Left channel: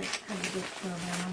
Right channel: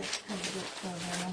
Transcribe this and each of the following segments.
দেখতে হবে না।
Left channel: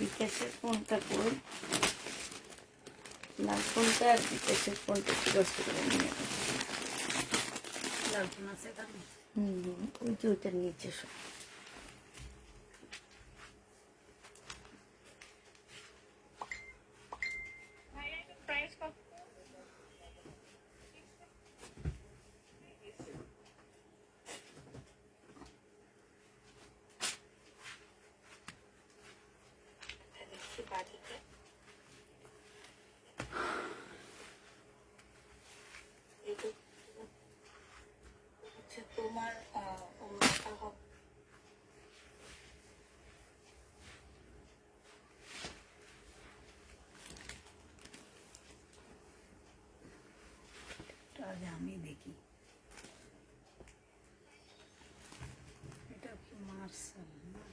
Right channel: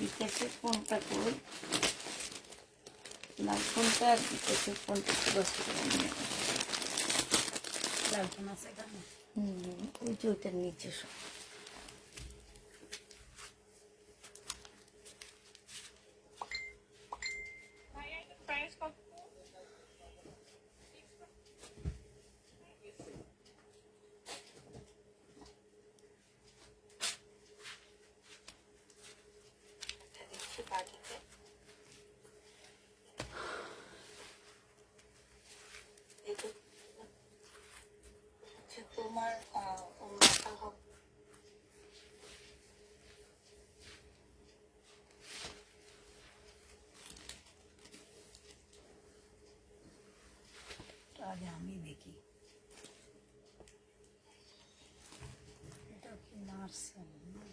বিকাশের ফোনটা করি, লাল ফোনটা আর বিকাশের ফোনটা ব্যস্ত করে নিয়ে লাল ফোন আছে এখানে। ওই যে ওইটার নিচে সব তোমার মাথা হবে। আগে আমি দেখি এটা মার্শাল না।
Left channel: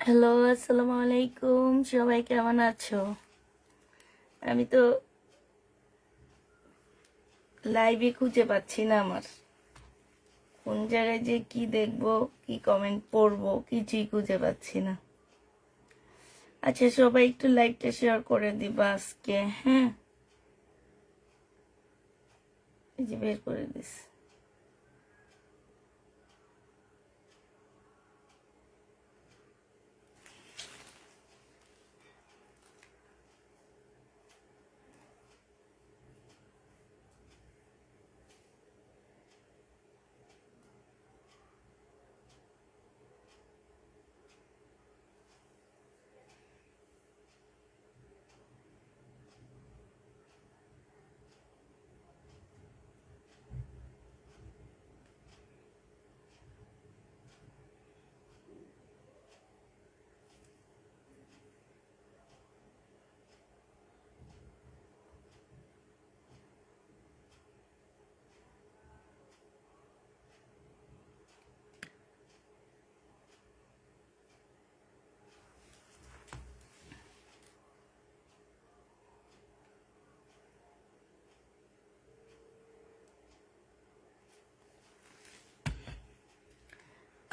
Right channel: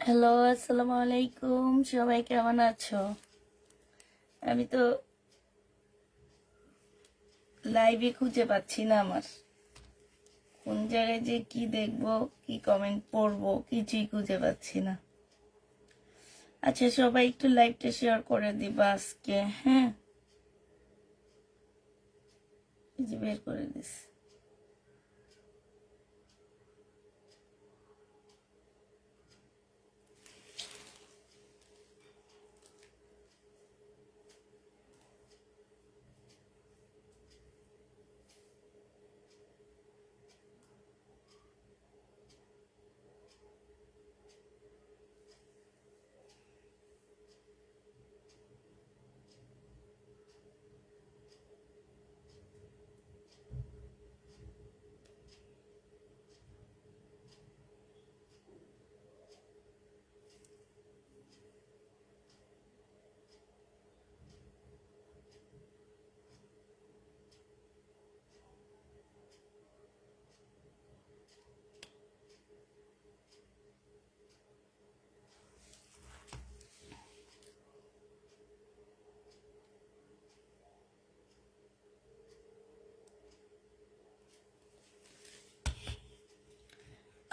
হ্যালো, আসসালামু আলাইকুম, সবাই কেমন আছো? আমি তো লাইভে খুঁজে পাচ্ছি না, আমার কোন জায়গায় যে কি দেখবো, কি কমেন্ট পড়বো, কিছুই খুঁজে পাচ্ছি না। আচ্ছা, সবাই একটু লাইভটা শেয়ার করে দিবা আজকে। হ্যাঁ, এই যে বের করে দিস।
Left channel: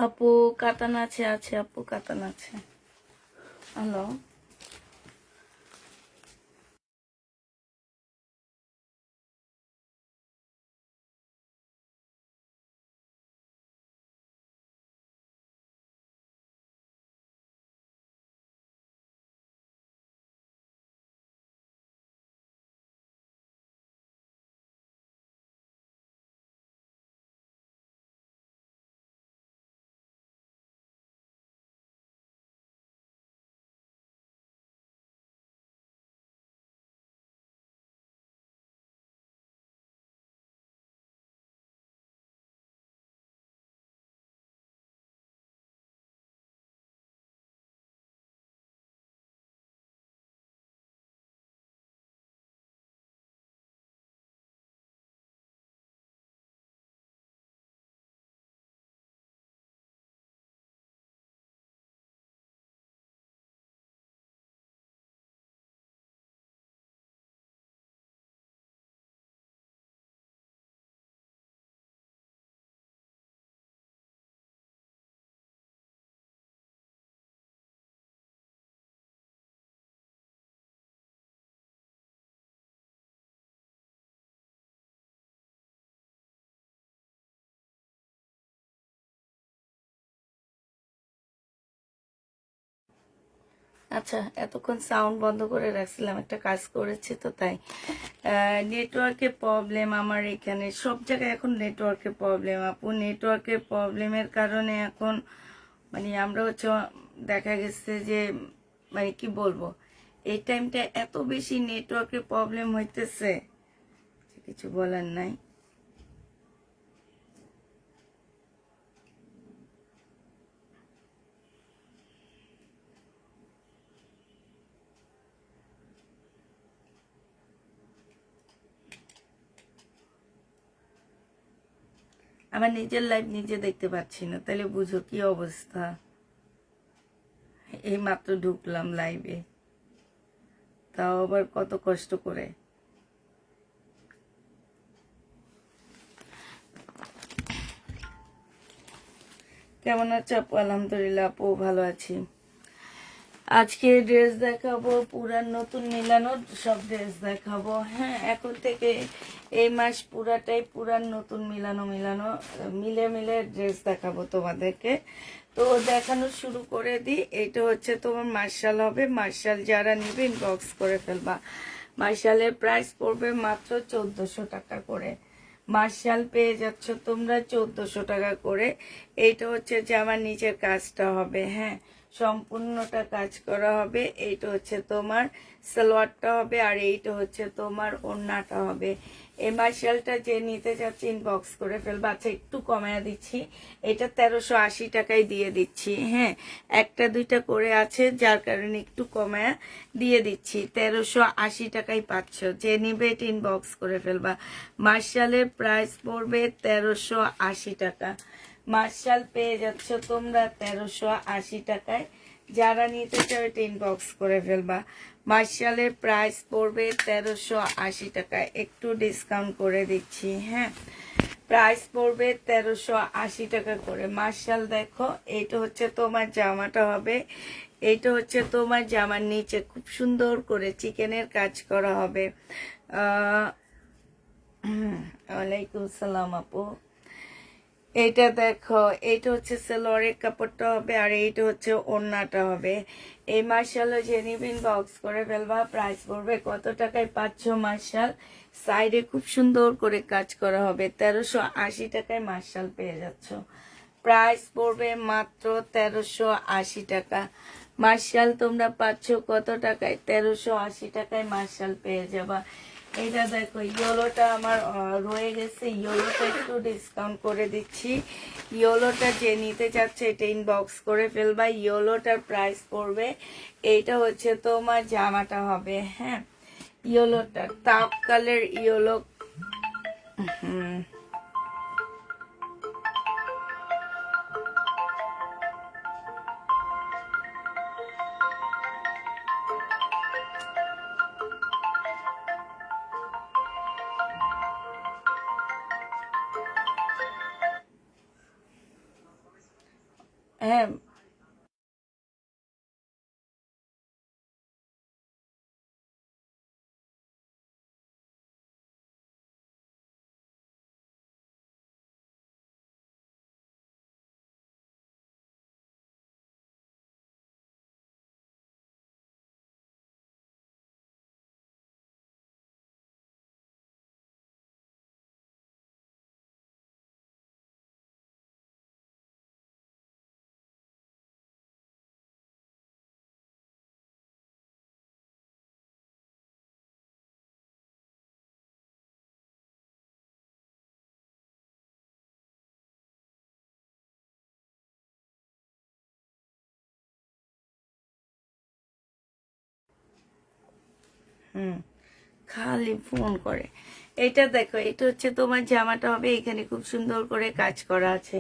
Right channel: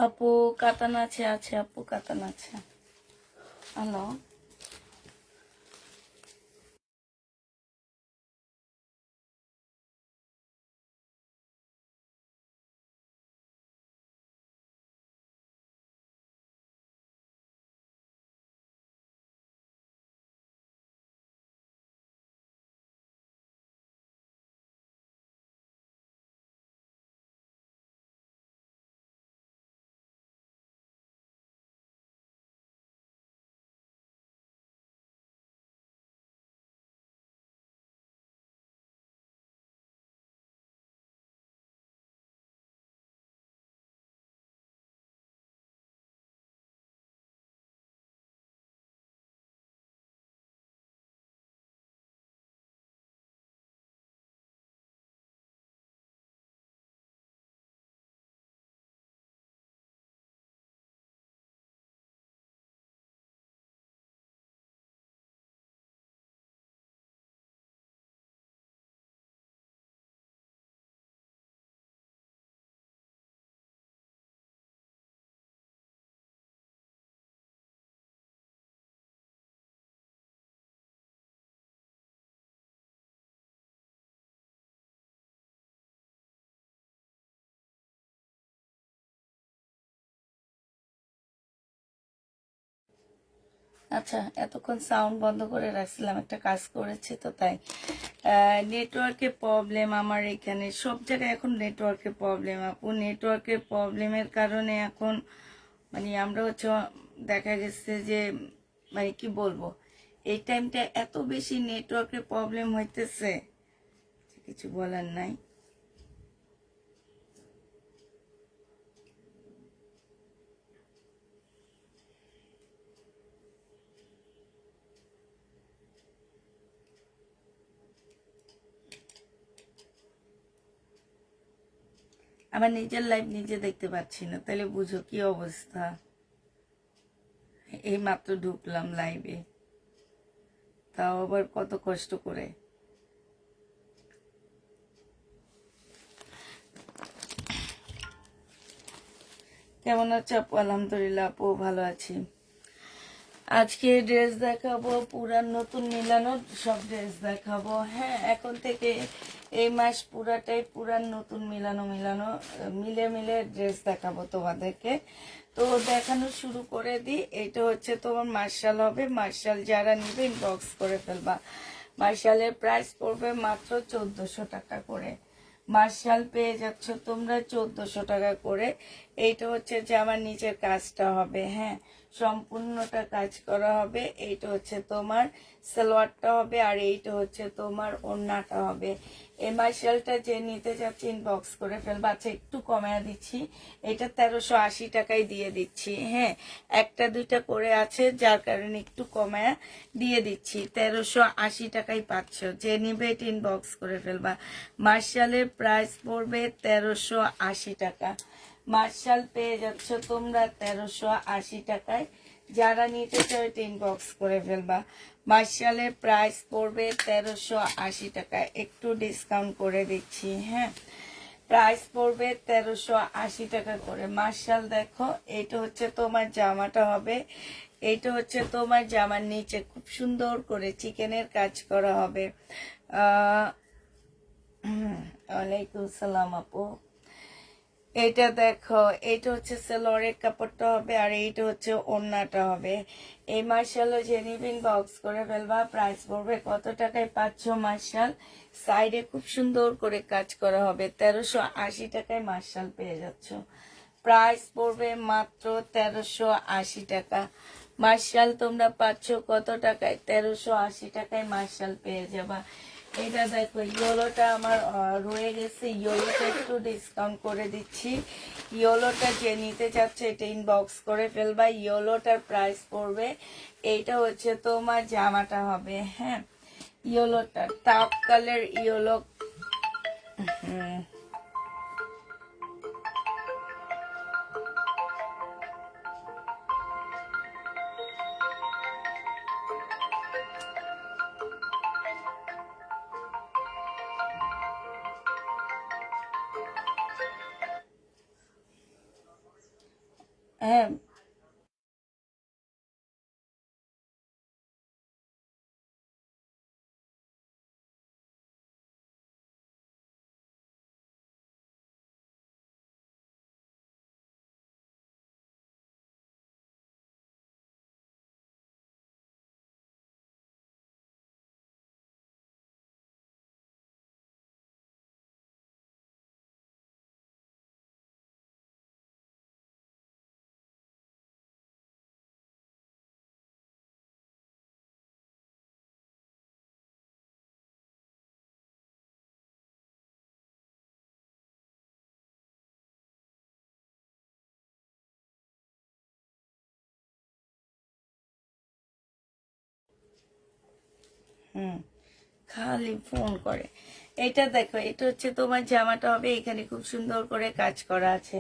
আপু কাতান আছে, আছে আপু কাতান আছে। হ্যালো, আচ্ছা এতক্ষণ সাউন্ড বন্ধ করে রাখছিলাম, একটা কাজ করেছি তো তাই। নেটওয়ার্কের প্রবলেম আমার এখানে সব জায়গায়, এখন নেটওয়ার্কের প্রবলেম আপু। নেটওয়ার্কের প্রবলেমের কারণে এখন মানে আমরা হচ্ছে দেখা গেছে যে মানে কি বলবো, এই টাইমটা এত বেশি নেটওয়ার্কের প্রবলেম হইতেছে, কিছু বলার নাই। আমার নিজের লাইভ নিজে দেখতে পাচ্ছি না, তাহলে বুঝো কি অবস্থা। এই মাত্র ঢুকলাম লাইভে, তাও আবার কত কষ্ট করে। কেমন আছো আপু? আলহামদুলিল্লাহ আপু ভালো আছি। আজকে ড্রেস দেখাবো, পুরান নতুন মিলানো সব ড্রেস দেখাবো। হ্যাঁ, এখন থেকে এই মাস পুরাটাই পুরান নতুন মিলানো মিলানো মিলে মিলে ড্রেস দেখাবো তোমাদেরকে। তো দেখানো শুরু করে দিই। এটা হচ্ছে তোমার মার্শাল হবে, মার্শাল যারা নিবে ইনবক্স করে ফেলবা। মার্শালের প্রাইস পড়বে মাত্র 1400 টাকা করে। মার্শাল পেয়ে যাচ্ছ তোমরা 1400 টাকা করে। এইটা হচ্ছে যে আমার নিচের কাজটা হবে, হ্যাঁ সম্পূর্ণটা কাজ করা হবে। এইটা হচ্ছে তোমার সালোয়ারটা হবে, আর এইটা হচ্ছে তোমার ওড়নাটা হবে। এই মার্শালটা যে নিতে যাচ্ছে ইনবক্স করে ফেলবা। আচ্ছা একটু কমায়া দিচ্ছি, এটা 1380 টাকায় দিয়ে দিচ্ছি। হ্যাঁ, একটা দুইটা করে আছে যার কারণে একটু কমায়া দিয়ে দিচ্ছি। 1380 টাকায় পাচ্ছ, যে নিবে এটা ইনবক্স করে ফেলবা। মার্শালের প্রাইস পড়বে 1380 টাকা। মার্শাল পেয়ে যাচ্ছ তোমরা 1380 টাকায়। যারা নিতে চাও এটা ইনবক্স করে ফেলবা। মার্শালের প্রাইস পড়বে 1380 টাকায়, একটু ডিসকাউন্ট করে দিচ্ছি। হ্যাঁ, প্রাইস পড়বে 1380 টাকা করে। মার্শাল দেখো, এইটা হচ্ছে তোমার জামাটা হবে। এইটা হচ্ছে তোমার জামার নিচে খুব সুন্দর করে চিকেনের কাজ করা হবে। ওয়ালাইকুম সালাম আপু। এইটা দেখো, এইটা হচ্ছে সেলোয়ারের কাপড়টা হবে, আর এইটা হচ্ছে ওড়নাটা হবে। এই মার্শালও যে নিবেন বক্স করে ফেলবা। প্রাইস পড়বে কত টাকায় পাচ্ছ মার্শাল? সাইডে খুব সুন্দর করে কাজ করা হবে। 1380 টাকায় মার্শাল পেয়ে যাচ্ছ। প্রাইস পড়বে মাত্র 1380 টাকা। মার্শাল তোমরা পাচ্ছ কত টাকায়? 1380 টাকায় মার্শাল পেয়ে যাবা। এটা দেখো, ইয়েলোটা আমার রয়ে গেছে, ইয়েলোটা একটু ডিসকাউন্ট করে দিচ্ছি। ইয়েলোটা যে নিতে চাচ্ছে এটা ইনবক্স করে ফেলবা। ইয়েলোটার প্রাইস পড়বে, এইটা হচ্ছে তোমার জামাটা হবে। হ্যাঁ, ইয়েলোটা টাপ কালার ইয়েলো। হ্যাঁ হুম খালি ফোন করে। এটা দেখো, এটা হচ্ছে তোমার জামাটা হবে, এখানে খুব সুন্দর করে কাজ করা আছে।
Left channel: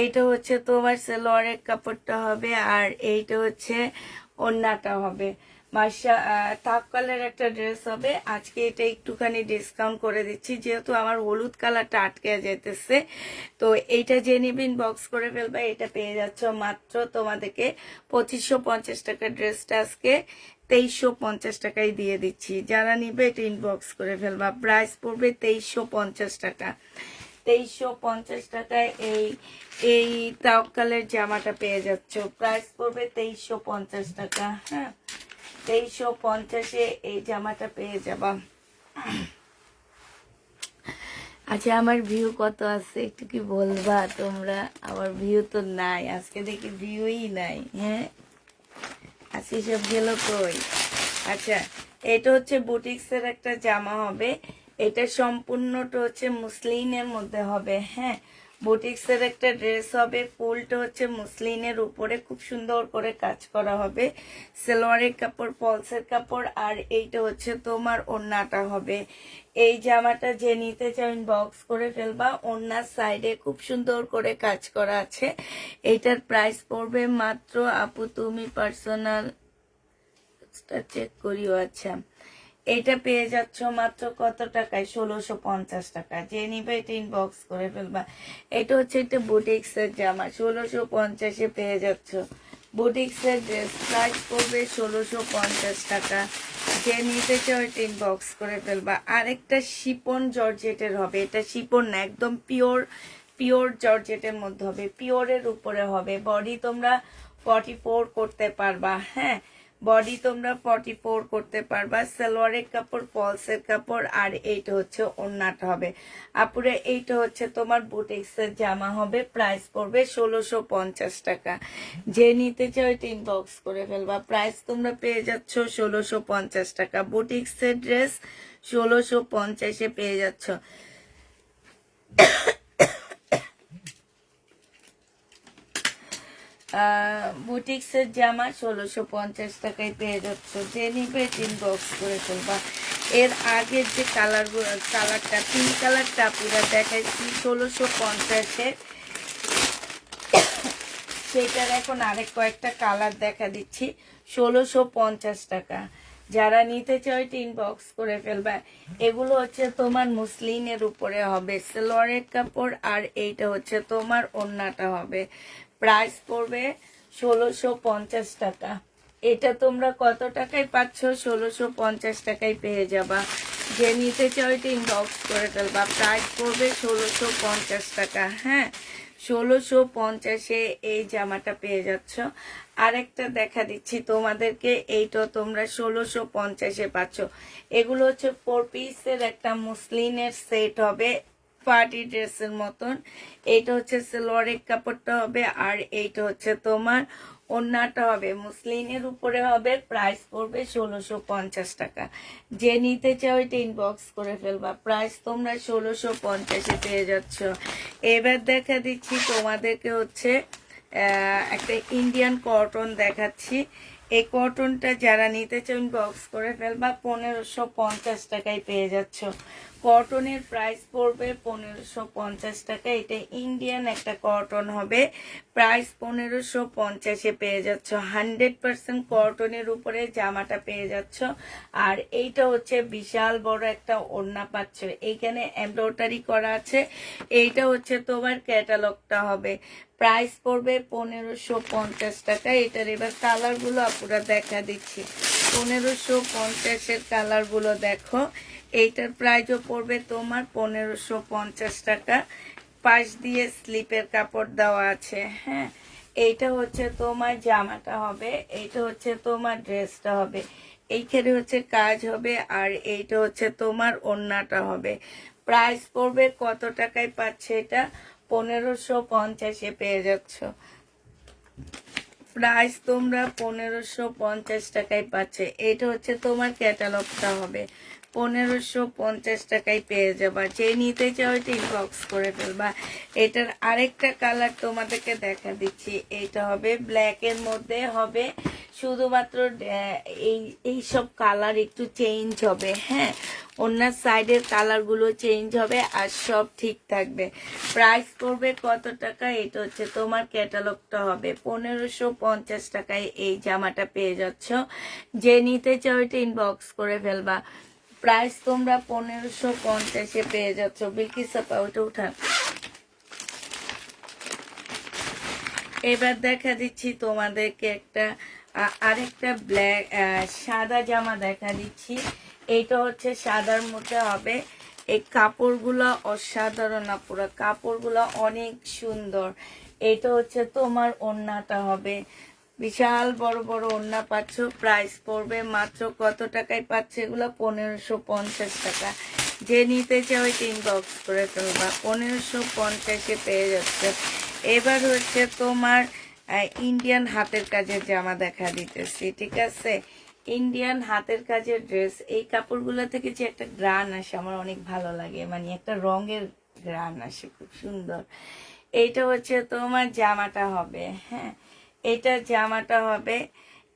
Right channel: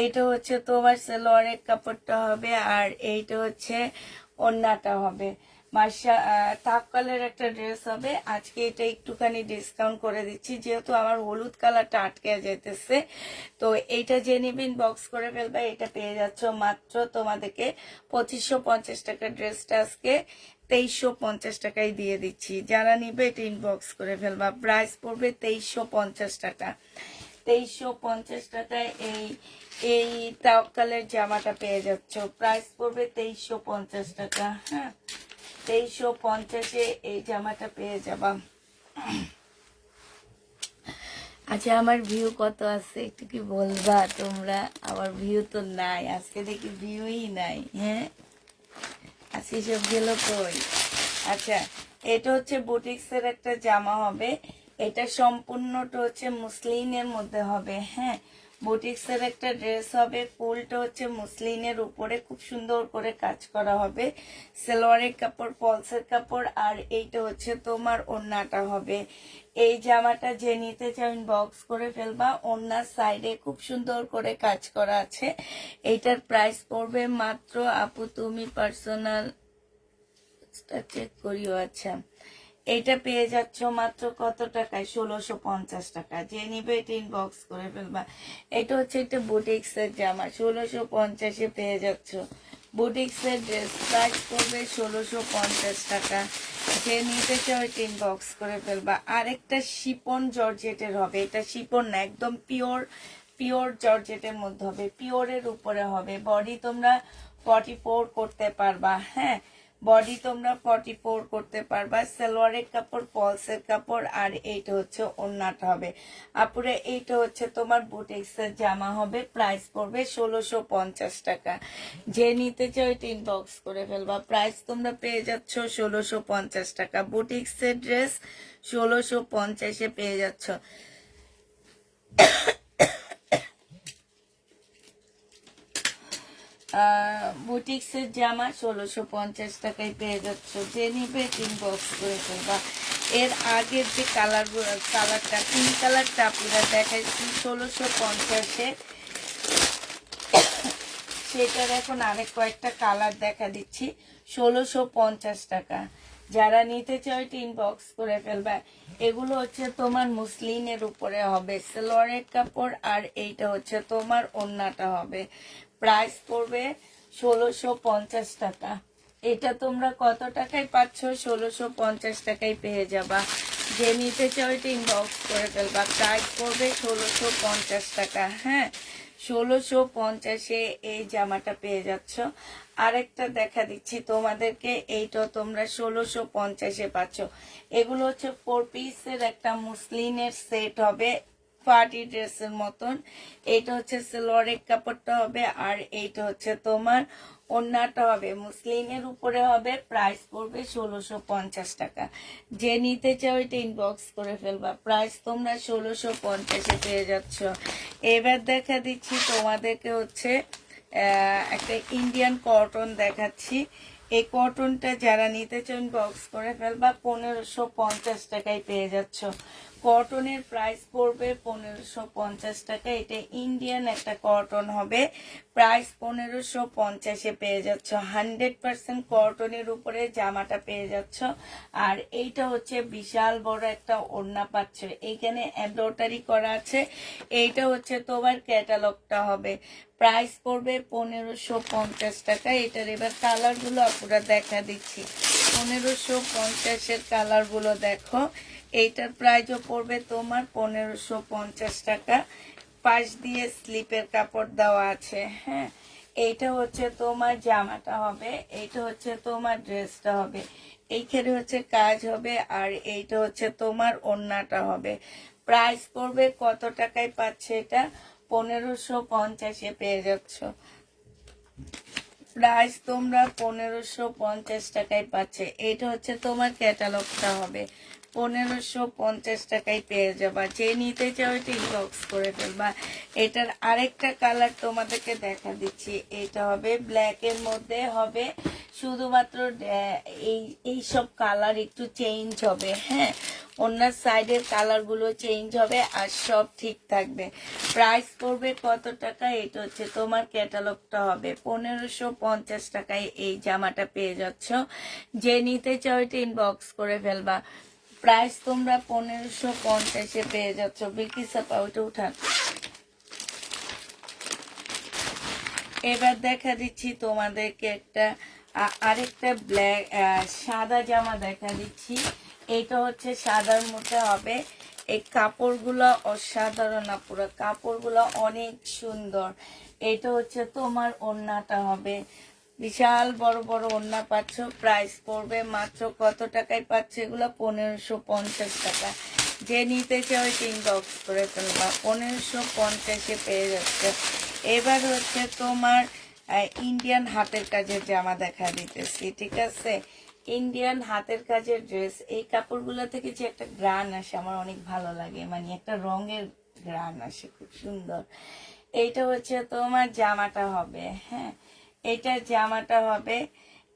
এইটা হচ্ছে তোমার সালোয়ারের কাপড়টা হবে, আর এইটা হচ্ছে ওড়নাটা হবে। মার্শা তাক্কালের একটা ড্রেস হবে। আজকে এটা একটুখানি ডিসকাউন্ট করে দিচ্ছি, যেহেতু আমার হলুদ কালারটা আটকে যেতেছে। তো এইটা যে নিবে ইনবক্স করে ফেলবা, এটা পেয়ে যাচ্ছ মাত্র তোমাদেরকে 2550 টাকা। ড্রেসটা আজকে 2350 টাকায় দিয়ে দিচ্ছি। যারা নিবে এটা ইনবক্স করে ফেলবা। প্রাইস পড়বে 2350 টাকা। 2350 টাকায় এই এই তাওয়াক্কালের জামাটা পেয়ে যাচ্ছ। প্রাইস পড়বে 2350 টাকা। হ্যাঁ, 2350-এ এই জামাটা পেয়ে যাবা। আচ্ছা, আমার ভিউ কত আছে একটু কি বলবা তোমরা? আমার ভিউ তো নাই আজকে, দেখি ভিউই নাই। হ্যাঁ, আজকে সব গেল কই? আচ্ছা, এটা হচ্ছে বুটিক্সের একটা জামা হবে। এটা সম্পূর্ণটা হচ্ছে মুসলিনের মধ্যে হবে। হ্যাঁ, বুটিক্সের একটা ড্রেস হবে। ফুলটা হচ্ছে মুসলিনের উপরে খুব সুন্দর করে কাজ করা হবে। সালোয়ারের কাপড়, পলসের কাপড়, আর এইটা হচ্ছে তোমার ওড়নাটা হবে। এই জামাটা যে নিতে চাই বক্স করে ফেলবা। ওড়নার সাইডে খুব সুন্দর করে কাজ করা আছে। এইটার প্রাইস পড়বে মাত্র, আপু তুমি পার্সোনাল চেক করিও। আচ্ছা, এটা পেয়ে যাচ্ছ মাত্র কত টাকায়? 1650 টাকা। যে নিবে এটা ইনবক্স করে ফেলবা। এটা হচ্ছে একটা বুটিক্সের জামা, 1650-এ পেয়ে যাচ্ছ। বুটিক্সের ড্রেস প্রাইস করবে 1650 টাকা। যে নিতে চাও এটা ইনবক্স করে ফেলবা। আরেকটা শিপন জর্জেটের হবে। এটা শিপন না, একদম পিওর পিওর জর্জেটের মধ্যে হবে, পিওরের উপরে হবে। বডি তোমরা 44 করতে পারবা। হ্যাঁ, বডি তোমরা 44 করতে পারবা। সালোয়ারের কাপড়, ফলসের কাপড়, আর এইটা হচ্ছে ওড়নাটা হবে। আপুরে এইটা হচ্ছে তোমার বুটিক্সের জামা হবে। প্রাইস পড়বে 1650 টাকা। যে নিতে চাও এটা ইনবক্স করে ফেলবা। প্রাইস তোমরা পেয়ে যাচ্ছ 1650 টাকা। বুটিক্সের ড্রেস 1650-এ পেয়ে যাচ্ছ। বুটিক্সের জামা 1650 টাকায় পেয়ে যাচ্ছ। যে নিবে ইনবক্স করে ফেলবা। এর আগের যে কালারটা পিঙ্ক কালারটা পুরো দেখাইছি 1650-এ, সেটার এখন আরেক কয়েকটা কালার দেখা দিচ্ছি 1650 টাকা। যারা নিতে চাও এটা ইনবক্স করে ফেলবা। এগুলো হচ্ছে তোমার মুসলিনের উপরে হবে, সালোয়ারের কাপড়, আর এইটা হচ্ছে তোমার ওড়নাটা হবে। প্রাইস পড়বে 1650 টাকা। এটা তোমরা কত টাকায় পাচ্ছ? 1650 টাকায় পেয়ে যাবা। যে নিতে চাও এটা ইনবক্স করে ফেলবা। প্রাইস পড়বে 1650 টাকা। হ্যাঁ, 1650-এ এই জামাটা পেয়ে যাচ্ছ। আরেকটা দেখা দিচ্ছি তোমাদেরকে, এইটা তোমরা 1650-এ পাচ্ছ। এগুলো হচ্ছে 4 পিসের একটা মুসলিনের সেট হবে, পার্টি ড্রেসের মতন। এইটা হচ্ছে সালোয়ারের কাপড়টা হবে, আর এইটা হচ্ছে তোমার ওড়নাটা হবে, মুসলিনের উপরে হবে। প্রাইস পড়বে 1650 টাকা। যে নিতে চাও এটা ইনবক্স করে ফেলবা। প্রাইস তোমরা 1650-এ পেয়ে যাচ্ছ। এবার দেখা দিচ্ছি তোমাদেরকে হচ্ছে একটা ইন্ডিয়ান কটন দেখাচ্ছি। এই কটনটা যারা নিতে চাও ইনবক্স করে ফেলবা। 1550 টাকায় পেয়ে যাচ্ছ। কটনের প্রাইস পড়বে 1550 টাকা। এটা ইন্ডিয়ান একটা কটন হবে, প্রাইস 1550-এ পেয়ে যাচ্ছ। 100% কটনের উপরে জামাটা পেয়ে যাচ্ছ। আর এইটা হচ্ছে বিশাল বড় একটা ওড়না পাচ্ছ, এইখানে এমব্রয়ডারি করা আছে। এইটা হচ্ছে তোমার ক্যাটালগটা হবে, প্রাইস পড়বে 1550 টাকা। এটার এবার কালারগুলো আপনারা দেখা দিচ্ছি, 1550-এর কালারগুলো দেখো। এইটার প্রাইসও পড়বে তোমার 1550 টাকা। পাশ দিয়ে স্লিপের কাপড় দেওয়া আছে। হ্যাঁ, এইটা হচ্ছে তোমার জামাটা হবে, এইটা হচ্ছে তোমার ড্রেসটা হবে, এইখানে হচ্ছে কাজ হবে, আর এইটা হচ্ছে তোমার ওড়নাটা হবে। প্রাইস পড়বে কত টাকায় পাচ্ছে এটা? 1550-এ পেয়ে যাচ্ছ। প্রাইস তোমরা 1550 টাকায় পাচ্ছে। এটা হচ্ছে তোমার ক্যাটালগটা হবে, 1550 টাকায় পেয়ে যাবা। যে নিতে চাও এটা ইনবক্স করে ফেলবা। এটার আরেকটা কালার তোমাদেরকে দেখা দিচ্ছি, এটা হবে ব্ল্যাকের মধ্যে হবে, শুধুমাত্র এই সব কালার একটু চেঞ্জ হবে। হ্যাঁ, ওনার সাইডের কালারগুলো চেঞ্জ হবে, আর সব ঠিক থাকবে। প্রাইস পড়বে কত টাকা? এটা হচ্ছে তোমার ক্যাটালগটা হবে, 1550 টাকায় এই জামাটা পেয়ে যাচ্ছ। যে নিতে চাও এটা ইনবক্স করে ফেলবা। প্রাইস তোমরা 1550-এ পেয়ে যাচ্ছ। বিকি সাপা ওইটা উঠান। এবার দেখা দিচ্ছি তোমাদেরকে একটা আরেকটা ব্ল্যাক সাদা জামা দেখা দিচ্ছি। এইটা হচ্ছে সাদার মধ্যে হবে। এই কাপড়গুলো অসাধারণ, পুরো কাপড়গুলো অনেক সুন্দর। এটা হচ্ছে তোমার ওড়নাটা হবে, বিশাল বড় বড় ওড়না পাচ্ছ। প্রাইস পড়বে মাত্র কত টাকায় পাচ্ছে এগুলো? 1550 টাকা। যে নিতে চাও ওই ইনবক্স করে ফেলবা, 1550-এ পেয়ে যাচ্ছে। এবার হচ্ছে তোমার ইন্ডিয়ান হাতের কাজের জামা দেখা দিতেছি, ঠিক আছে? ইন্ডিয়ান হাতের কাজের ড্রেস। এই কাপড়গুলো থেকে যে একটা গ্রান আসে আমার অনেক ভালো লাগে, মানে একটা রঙের গ্রান আসে, খুব সুন্দর। এইটা হচ্ছে তোমার জামাটা হবে। হ্যাঁ, এইটা জামাটা হবে।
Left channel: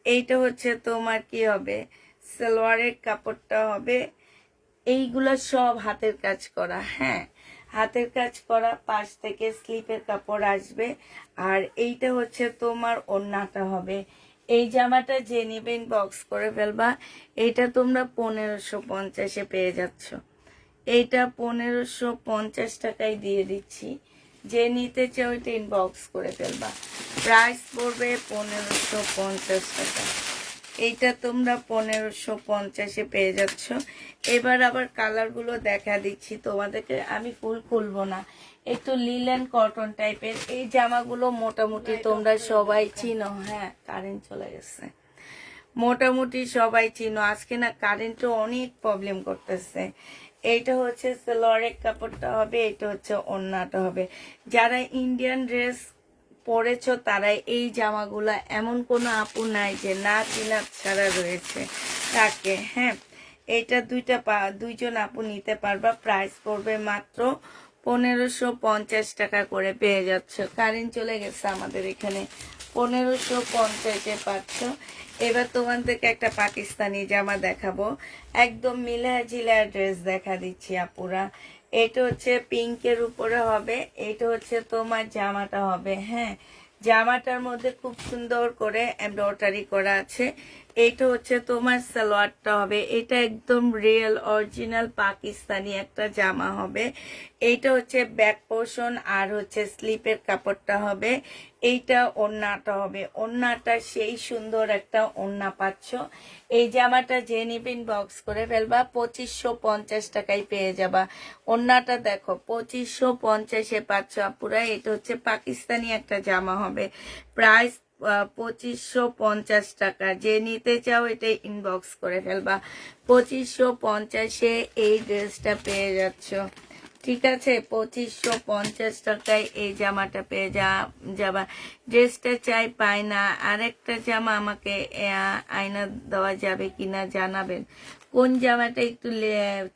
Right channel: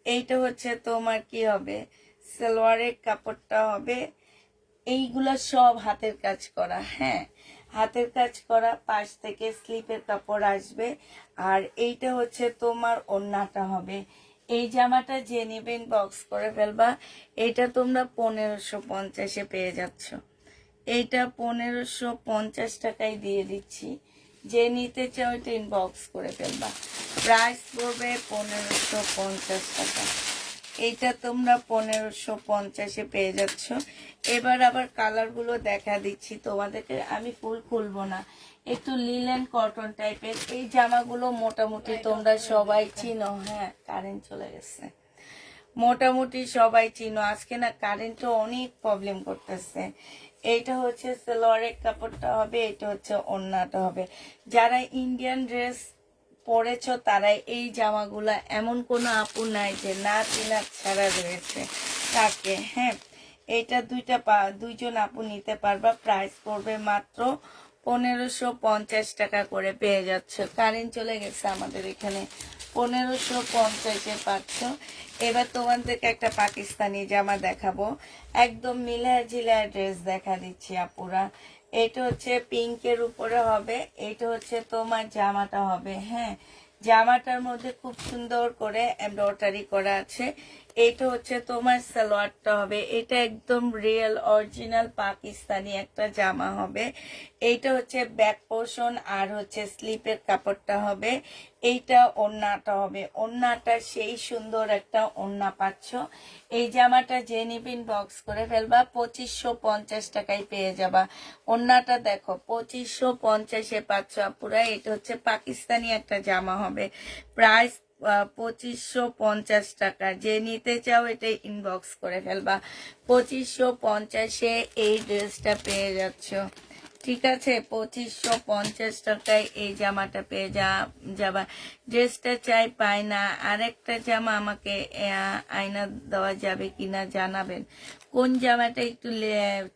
এইটা হচ্ছে তোমার কি হবে, সালোয়ারের কাপড়টা হবে। এইগুলা সব হাতের কাজ করা। হ্যাঁ, হাতের কাজ করা, পাশ থেকে স্লিপের কাপড় আসবে। আর এইটা হচ্ছে তোমার ওড়নাটা হবে। এই জামাটা যে নেবেন বক্স করে ফেলবা। এইটা তোমরা 1550-এ পেয়ে যাচ্ছ। এইটা 1550 টাকায় দিয়ে দিচ্ছি। যে নিতে চাও এটা ইনবক্স করে ফেলবা। প্রাইস পড়বে 1550 টাকা। এইটা তোমরা 1550-এ পেয়ে যাচ্ছ। এবার আবার কালারগুলো দেখা দিচ্ছি তোমাদেরকে, আমি ফুল খুলবো না, একটু লিলেন কটন টাইপের। এই জামাগুলো মোটামুটি তোমরা সবাই চিনো। হ্যাঁ, কারেন্ট চলে গেছে। মোটামুটি সবাই চিনো। আজকে না কারেন্টও অনেক প্রবলেম করতেছে। এইটা হচ্ছে সালোয়ারের কাপড়টা হবে, এটা হচ্ছে ওড়নাটা হবে। যারা ইন্ডিয়ান ড্রেস পরেছো তারাই এই জামাগুলা, এমন কোনো আপু নাই যে না চিনা ছাড়া রয়েছে তাকে। হ্যাঁ, এটা দুইজন আপু নিতে পারবা। প্রাইস পড়বে মাত্র 1550 টাকা করে পেয়ে যাচ্ছে। কারেন্ট চলে গেছে আমাদের এখানে, 1550-এ পাচ্ছ। এবার তোমাদেরকে একটা পাকিস্তানি জামা দেখাবো, একদম মিলায়া জিলায়া ড্রেস দেখা দিচ্ছি আপুরা। এটা হচ্ছে পিঙ্কের উপরে হবে, এটা হচ্ছে তোমার জামাটা হবে। হ্যাঁ, জামাটার মধ্যে খুব সুন্দর করে এমব্রয়ডারি করা আছে। এইটা হচ্ছে তোমার সালোয়ারটা হবে। এটা একদম রিয়েল অরিজিনাল পাকিস্তানি একটা জামা হবে। এইটা হচ্ছে ব্যাক পোর্শন, আর হচ্ছে স্লিপের কাপড়টা হবে। এইটা ওড়নাটা হবে, ওড়নাটা সেই সুন্দর একটা ওড়না পাচ্ছ। এই জামাটা যে নিবেন বক্স করে ফেলবা, 2550 টাকায় পেয়ে যাবা। ওড়নাটা দেখো 2550-এ পাচ্ছ আপুরা। এটা হচ্ছে পাকিস্তানি একটা জামা হবে, প্রাইস 2550 টাকা। যে নিতে চাও এটা ইনবক্স করে ফেলবা। 2550-এ এই ড্রেসটা পেয়ে যাচ্ছ, ঠিক আছে? 2550 টাকায় এই জামাটা পেয়ে যাবা। ড্রেসটা চাই পাই না। আরেকটা জামা আমাকে আয়না দেওয়া যাবে কিনা জানাবেন। কোন জামাটা একটু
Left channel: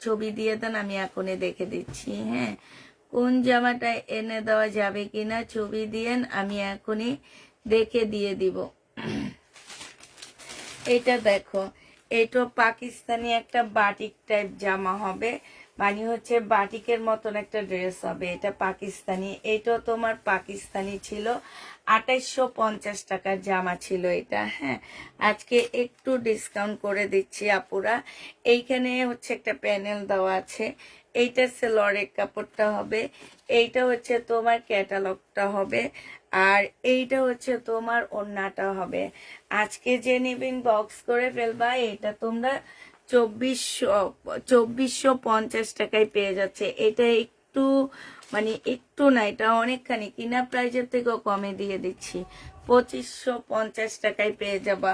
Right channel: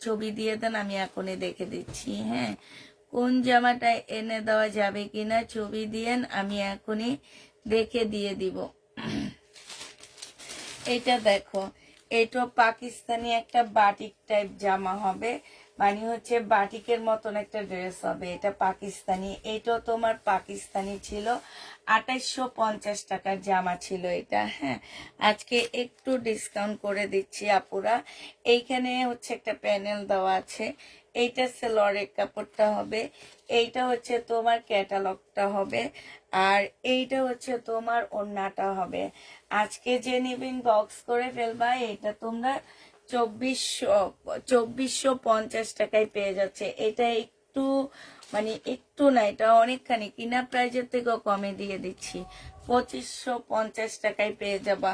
ছবি দিয়ে দেন, আমি এখনই দেখে দিচ্ছি। হ্যাঁ, কোন জামাটা এনে দেওয়া যাবে কিনা ছবি দিয়েন, আমি এখনই দেখে দিয়ে দিব। এটা দেখো, এটা পাকিস্তানি একটা বাটিক টাইপ জামা হবে, মানে হচ্ছে বাটিকের মতন একটা ড্রেস হবে, এটা পাকিস্তানি। এটাও তোমার পাকিস্তানি ছিল, 2850 টাকার জামা ছিল এটা। হ্যাঁ, আজকে একটু ডিসকাউন্ট করে দিচ্ছি আপুরা। এইখানে হচ্ছে একটা প্যানেল দেওয়া আছে, এইটা সেলরের কাপড়টা হবে, এইটা হচ্ছে তোমার ক্যাটালগটা হবে, আর এইটা হচ্ছে তোমার ওড়নাটা হবে। আজকে যে নিবেন বক্স করে ফেলবা, এটা তোমরা 2450 টাকায় পেয়ে যাচ্ছে। এটা একটু মানে একটু না, এটা অনেকখানি কিনা প্রাইজের থেকেও কমে দিয়ে দিচ্ছি। 2550 টাকায় পেয়ে যাবা।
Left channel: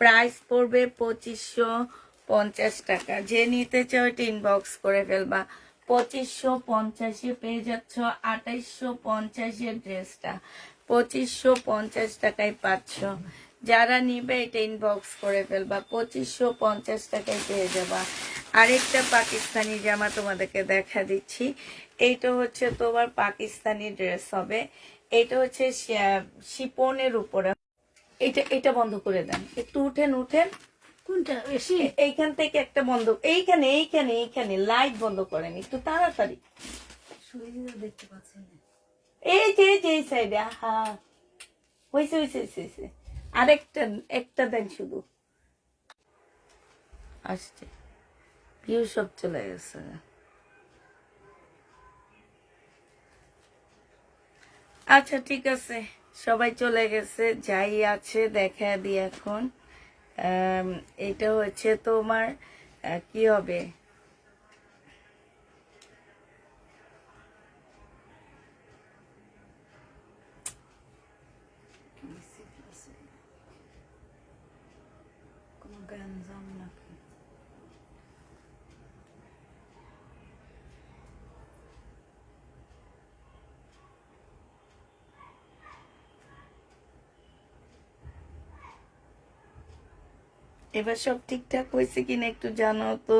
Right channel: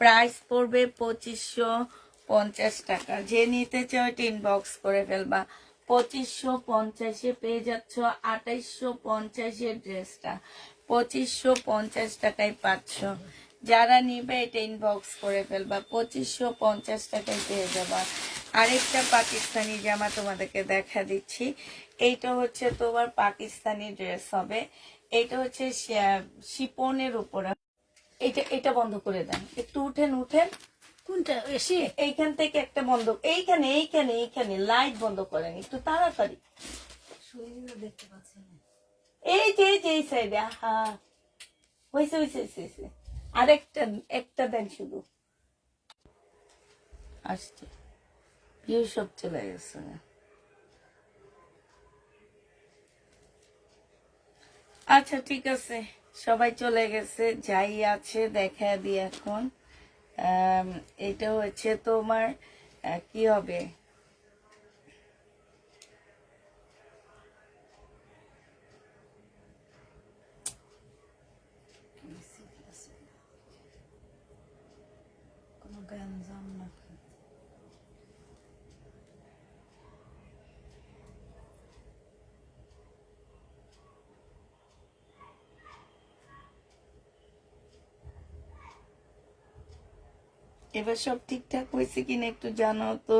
প্রাইস পড়বে 2550 টাকা। যে নিতে চাও টিন বক্স করে ফেলবা। 2550-এ পেয়ে যাচ্ছ 2850-এর ড্রেসটা, 2550 টাকায় পাচ্ছ। যারা নিবে এটা ইনবক্স করে ফেলবা, 2550 টাকায় পেয়ে যাবা। আরেকটা পাকিস্তানি জামা তোমাদেরকে দেখা দিচ্ছি। এইটা হচ্ছে তোমার পাকিস্তানি ড্রেস হবে, এটা হচ্ছে শিপনের উপরে। এটা এটা বন্ধ করে দেন, একটু উঠেন উঠেন। কোনটা বেশি? এইখান থেকে একটা বন্ধ, এইখানে এইখানে এইখানে লাইট বন্ধ করেন একটু তাড়াতাড়ি। দেখতে পাচ্ছি না। এই যে এই সাইডে, হ্যাঁ হয়েছে হয়েছে হয়েছে। আরেকটা একটা দেন শুধু, আসছে ভিউ সব চলে গেছে। আচ্ছা ঠিক আছে, সবাই চলে গেছে, যাই আছে দেখা দিই এখন। এটা হচ্ছে তোমার কি হবে, কোনো গ্যাঞ্জাম নাকি? এবার সব ঠিকঠাক হয়েছে কিনা একটু জানাও তো।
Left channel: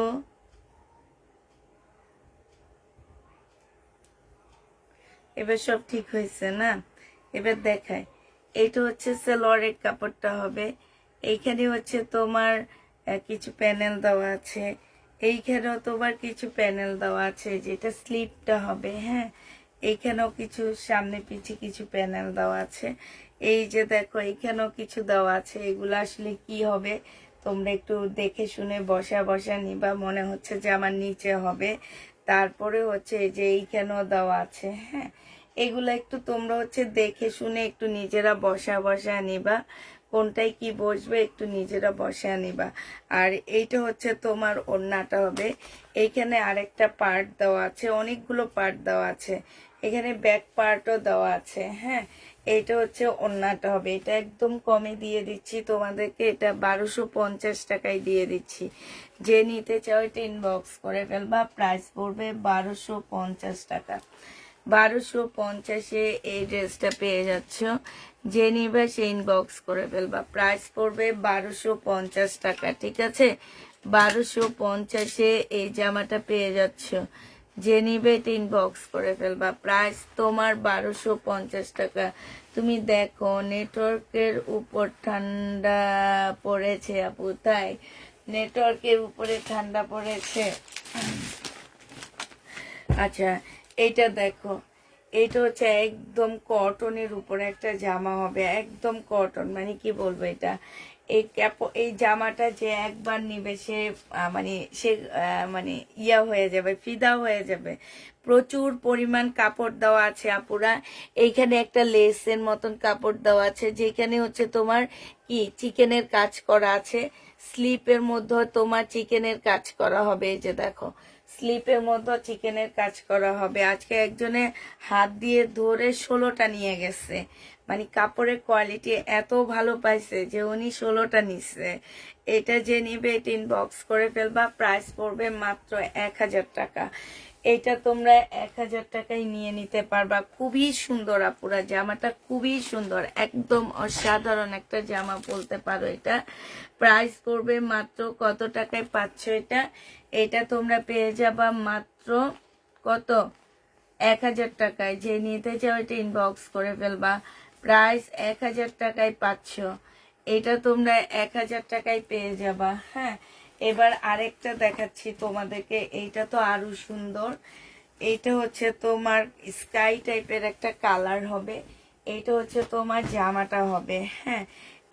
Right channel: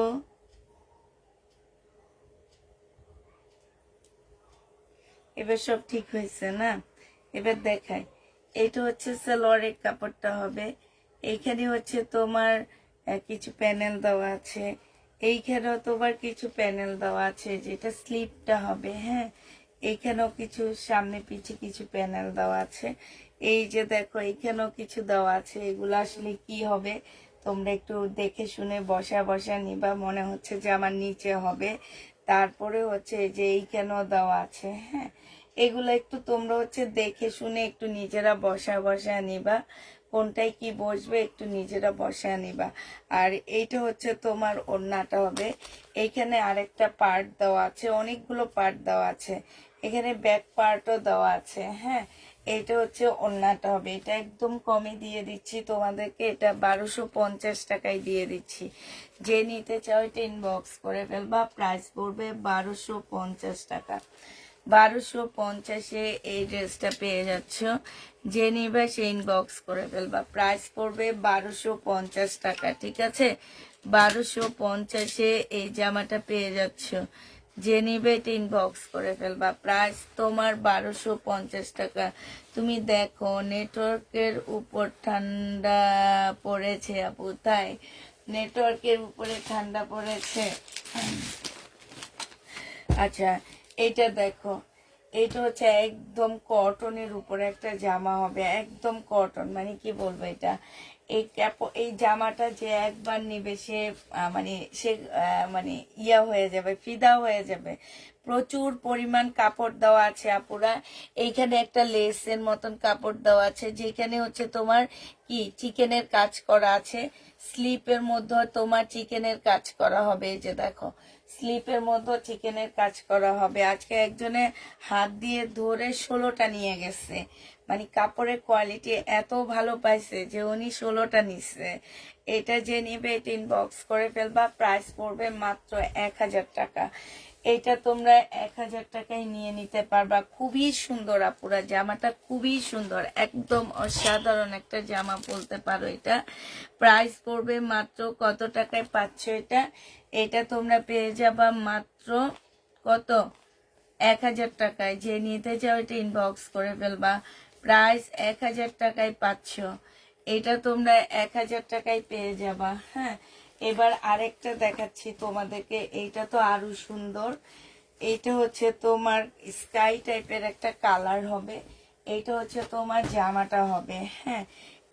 এবার সব ঠিক হয়েছে না? এবার দেখায়, এইটা হচ্ছে সালোয়ারের কাপড়টা হবে, এইখানে হচ্ছে তোমার কিছু প্যানেল দেওয়া আছে, এইখানেও তোমার কিছু প্যানেল দেওয়া আছে, যেটা স্লিপটা হবে। হ্যাঁ, এইখানেও কিছু সামনে পিছে কিছু প্যানেল দেওয়া আছে। এই যে দেখো এইখানেও কিছু দেওয়া আছে। এগুলো আসলে কি হবে তোমরা একটু দেখে শুনে বসা বসা নিবা, মনে হচ্ছে যে আমার নিচে হবে। তারপরে হচ্ছে এই যে এইখানেও দেওয়া আছে। হ্যাঁ, এগুলা একটু তোমরা হচ্ছে দেখে শুনে একটু নিজেরা বসা বসা নিবা, কোনটায় কি বসবে একটু নিজেরা বসা নিবা। আর এইটা হচ্ছে তোমার ওড়নাটা হবে, এইখানে আরেকটা পার্ট দেওয়া আছে, অনেকগুলো পার্ট দেওয়া আছে, এখানে ব্যাক পার্টও দেওয়া আছে। হ্যাঁ, এইটা হচ্ছে ওড়নাটা হবে, এটা একদম কমে দিয়ে দিচ্ছি তোমাদেরকে, এটা 1250 টাকায় দিয়ে দিচ্ছি। যে নিতে চাও এটা ইনবক্স করে ফেলবা, প্রাইস পড়বে 1250 টাকা। 1250-এ এই ড্রেসটা পেয়ে যাচ্ছ। যে নিবে সে ইনবক্স করে ফেলবা, প্রাইস পড়বে 1250 টাকা। ঠিক আছে, 1250-এ এই জামাটা পেয়ে যাচ্ছ। যে নিবে এটা ইনবক্স করে ফেলবা, প্রাইস তোমার 1250 টাকা। তুমি দেখো নেটওয়ার্কের উপর ঠান্ডা পড়েছে আপু, তাই নেটওয়ার্কের উপরে ঠান্ডা পড়েছে। আচ্ছা, এইটা দেখো, এইটা হচ্ছে একদম কটনের উপরে একটা জামা হবে, একদম কটন, মানে কি বলবো, এটা এই জামাটা যে একবার নিবে সে মানে ইয়া হয়ে যাবে, ফিদা হয়ে যাবে। প্রচুর পরিমাণ কাপড় দেওয়া আছে আপুরা। এইখানে একটা লেসের মতন কাপড় দেওয়া আছে, যেখানে হচ্ছে তোমার কি চিকেনের কাজ করা আছে। স্লিপের মধ্যে তোমার চিকেনের কাজ করা হবে, এই যে দেখো স্লিপের মধ্যে চিকেনের কাজ করা হবে। আজকে একজনে হাত দিয়ে ধরে 16টা নিয়ে গেছে, মানে কাপড়ের কোয়ালিটি এত ভালো পাইছে যে উনি 16টা নিচ্ছে। এটা যে নিবে এটা ইনবক্স করে ফেলবা, প্রাইস পড়বে মাত্র 1000 টাকা। এটা তোমরা 1000 টাকায় নিয়ে নিতে পারবা। খুবই সুন্দর আপুরা, জামাটা খুবই সুন্দর, একদম অসাধারণ একটা জামা বলতে পারো। এটা প্রাইস পড়বে মাত্র কত টাকায় পাচ্ছ এটা? এটা তোমরা পেয়ে যাবা মাত্র কত, 1000 টাকায়। যে নিতে চাও এটা ইনবক্স করে ফেলবা, প্রাইস 1000 টাকায় পাচ্ছ। এটা তোমরা 1000 টাকায় পেয়ে যাবা। হ্যাঁ, এবার আরেকটা দেখাচ্ছি তোমাদেরকে, এইটা তো আরো সুন্দর। এইটা হচ্ছে তোমার স্কাই টাইপের একটা কালার হবে। এইটা হচ্ছে তোমার জামাটা হবে, হ্যাঁ।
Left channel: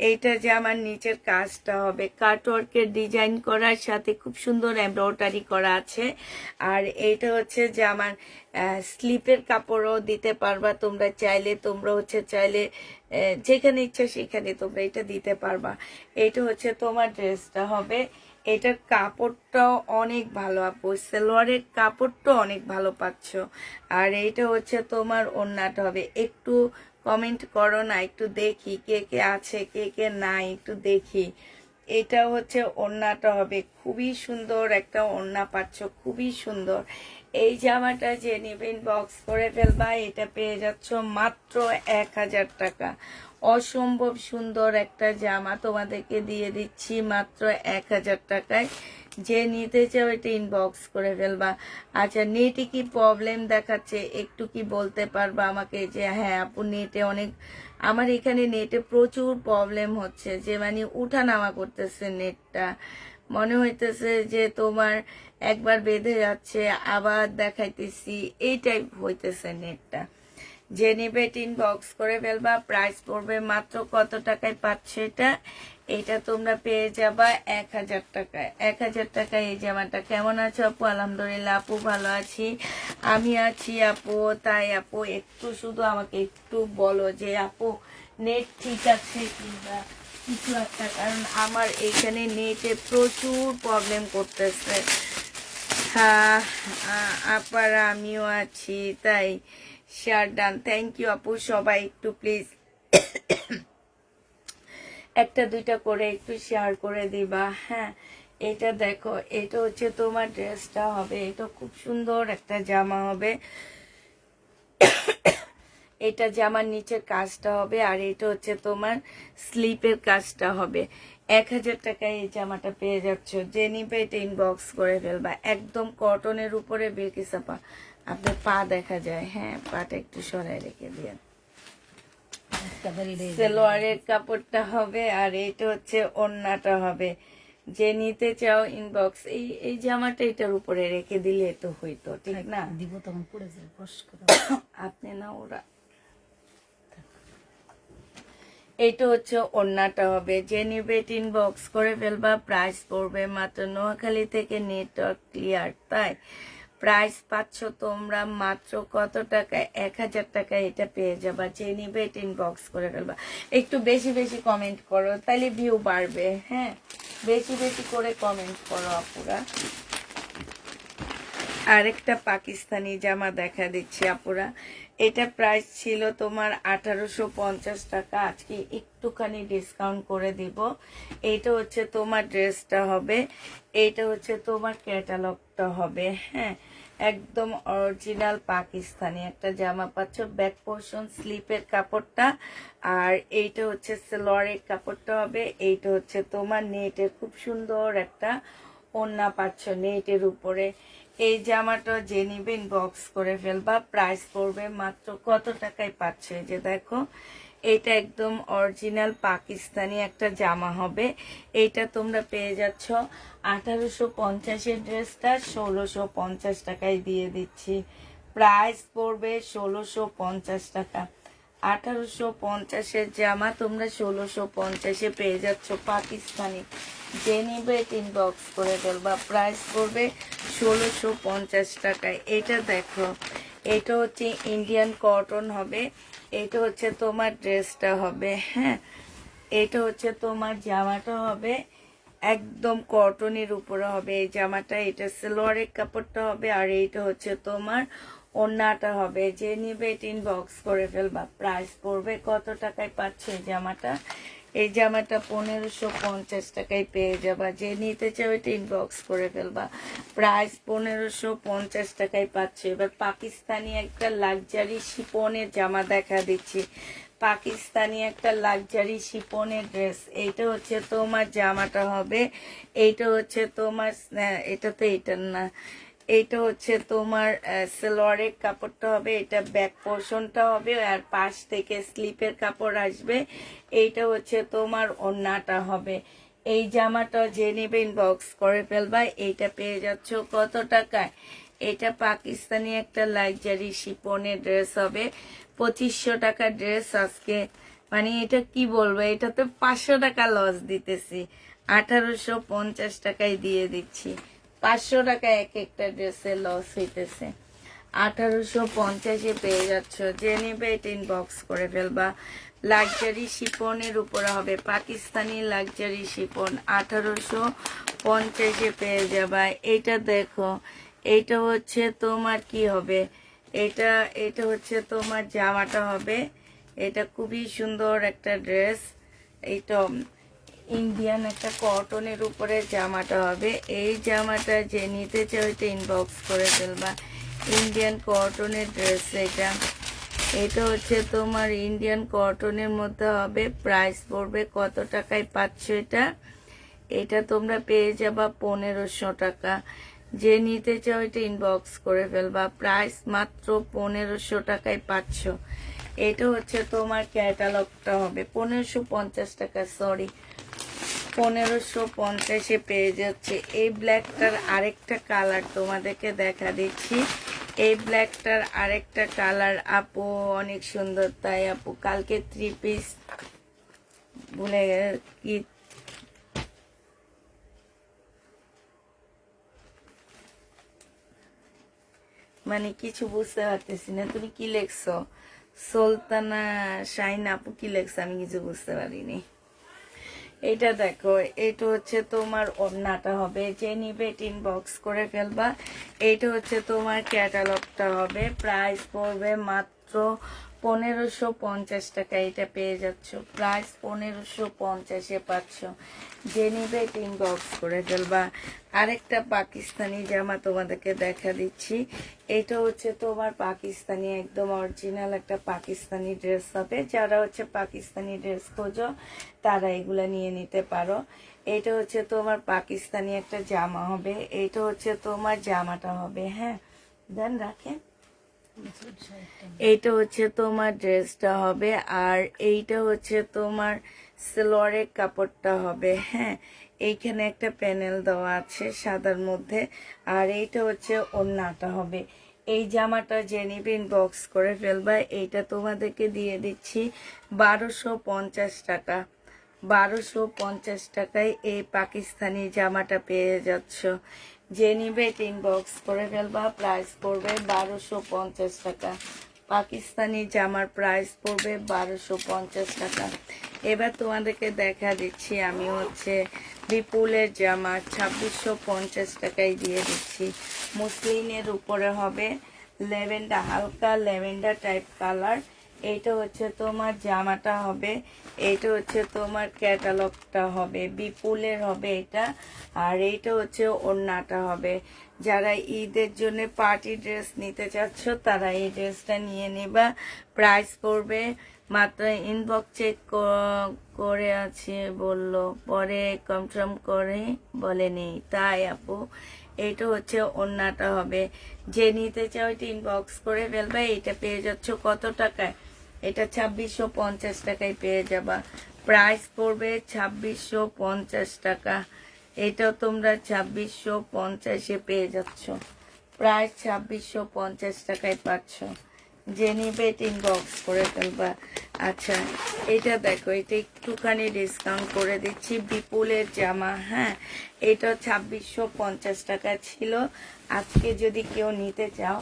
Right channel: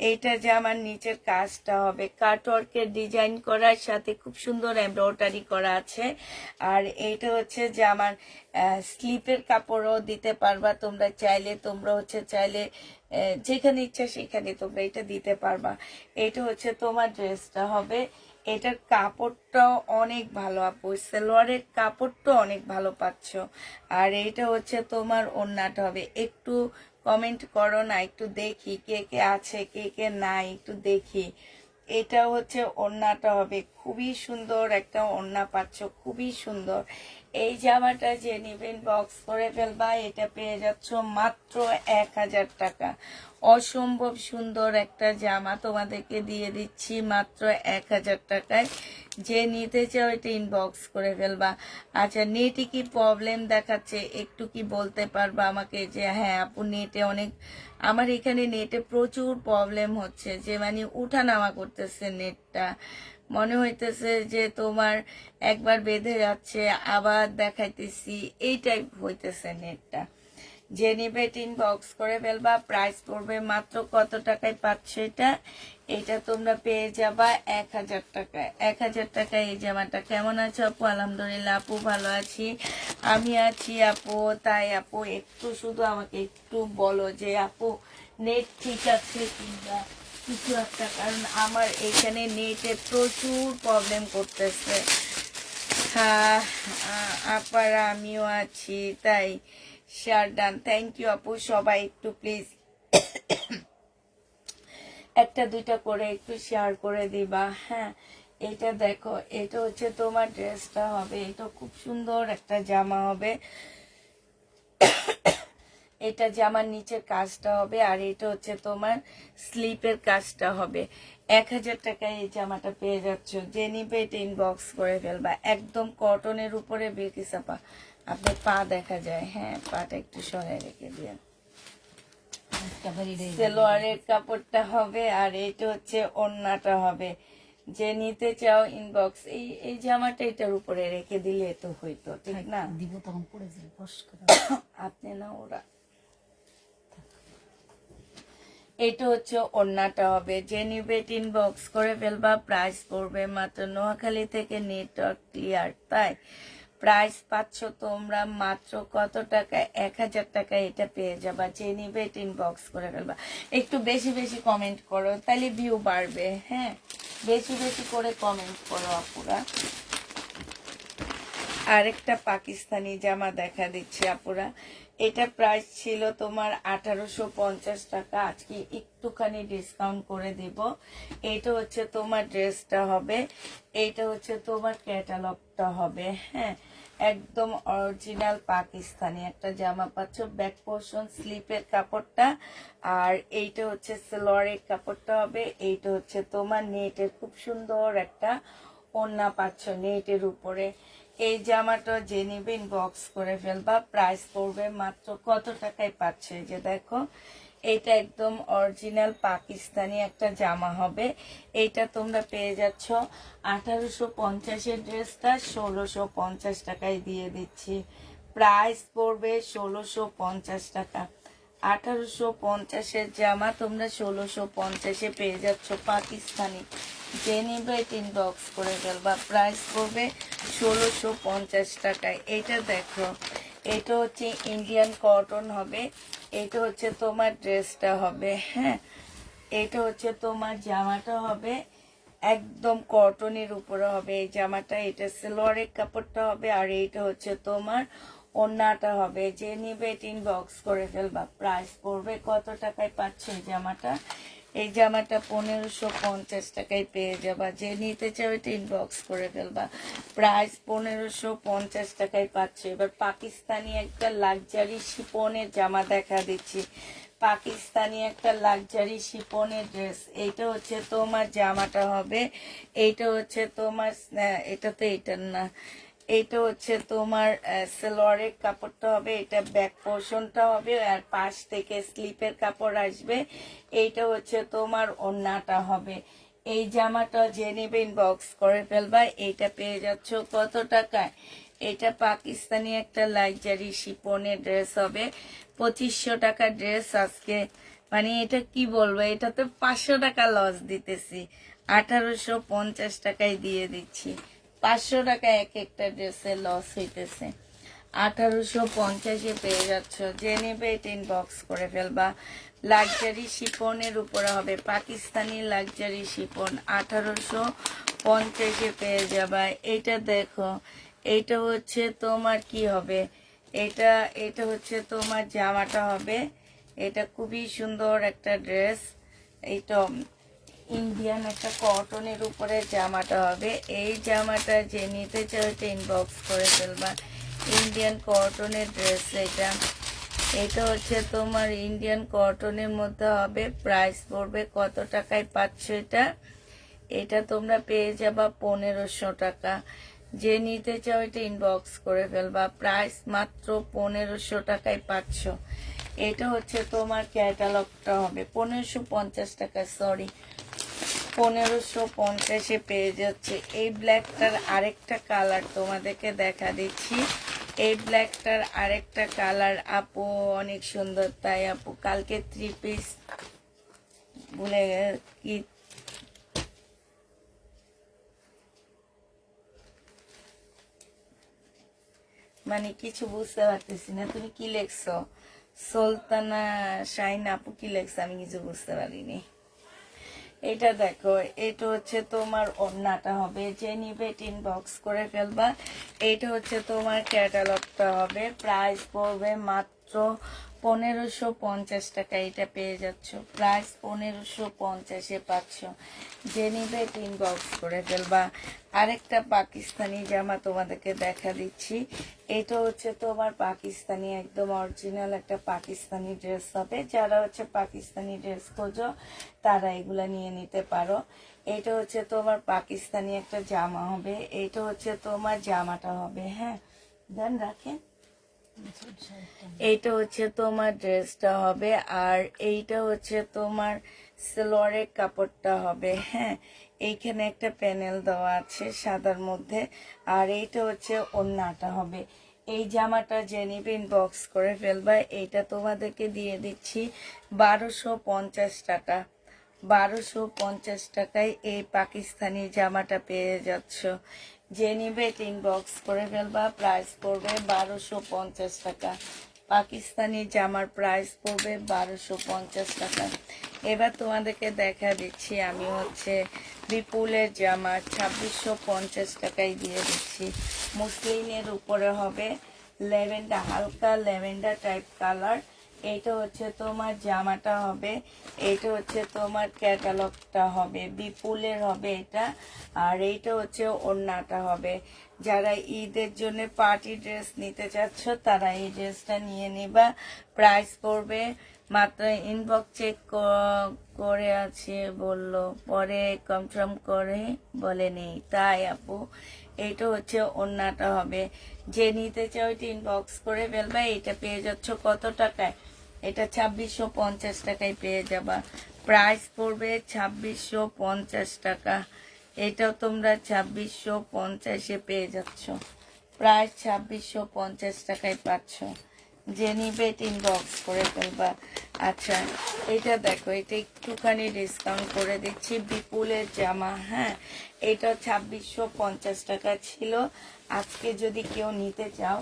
এইটা জামার নিচের কাজটা হবে কাটওয়ার্কের ডিজাইন করার সাথে খুব সুন্দর এমব্রয়ডারি করা আছে। আর এইটা হচ্ছে জামার স্লিপের কাপড়ও দিতে পারবা তোমরা চাইলে। তোমরা হচ্ছে চাইলে যেখানে ইচ্ছা সেখানে তোমরা এটা দিতে পারবা। এইটা হচ্ছে তোমার ড্রেসটা হবে। এটার কাপড়টা অনেক ভালো আপু, সালোয়ারের কাপড়টা অনেক ভালো পাচ্ছ। আর এইটা হচ্ছে তোমার ওড়নাটা হবে। একটু কমেন্ট করো না, একটু দেখি কে কে আছে কে কে নাই, একটু দেখি। এটা হচ্ছে ওড়নাটা হবে, খুবই সুন্দর একটা ওড়না পাচ্ছ, খুবই সুন্দর। এই জামাটা যে নেবেন বক্স করে ফেলবা, এটা পেয়ে যাচ্ছ মাত্র 1000 টাকা। অসম্ভব সুন্দর একটা জামা তোমাদেরকে দিয়ে দিচ্ছি মাত্র 1000 টাকায়। যে নিতে চাও এটা ইনবক্স করে ফেলবা। আচ্ছা, নেটে কি প্রবলেম দেখাচ্ছে একটু কি বলতে পারবা আমাকে? যে হ্যাঁ আপু, নেটে অনেক, আমার এখানে নেটে প্রচুর প্রবলেম হচ্ছে, যে মানে উঠা নামা করতেছে নেটটা। মনে হইতেছে যে তোমার একবার বেঁধে যাচ্ছে আবার দেখাইতেছি, এই টাইপ হইতেছে নেটটা। যে নিবে ইনবক্স করে ফেলবা। প্রাইস পড়বে মাত্র কত টাকায় পাচ্ছ এটা? এটা তোমরা পেয়ে যাবা 1000 টাকায়। 1000 টাকায় এই জামাটা। কেমন আছো আপু? আলহামদুলিল্লাহ আপু, ভালো আছি। আমি আছি আপু। তাই আপু একটু শুধু আমাকে একটু বলো যে আপু নেট ঠিক আছে কিংবা কিছু একটা, কারণ আমার এইখানে নেটে প্রচুর প্রবলেম করতেছে। হ্যাঁ আপার আমিও আছি, তাই শেয়ার ডান। থ্যাংক ইউ আপু। সবাই একটু প্লিজ একটা দুইটা করে একটু শেয়ার করে দিবা, হ্যাঁ। এটা দেখো, এটা হচ্ছে তোমার ড্রেসটা হবে। এটা খুব সুন্দর একটা জামা হবে। এটা জামার নিচের কাজটা হবে, আর এটা হচ্ছে তোমার স্লিপের কাজটা হবে। 1000 টাকায় এই জামাটা পেয়ে যাচ্ছ। যে নিবে এটা ইনবক্স করে ফেলবা। একদম কটনের উপরে বিলকিস আপা আপনার পা দেখা যায়, হ্যাঁ পাটা একটু সরাই রেখে দিয়ে। সালোয়ারের কাপড়টা হবে, আর এটা হচ্ছে ওড়নাটা হবে। যে নিতে চাও ইনবক্স। এই জামাটা এটার উপরে রেখে দিলে তো হইতো, ঠিক না? দিব তখন পড়ে যাবে বস করে। আপনি না ওরা। এইটা হচ্ছে ওড়নাটা হবে। যে নিবে ইনবক্স করে ফেলবা। প্রাইস পড়বে মাত্র, নোয়াখালী থেকে নেটওয়ার্ক ক্লিয়ার, তাই প্রাইস পাচ্ছ তোমরা মাত্র কত টাকায়? 1000 টাকায় এটা পেয়ে যাবা। যে নিবে ইনবক্স করে ফেলবা। একটু বেশি বেশি কমেন্ট করো, তাহলে ভিউ বাড়বে, হ্যাঁ। বেশি বেশি করে কমেন্ট করো আপুরা। আরেকটা পাকিস্তানি জামা দেখা দিচ্ছি আপুরা। এটা প্রাইস ছিল তোমার 1850 টাকা, আজকে একটুখানি ডিসকাউন্ট করে দিব। এটা হচ্ছে তোমার ড্রেসটা হবে। এটা হচ্ছে তোমার ক্যাটালগটা হবে, হ্যাঁ। একদম অরিজিনাল পাকিস্তানি একটা জামা পাচ্ছ। ব্যাক পোর্শন স্লিপের কাপড়টা, আর এইটা হচ্ছে সালোয়ারের কাপড়টা হবে। এইটা হচ্ছে তোমার নেটের খুব সুন্দর একটা ওড়না পাচ্ছ নেটের উপরে। এই জামাটা যে নিবেন বক্স করে ফেলবা। প্রাইস পড়বে মাত্র কত টাকায় পাচ্ছে? যে দেখো, এটা একদম অরিজিনাল পাকিস্তানি একটা জামা হবে। এইটা তোমরা পেয়ে যাচ্ছ 1850-এর ড্রেসটা 1650 টাকায় দিয়ে দিচ্ছি। প্রাইস পড়বে 1650 টাকা। 1850-এর জামা তোমরা 1650-এ পেয়ে যাচ্ছ পাকিস্তানি। যে নিবে ইনবক্স করে ফেলবা। প্রাইস পড়বে 1650 টাকায়। এটা দেখো, এটা হচ্ছে ইন্ডিয়ান কটন হবে। এটা হচ্ছে তোমার ড্রেসটা হবে, হ্যাঁ। এটা হচ্ছে তোমার জামাটা হবে, একদম কটনের উপরে হবে এই জামাটা। এটা সালোয়ারের কাপড়টা হবে, আর এইটা হচ্ছে তোমার ওড়নাটা হবে। যে নিবে ইনবক্স করে ফেলবা। প্রাইস পড়বে কত টাকায় পাচ্ছে এই জামাটা? এই জামাটা 1550 টাকায় পেয়ে যাবা। যে নিতে চাও এটা ইনবক্স করে ফেলবা। প্রাইস 1550 টাকায় পাচ্ছে। এবার পাকিস্তানি একটা লাক্সারি শিপনের জামা দেখা দিচ্ছি। পাকিস্তানি একটা লাক্সারি শিপনের ড্রেস। এইটা হচ্ছে তোমার জামাটা হবে। এইটা হচ্ছে তোমার, এটা তো এইটার না, এইটা হচ্ছে তোমার সালোয়ারের কাপড়টা হবে। এটা ব্যাক পোর্শনটা হবে, আর পাশ থেকে স্লিপের কাপড় আসবে। এইটা হচ্ছে তোমার ওড়নাটা হবে। এই জামাটা যে নেবে ইনবক্স করে ফেলবা। এইটা পেয়ে যাচ্ছ কত টাকায়? এটা পাকিস্তানি একটা লাইজারি শিপনের ড্রেস হবে, 2500 টাকা ড্রেস আজকে। মানে এটা কি বলবো, এটা তো 500 টাকা লস দিতেছি, 1850 টাকায় দিয়ে দিচ্ছি। 500 টাকা এক একটা ড্রেসে লস হইতেছে, 1850-এ পেয়ে যাচ্ছ। যে নেবে এটা ইনবক্স করে ফেলবা। লাক্সারি শিপনের উপরে হবে, পাকিস্তানি লাক্সারি শিপন, 1850-এ পেয়ে যাবা। এটা দেখো, এটা হচ্ছে তোমার কি হবে, এটা এটা হচ্ছে তোমার জামাটা হবে। এটা খুবই সুন্দর একটা ড্রেস। এইটা ইন্ডিয়ান একটা কটনের উপরে জামাটা হবে। এই জামাটা যে নিতে চাও এটা ইনবক্স করে ফেলবা। ইন্ডিয়ান কটনের ড্রেস এটা। এটা হচ্ছে তোমার ইন্ডিয়ান কটনের মধ্যে হবে। প্রাইস পড়বে কত টাকায় পাচ্ছ এটা? এটা তোমরা পেয়ে যাবা 1500 টাকা। যে নিতে চাও এটা ইনবক্স করে ফেলবা। প্রাইস মাত্র 1500 টাকায় পাচ্ছ। এটা হচ্ছে তোমার ক্যাটালগটা হবে 1550 টাকা, সরি 1550-এ পেয়ে যাচ্ছে। এই ব্ল্যাকটার আরেকটা কালার তোমাদেরকে দেখা দিচ্ছি। এই ব্ল্যাকটার আরেকটা কালার আপু অনেক সুন্দর, তাই আপু কালকে 3 পিস বলে কি মানে কিছু বুঝতে পারতেছি না, তুমি কি লেখছো? সুলতানা শাইন আপু কি লেখছো আমি কিছু বুঝতে পারিনি। এটা দেখো, এটা হচ্ছে তোমার ওড়নাটা হবে। যে নিবে ইনবক্স করে ফেলবা। এটা হচ্ছে তোমার ক্যাটালগটা হবে। প্রাইস পড়বে মাত্র 1550 টাকা। এটা পেয়ে যাচ্ছ, প্রাইস 1550-এ পাচ্ছ। যে নিবে ইনবক্স করে ফেলবা। আরেকটা পাকিস্তানি জামা তোমাদেরকে দেখা দিচ্ছি। এটা হচ্ছে তোমার পাকিস্তানি একদম অরিজিনাল একটা পাকিস্তানি ড্রেস হবে। যারা হচ্ছে পাকিস্তানি ড্রেস খোঁজো তারা এগুলা নিয়ে নিতে পারো। এটা হচ্ছে তোমার পাকিস্তানি একটা জামা হবে। এটা হচ্ছে তোমার জামাটা হবে। হ্যাঁ, দেন রাখেন। এইটা হচ্ছে তোমার ড্রেসটা হবে, আর এইটা হচ্ছে তোমার সালোয়ারের কাপড়টা হবে। হ্যাঁ, এইখানে একটা প্যানেল দেওয়া আছে সাদার মধ্যে, আর এইটা হচ্ছে ওড়নাটা হবে। এই জামাটা যে নিবে ইনবক্স করে ফেলবা। এইটা তোমাদেরকে দিয়ে দিচ্ছি 1250 টাকা। 1250 টাকায় এই পাকিস্তানি জামাটা পেয়ে যাচ্ছ। যে নিবে ইনবক্স করে ফেলবা। প্রাইস পড়বে 1250 টাকা। পাকিস্তানি জামার প্রাইস পড়বে 1250 টাকা। এবার তোমাদেরকে দেখা দিচ্ছি আমি হচ্ছে বিপুলের জামা 2650 টাকায় দিয়ে দিচ্ছি। মুসলিনের উপরে হবে, ল্যাভেন্ডার, হালকা ল্যাভেন্ডার টাইপ কালার। এইটা হচ্ছে তোমার জামাটা হবে। এইটা হচ্ছে তোমার ক্যাটালগটা হবে, বিপুলের হবে এটা। আর এইটা হচ্ছে ওড়নাটা হবে। যারা ঈদের জন্য পার্টি ড্রেস নিতে চাচ্ছ তারা এই ড্রেসটা নিয়ে নেবা। প্রাইস পড়বে মাত্র, ইনবক্স চেক করে আছে বললো, পরে কনফার্ম করে বলেনি, তাই আপু এইটা হচ্ছে ওড়নাটা হবে। যে নিতে চাও এটা ইনবক্স করে ফেলবে। এটা পেয়ে যাচ্ছ কত টাকায়? এটা 2650 টাকায় পেয়ে যাবা। প্রাইস পড়বে 2650 টাকা। এটাও তোমরা 2650-এ পেয়ে যাচ্ছ। প্রাইস 2650 টাকায় পাচ্ছ। যে নিবে ইনবক্স করে ফেলবা। আচ্ছা, এটা দেখো, এটা একটুখানি ডিসকাউন্ট করে দিচ্ছি। বিপুলের জামা, হ্যাঁ, এটা 2650 টাকা ছিল। আজকে যদি কেউ নিতে চাও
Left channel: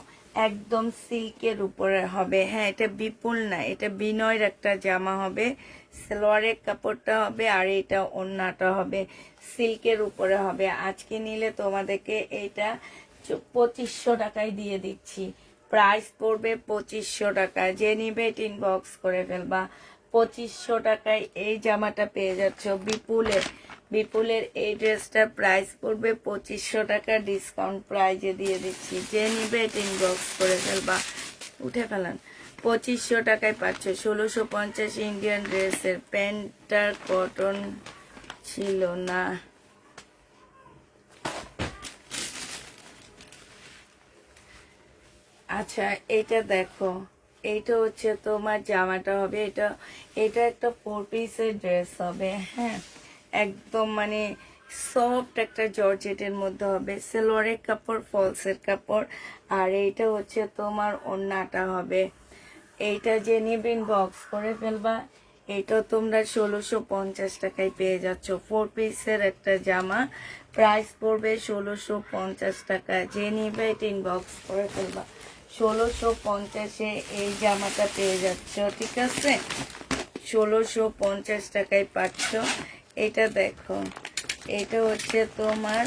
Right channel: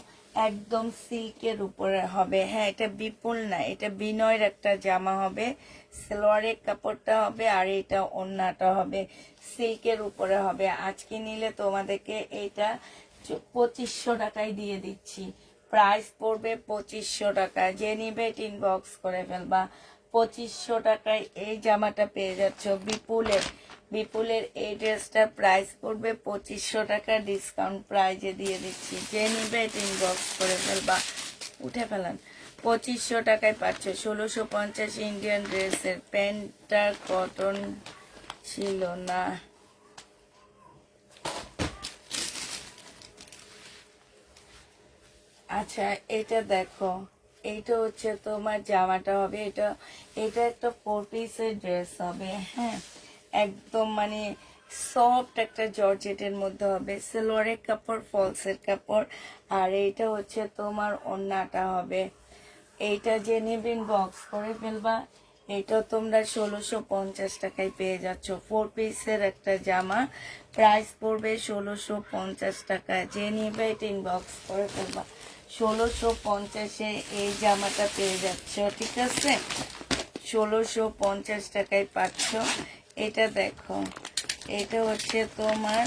একদম সিল্কের উপরে হবে। হ্যাঁ, এটা বিপুল না, এটা বিনয়ের একটা জামা হবে। সালোয়ারের কাপড়টা হবে, আর এটা ওড়নাটা হবে, সিল্কের উপরে হবে। আজকে নিলে তোমাদেরকে এইটা 2500 টাকায় দিয়ে দিচ্ছি। প্রাইস পড়বে 2500 টাকা। যে নিবে ইনবক্স করে ফেলবা। 2500 টাকায় এই জামাটা পেয়ে যাচ্ছ বিপুলের। বিপুলের এই ড্রেসটার প্রাইস পড়বে 2500 টাকা, ডিসকাউন্ট প্রাইজে দিয়ে দিচ্ছি। যে নিবে ইনবক্স করে ফেলবা। উঠে ফেলান। 2500 টাকায় পাচ্ছ 1650 ইন্ডিয়ান ড্রেসের। প্যান্টটা কটন ছিল না। আচ্ছা, এটা দেখো, এইটা হচ্ছে তোমার জামাটা হবে। এটা এটা একটা 4 পিসের ড্রেস হবে। হ্যাঁ, একদম মানে সফট একটা জর্জেটের মধ্যে হবে, সেলোয়ারের কাপড়, ফলসের কাপড়। আর এইটা হচ্ছে তোমার ওড়নাটা হবে। এইটা যে নিবেন বক্স করে ফেলবা। এটা তোমরা 1650 টাকায় পেয়ে যাচ্ছ। 4 পিসের একটা জামা, প্রাইস পড়বে 1650 টাকা। যে নিবে এটা ইনবক্স করে ফেলবা। 1650-এ এই জামাটা পেয়ে যাচ্ছ, ঠিক আছে? 1650 টাকায় পাচ্ছ। এটা দেখো, এটা হচ্ছে তোমার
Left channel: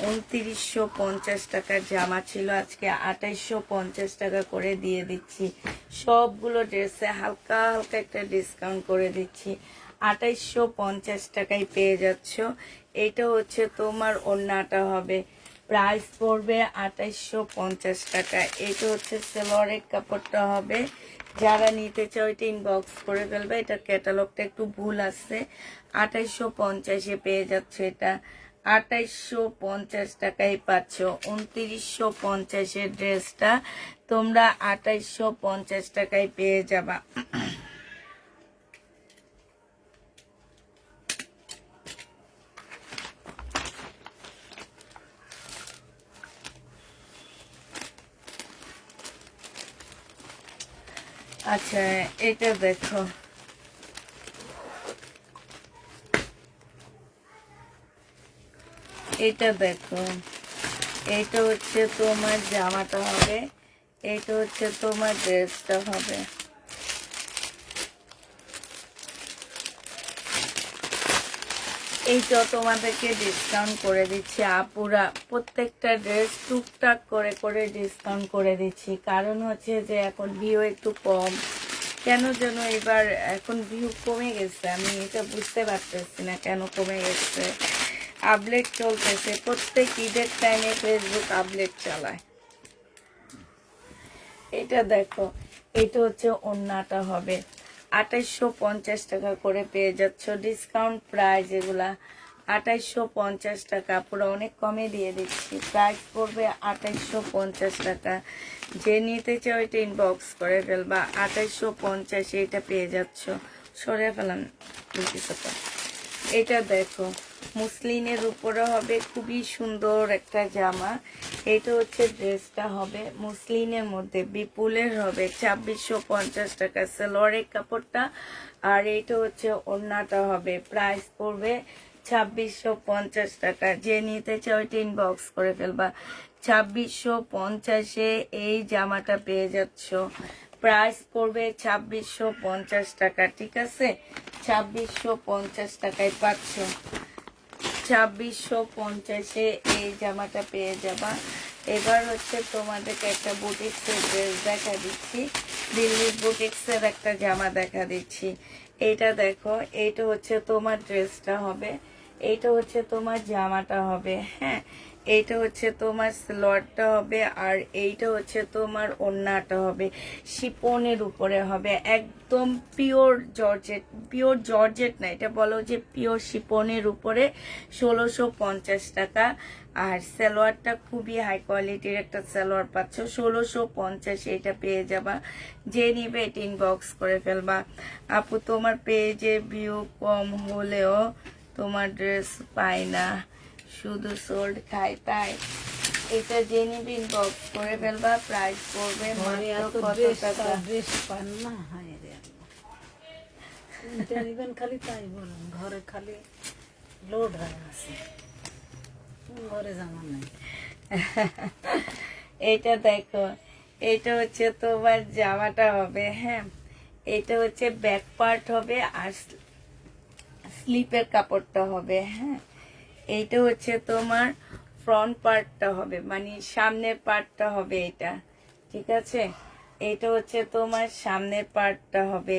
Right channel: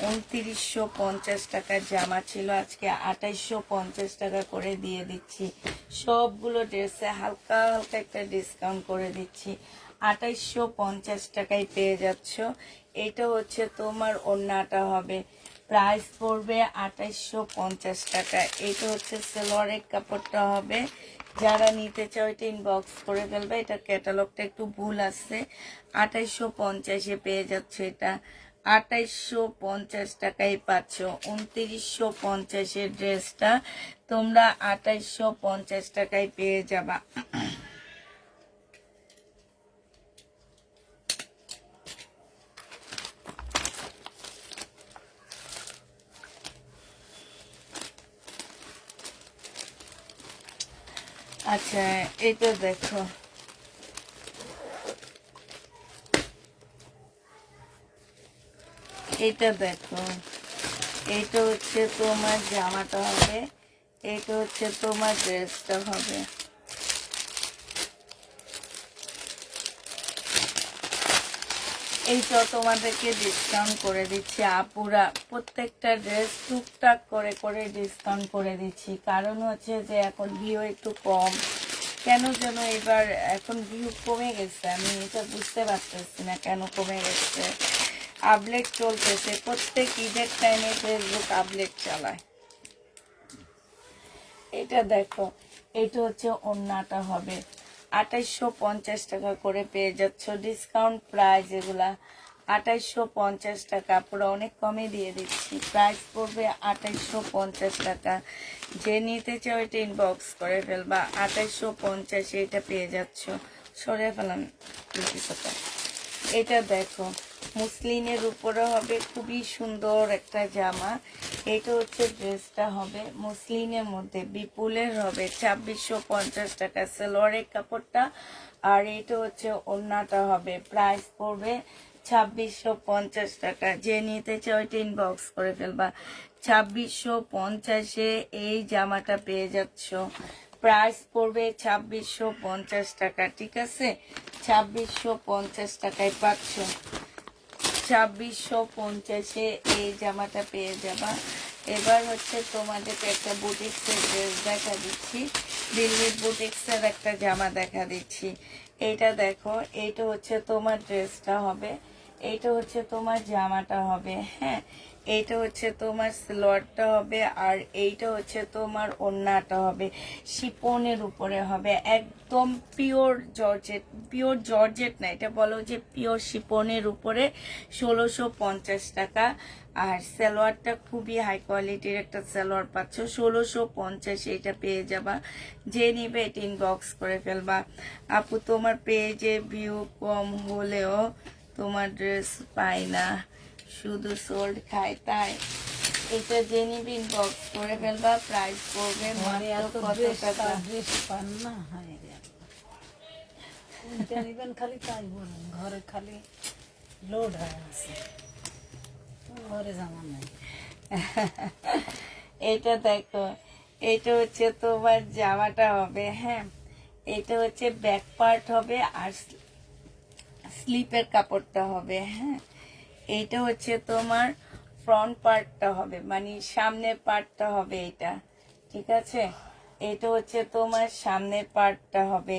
2950 টাকার জামা ছিল, আজকে 2850 টাকা করে দিয়ে দিচ্ছি। সবগুলো ড্রেসে হালকা হালকা একটা ডিসকাউন্ট করে দিচ্ছি। 2850 টাকায় পেয়ে যাচ্ছ। এটা হচ্ছে তোমার ওড়নাটা হবে, প্রাইস পড়বে 2850 টাকা। এটা হচ্ছে সালোয়ারের কাপড়টা হবে। যারা নিতে চাও এটা ইনবক্স করে ফেলবে। এটা ক্যাটালগটা একটু ভুল আছে, 2850-এ পেয়ে যাচ্ছে। এটা 2850 টাকায় পাচ্ছ। 2950-এর ড্রেসটা তোমরা 2850 টাকায় পেয়ে যাবা। আচ্ছা, এটা দেখো, এটা দেখো, এটা হচ্ছে তোমার জামাটা হবে, এটা হচ্ছে তোমার ড্রেসটা হবে। এইটা তোমাদেরকে ডিসকাউন্ট করে দিচ্ছি আপুরা। প্রত্যেকটা ড্রেস টুকটাক করে করে ডিসকাউন্ট করে দিচ্ছি, কারণ হচ্ছে যে এখন ভিউ একটু কম। কেন যেন এবার এখন ভিউ কমে গেছে, আমি এটা বুঝতে পারতেছি না কেন কমে গেছে। আপডেট চলতেছে, প্রত্যেক ঈদের টাইমে ফেসবুক আপডেট চালায়। এটা দেখো, এটা হচ্ছে ওড়নাটা হবে, 2850 টাকা করে পেয়ে যাচ্ছ। ডিসকাউন্ট প্রাইস এগুলা 2850 টাকা, পুরো অনেক কমে দিয়ে দিচ্ছি। প্রাইস পড়বে 2850 টাকা। যে নিতে চাও এটা ইনবক্স করে ফেলবা। 2850 এটা পেয়ে যাচ্ছ। সরে ফেলান টাকা। এটা দেখো, মুসলিনের উপরে হবে, খুবই সুন্দর একটা জামা। এটা হচ্ছে ড্রেসটা হবে মুসলিনের মধ্যে, বিপুলের হবে, 2650 টাকা সালোয়ারের কাপড়টা। আর এটা হচ্ছে ওড়নাটা হবে, প্রাইস পড়বে 2650 টাকা। যে নিতে চাও এটা ইনবক্স করে ফেলবা। 2650-এ এই জামাটা পেয়ে যাচ্ছ। প্রাইস পড়বে 2650 টাকা, ঠিক আছে? 2650 টাকায় পাচ্ছ। 2650-এ এই জামাটা পেয়ে যাবা। এবার হচ্ছে তোমাদেরকে একটা বুটিক্সের ড্রেস দেখা দিচ্ছি, দিল্লি বুটিক্সের একটা জামা দেখা দিচ্ছি। এইটা দেখো, এইটা হচ্ছে তোমার ড্রেসটা হবে, এইটা হচ্ছে তোমার জামাটা হবে। হ্যাঁ, এইটা হচ্ছে তোমার সালোয়ারটা হবে, আর এইটা হচ্ছে তোমার ওড়নাটা হবে। শিপনের উপরে হবে, একদম পিওর জর্জেট। পিওর জর্জেট না, এটা বলো যে পিওর শিপনের উপরে 1650 টাকা। আর সালোয়ারটা খুবই হাই কোয়ালিটির একটা সালোয়ার পাচ্ছ, 1650 এটা পেয়ে যাবা। যে নিবে এটা ইনবক্স করে ফেলবা। আপু তোমার পেজে ভিউ কম হলেও তোমার ড্রেস পাই না, শুধু সোল্ড খাই, তাই? এটা যে নিবে ইনবক্স করে ফেলবা। প্রাইস পড়বে মাত্র কত টাকা? ড্রেস পান না, হয় রে আল্লাহ। নিবেন খালি তাই বলুন, ঘরে খালি লোড হয়ে আছে, ঘরে জামা নাই। এটা দেখো, এটা হচ্ছে তোমার জামাটা হবে। হ্যাঁ, এটা হচ্ছে ব্যাক পার্ট হবে, আর স্লিপের কাপড়টা হবে। হ্যাঁ, এইটা হচ্ছে তোমার ফ্রন্ট পার্টটা হবে, মানে সামনের পার্টটা হবে এটা, ঠিক আছে? এটা হচ্ছে তোমার সামনের পার্টটা হবে,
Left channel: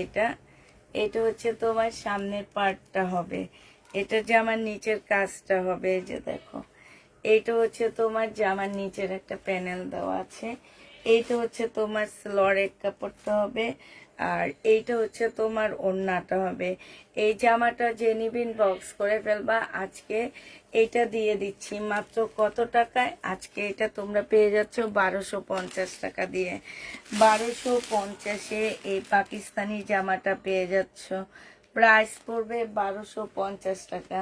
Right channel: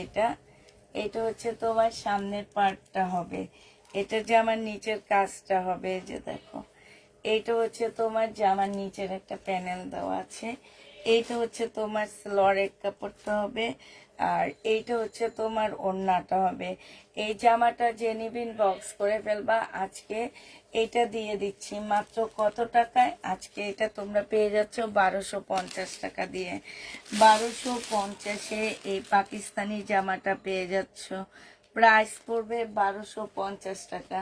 এটা হচ্ছে তোমার সামনের পার্টটা হবে। এটা জামার নিচের কাজটা হবে, এই যে দেখো, এইটা হচ্ছে তোমার জামার নিচের একটা প্যানেল দেওয়া আছে। এইটা হচ্ছে তোমার সালোয়ারের কাপড়টা হবে, আর এইটা হচ্ছে তোমার ওড়নাটা হবে। এই জামাটা যে নিবিন বক্স করে ফেলবা। আজকে এটা দিয়ে দিচ্ছি মাত্র কত টাকায়? আজকে এটা তোমরা পেয়ে যাচ্ছ 1250 টাকা দিয়ে। 1250-এ এই পাকিস্তানি জামাটা পেয়ে যাচ্ছ। প্রাইস পড়বে 1250 টাকা।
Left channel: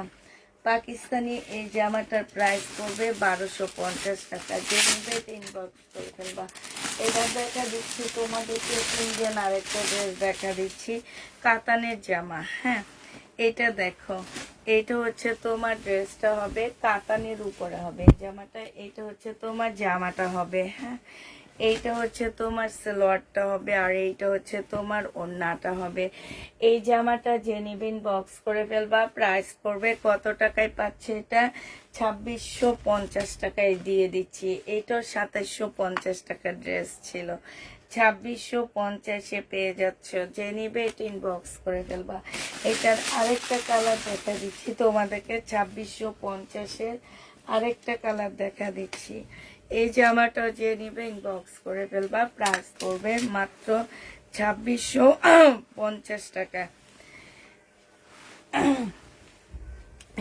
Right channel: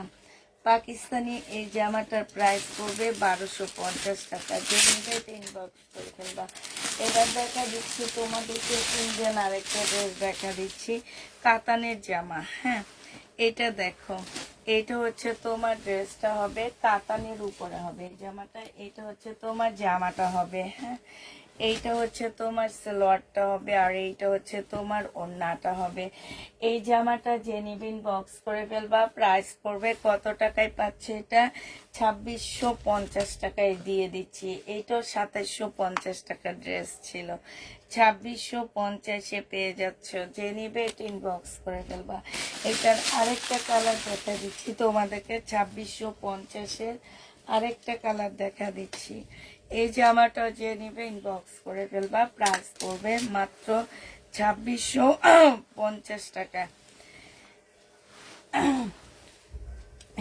পাকিস্তানি এই জামাটার প্রাইস পড়বে 1250 টাকা। যে নিবে ইনবক্স করে ফেলবা। এবার দেখা দিচ্ছি তোমাদেরকে ইন্ডিয়ান আরেকটা ড্রেস দেখা দিচ্ছি, কাতানের জামা। হ্যাঁ, এটা দেখো, এটা হচ্ছে তোমার ড্রেসটা হবে কাতানের উপরে হবে এই জামাটা, এটা হচ্ছে তোমার জামাটা হবে। হ্যাঁ, এইটা হচ্ছে তোমার সালোয়ারটা হবে, আর এইটা হচ্ছে তোমার ওড়নাটা হবে। এই জামাটা যে নিবেন বক্স করে ফেলবা। প্রাইস পড়বে কত টাকায় পাচ্ছে এটা? 2650 টাকায় দিয়ে দিচ্ছি। এইটাও 2750 টাকার ড্রেস ছিল, 2650-এ পেয়ে যাচ্ছ। যে নিবে এটা ইনবক্স করে ফেলবা। এটার আরেকটা কালার দেখা দিচ্ছি তোমাদেরকে, 2650-এর আরেকটা কালার দেখা দিচ্ছি। এই জামাটা যে নিবে ইনবক্স করে ফেলবা। প্রাইস পড়বে মাত্র 2650 টাকা।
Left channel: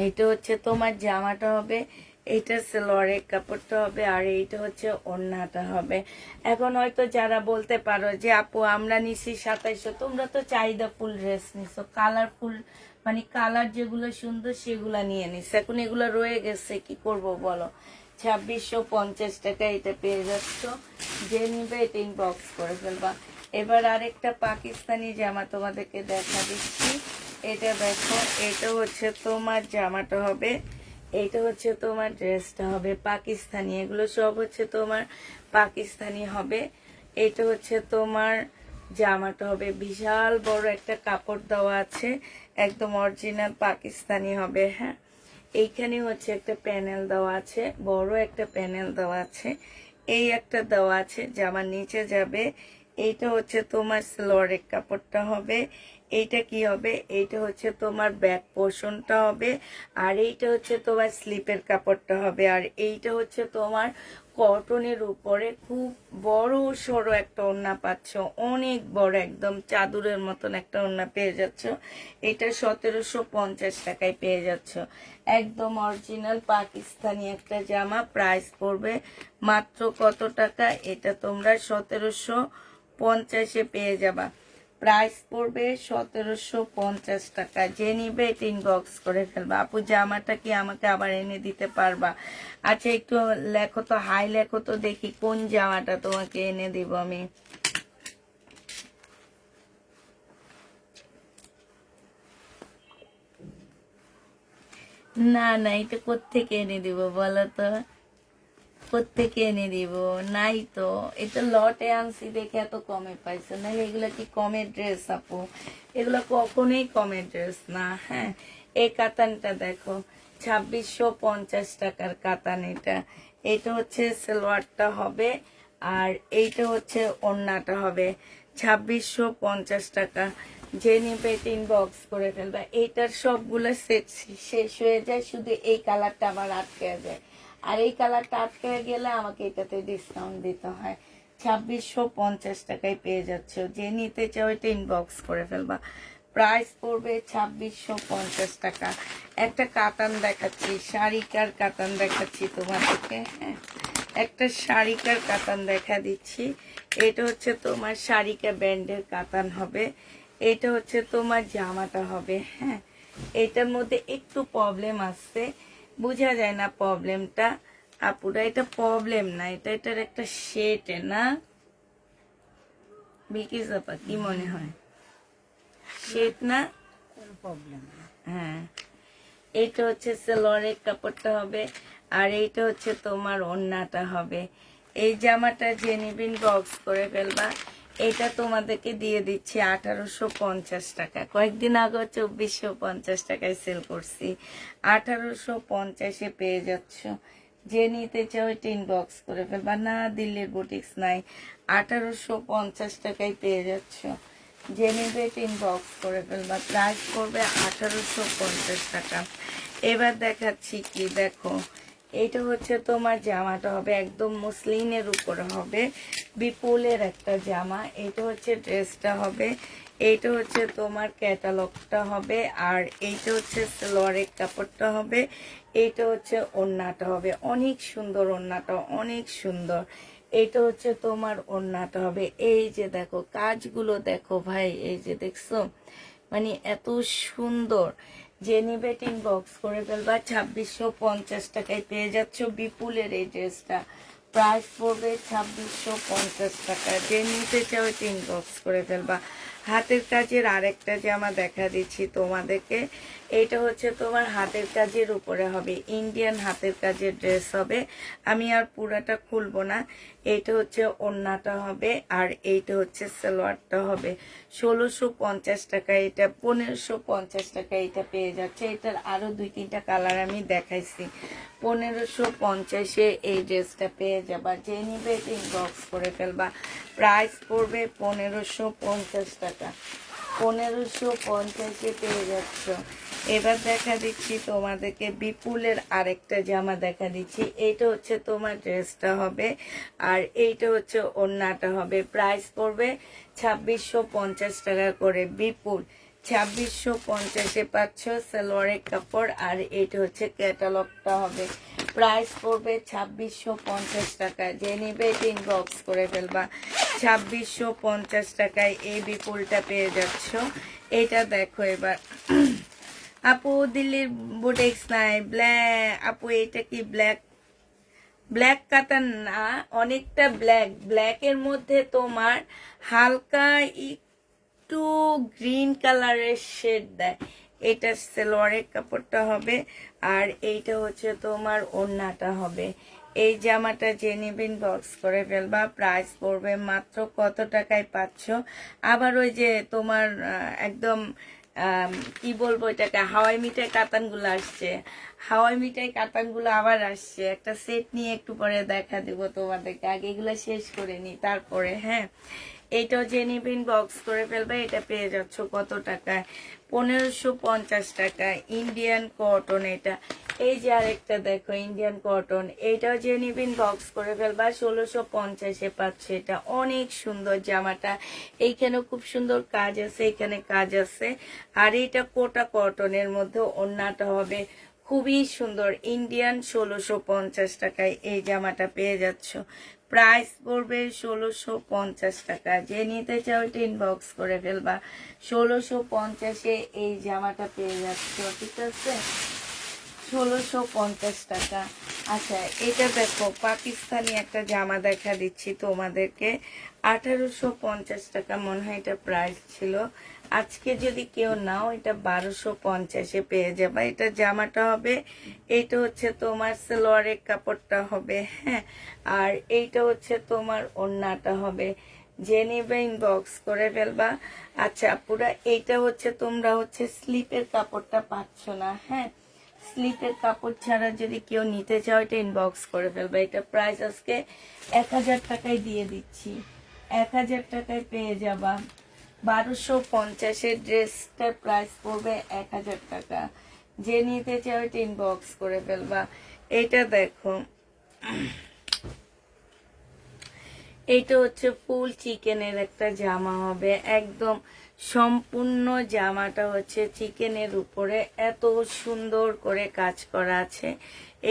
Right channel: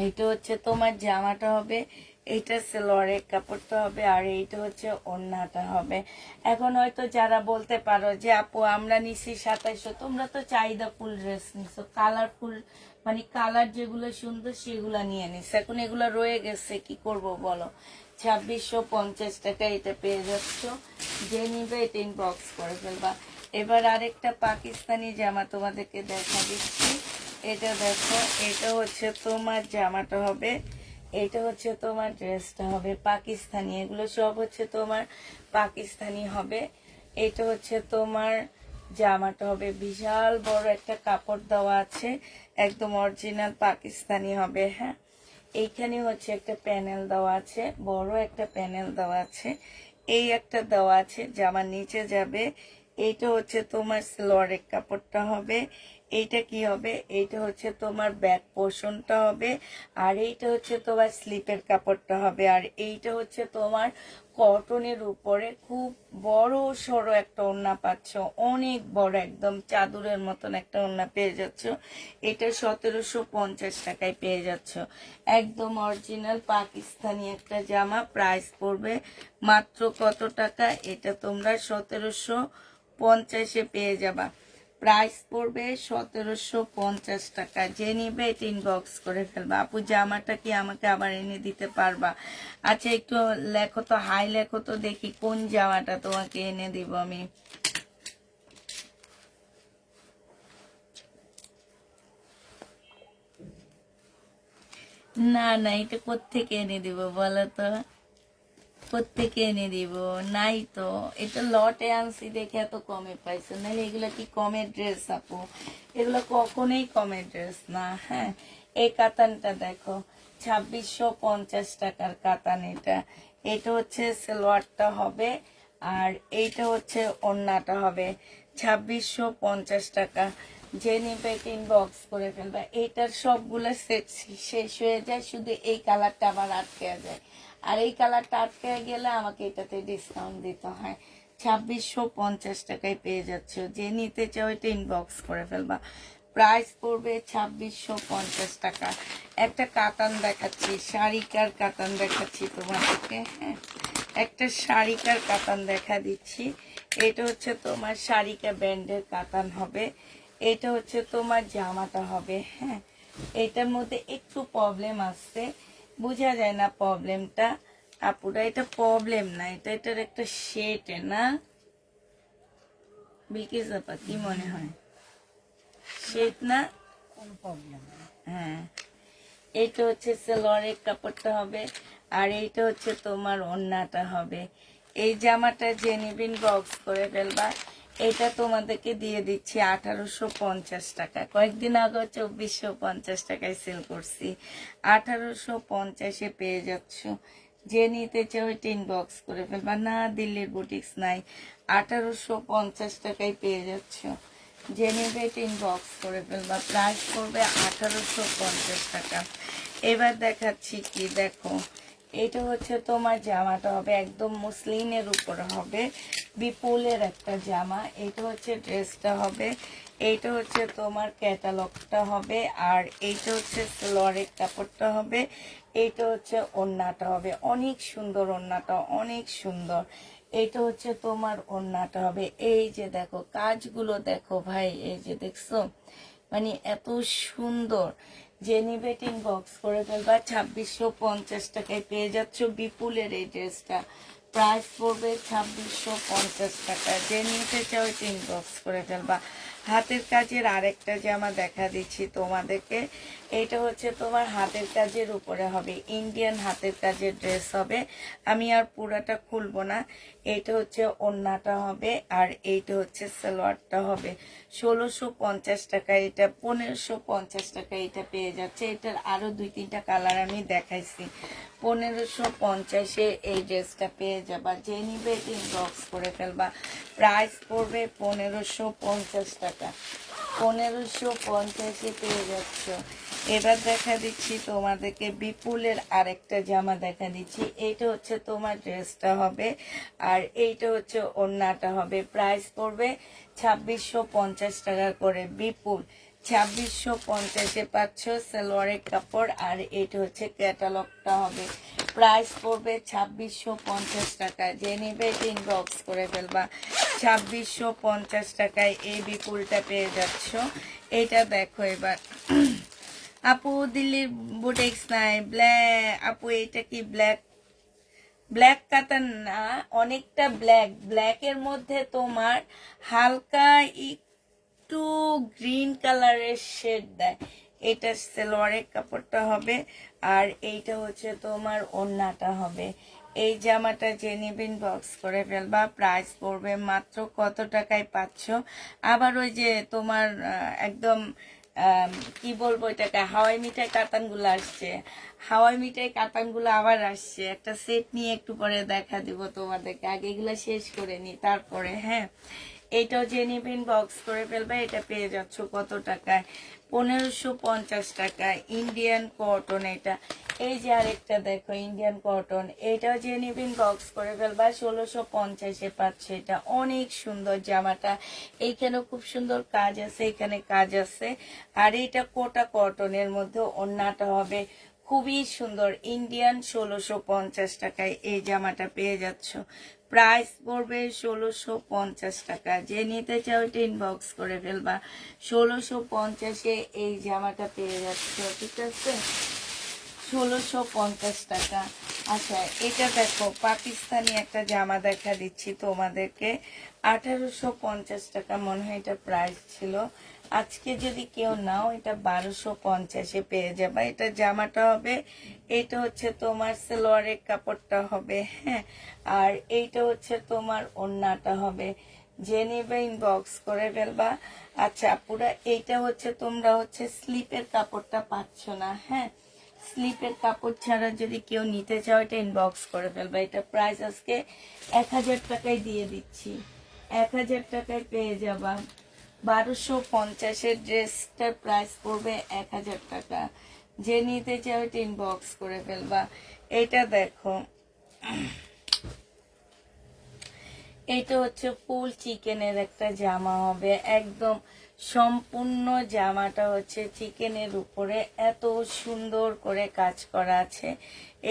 এইটা হচ্ছে তোমার জামাটা হবে, এইটা সালোয়ারের কাপড়টা হবে, আর এইটা হচ্ছে ওড়নাটা হবে। এখন হয়তো যারা বলতে পারো যে আপু আমরা নিছি 2700, তোমরা তো চাহিদা ফুল ড্রেস নিছো, কালারফুল মানে কালার যেগুলো সুন্দর সেগুলো নিয়ে নিস। এখন এগুলো রয়ে গেছে, কি করব বলো? 2650 টাকা এটা পেয়ে যাচ্ছ। যে নিবে এটা ইনবক্স করে ফেলবা। এবার আরেকটা পাকিস্তানি জামা তোমাদেরকে দেখা দিচ্ছি। এটা দেখো, এটা হচ্ছে তোমার জামাটা হবে, এইটা হচ্ছে তোমার ড্রেসটা হবে পাকিস্তানি। এগুলো সব হচ্ছে তোমার পাকিস্তানি হবে। এটা হচ্ছে তোমার জামাটা হবে, বিশাল বড় একটা কাপড় দেওয়া আছে, একদম অরিজিনাল পাকিস্তানি হবে। হ্যাঁ, এইখানে হচ্ছে একটা প্যানেল দেওয়া আছে, বড় একটা প্যানেল দেওয়া আছে, এই একটা দেওয়া আছে, জামার নিচে যাবে। এইটা হচ্ছে তোমার সালোয়ারের কাপড়টা হবে। এইটা কি হবে? এইটা হচ্ছে তোমার ব্যাক পোর্শনটা হবে, আর এইটা হচ্ছে তোমার স্লিপের কাপড়টা হবে, আর এইটা হচ্ছে তোমার কটনের উপরে খুব বড় সড়ো একটা ওড়না পাচ্ছ, অনেক বড়, একদম চাদরের মতন একটা ওড়না পেয়ে যাচ্ছ। এটা 1750 টাকায় পেয়ে যাচ্ছ। একদম অরিজিনাল পাকিস্তানি একটা জামা। প্রাইস পড়বে মাত্র কত টাকা? এটা তোমরা 1750-এ পেয়ে যাবা। প্রাইস পড়বে 1750 টাকা। যে নিবে এটা ইনবক্স করে ফেলবা। আপু জামাটা কি আমাকে আবার এনে দিতে পারবা? আচ্ছা একটু লেখো তো, হাই লেখো তো, দেখি কোন জামাটা তোমাকে এনে দিব আমি। না না, এটা কোত্থেকে এনে দিব বলো তো? কোত্থেকে এনে দিব? নাই তো, এটা লটে আনছি দেখে এত কমে পাইছো, নাহলে এগুলো কি কমের ড্রেস আপু? এগুলো কখনোই কমের ড্রেস না। হ্যাঁ, এই কাতানটা দেখো, 2650 টাকার কাতান এটা। এটা হচ্ছে সালোয়ারটা হবে, আর এইটা হচ্ছে ওড়নাটা হবে, 2650 টাকা। যে নিবে এটা ইনবক্স করে ফেলবা। এইটার সবগুলো সেট শেষ হয়ে যায়, শুধু এই কালারটা আবার আটকে যায়, আর এই কালারটা আটকে গেলে আমাকে এটাতে ডিসকাউন্ট দিতে হয়। 2650 টাকায় পেয়ে যাচ্ছ। যে নিতে চাও এটা ইনবক্স করে ফেলবা। প্রাইস পড়বে 2650 টাকা। একটা কাতান দেখাচ্ছি, শাড়িকার কাতান দেখাচ্ছি তোমাদেরকে। হ্যাঁ, একটা শাড়িকার কাতান দেখা দিচ্ছি। এটা হচ্ছে তোমার শাড়িকা ব্র্যান্ডের কাতান হবে। এটা হচ্ছে তোমার জামাটা হবে। হ্যাঁ, এটার মধ্যে একটু প্রবলেম আসছে, বোঝা যায় না প্রবলেমটা। আপুরা এটা প্রবলেম না, এটা এটার একটা শেড না, বিকিস আপা কি মনে হয়? শেড না? কোন প্রবলেম? হ্যাঁ, এইটা হচ্ছে সালোয়ারের কাপড়টা হবে, আর এইটা হচ্ছে তোমার ওড়নাটা হবে। এই জামাটা যে নিবিন বক্স করে ফেলবা। এটা তোমাদেরকে দিয়ে দিচ্ছি 1850 টাকা। কয়েকদিন আগে 2450 টাকায় সেল করছি, 1850-এ পেয়ে যাচ্ছ। যে নিতে চাও এটা ইনবক্স করে ফেলবা। না দিল্লির বুটিক্স নাই, 1850 টাকায় পেয়ে যাচ্ছ। যে নিবে এটা ইনবক্স করে ফেলবা। প্রাইস করবে 1850 টাকা। এবার দেখাচ্ছি কি, দেখো, এটা হচ্ছে তোমার জামাটা হবে, একদম মসলিনের উপরে হবে, বিপুলের একটা জামা। এটা হচ্ছে ড্রেসটা হবে, এইটা হচ্ছে তোমার ক্যাটালগটা হবে, আর এইটা হচ্ছে সালোয়ারের কাপড়টা হবে, এইটা হচ্ছে ওড়নাটা হবে। অনেক সুন্দর ওড়নাটা, অনেক সুন্দর। এইটা হচ্ছে তোমার ওড়নাটা হবে। এই যে দেখো কাজগুলো দেখো ভাই, এই যে দেখছো মানে এত সুন্দর। যে নিবে ইনবক্স করে ফেলবা। 2650 টাকায় পেয়ে যাচ্ছ বিপুলের এই ড্রেসটা। প্রাইস পড়বে 2650 টাকা। যে নিতে চাও ইনবক্স করে ফেলবা। হাতের কাজের আরেকটা জামা দেখা দিচ্ছি তোমাদেরকে। এটা হচ্ছে তোমার হাতের কাজের উপরে হবে, ইন্ডিয়ান হাতের কাজের ড্রেস হবে। আমি আর পুরাটা খুলবো না। এটা হচ্ছে ওড়নাটা হবে, আর এইটা হচ্ছে সালোয়ারটা হবে। 1650 টাকা এটা, 1550 টাকা এটা পেয়ে যাচ্ছে। এটার আরো 2-3টা কালার আমি দেখাইছি। 1550-এ এই ড্রেসটা পেয়ে যাবা। যে নিবে ইনবক্স করে ফেলবা। প্রাইস পড়বে 1550 টাকা। 1550-এ পেয়ে যাচ্ছ। এবার দেখা দিচ্ছি তোমাদেরকে বিপুলের আরেকটা জামা দেখা দিচ্ছি। এইটা হচ্ছে তোমার ড্রেসটা হবে, আর এইটা হচ্ছে ওড়নাটা হবে। প্রাইস পড়বে 2650 টাকা করে। বিপুল 2650-এ পাচ্ছ সালোয়ারের কাপড়, আর এইটা হচ্ছে ক্যাটালগটা হবে। প্রাইস পড়বে 2650 টাকা। যে নেবে ইনবক্স করে ফেলবা। 2650 টাকায় এই বিপুলটা পেয়ে যাচ্ছ। এটা দেখো এবার। আপু দিল্লির বুটিক্স নাই ব্ল্যাক। আপু এটা কি ব্ল্যাক? ব্ল্যাক কাতান না, অনেকটা ব্ল্যাক। ব্ল্যাকের মধ্যে তোমার হালকা একটু গ্রিন কালারের শেড দেয়। এটা সালোয়ারের কাপড়টা হবে, আর এইটা হচ্ছে তোমার ওড়নাটা হবে। এই জামাটা যে নেবেন বক্স করে ফেলবা। প্রাইস পড়বে মাত্র কত টাকায় পাচ্ছ? আবার ওই যে তোমার একদম কি বলবো এটাকে, হাওয়াই মিঠাই কাতানগুলো আসছে। হাওয়াই মিঠাই কাতানগুলো আবার আসছে। একটা সেট নিয়ে একটু পরে দেখা দিব তোমাদেরকে। আগে এগুলো শেষ করে নি তারপরে। হ্যাঁ, এইটাও যে নিবেন বক্স করে ফেলবে। এটা পেয়ে যাচ্ছ কত টাকা? 1550 টাকা। ইন্ডিয়ান কটন এটা। এই যে আরেকটা দেখো ইন্ডিয়ান কটন, এটাও যে নিবেন বক্স করে ফেলবা। 1650-এ পাচ্ছে। এটা অনেক সুন্দর জামাটা। এইখানেও খুব সুন্দর কাজ আছে, এখানে কাজ আছে। আর এটা কোটা কটনের মধ্যে ওড়নাটা হবে খুবই সুন্দর। ইন্ডিয়ান 1650 টাকায় এই জামাটা পেয়ে যাচ্ছ। প্রাইস পড়বে 1650 টাকা। যে নিতে চাও এটা ইনবক্স করে ফেলবা। 1650-এ এই জামাটা পেয়ে যাচ্ছ, ঠিক আছে? 1650 টাকা। আচ্ছা, এটা দেখো পাকিস্তানি একটা জামা দেখা দিচ্ছি তোমাদেরকে। 1850 টাকা মনে হয় এটা প্রাইস ছিল। আজকে যদি কেউ নাও এটা 1250-এ পেয়ে যাবে। এটা জামাটা হবে, এইটা হচ্ছে তোমার সালোয়ারের কাপড়টা হবে। হ্যাঁ, আর এইটা হচ্ছে তোমার ওড়নাটা হবে। যে নিবে ইনবক্স করে ফেলবা। আচ্ছা পুরা এইটা হচ্ছে তোমরা হচ্ছে স্লিপের কাপড়টা পাচ্ছ না। হ্যাঁ, স্লিপের কাপড় ছাড়া যদি কেউ নিতে চাও এটা ইনবক্স করে ফেলবে। এটা প্রাইস আজকে 1000 টাকায় দিয়ে দিচ্ছি। 1000 টাকায় পেয়ে যাবা। 1250-এর ড্রেসটার প্রাইস পড়বে 1000 টাকা। যে নিতে চাও এটা ইনবক্স করে ফেলবা। এটা দেখো, এইটা হচ্ছে ফুল চিকেনের একটা জামা হবে। একদম সম্পূর্ণ জামাটা হচ্ছে চিকেনের উপরে এত সুন্দর করে কাজ করা আছে।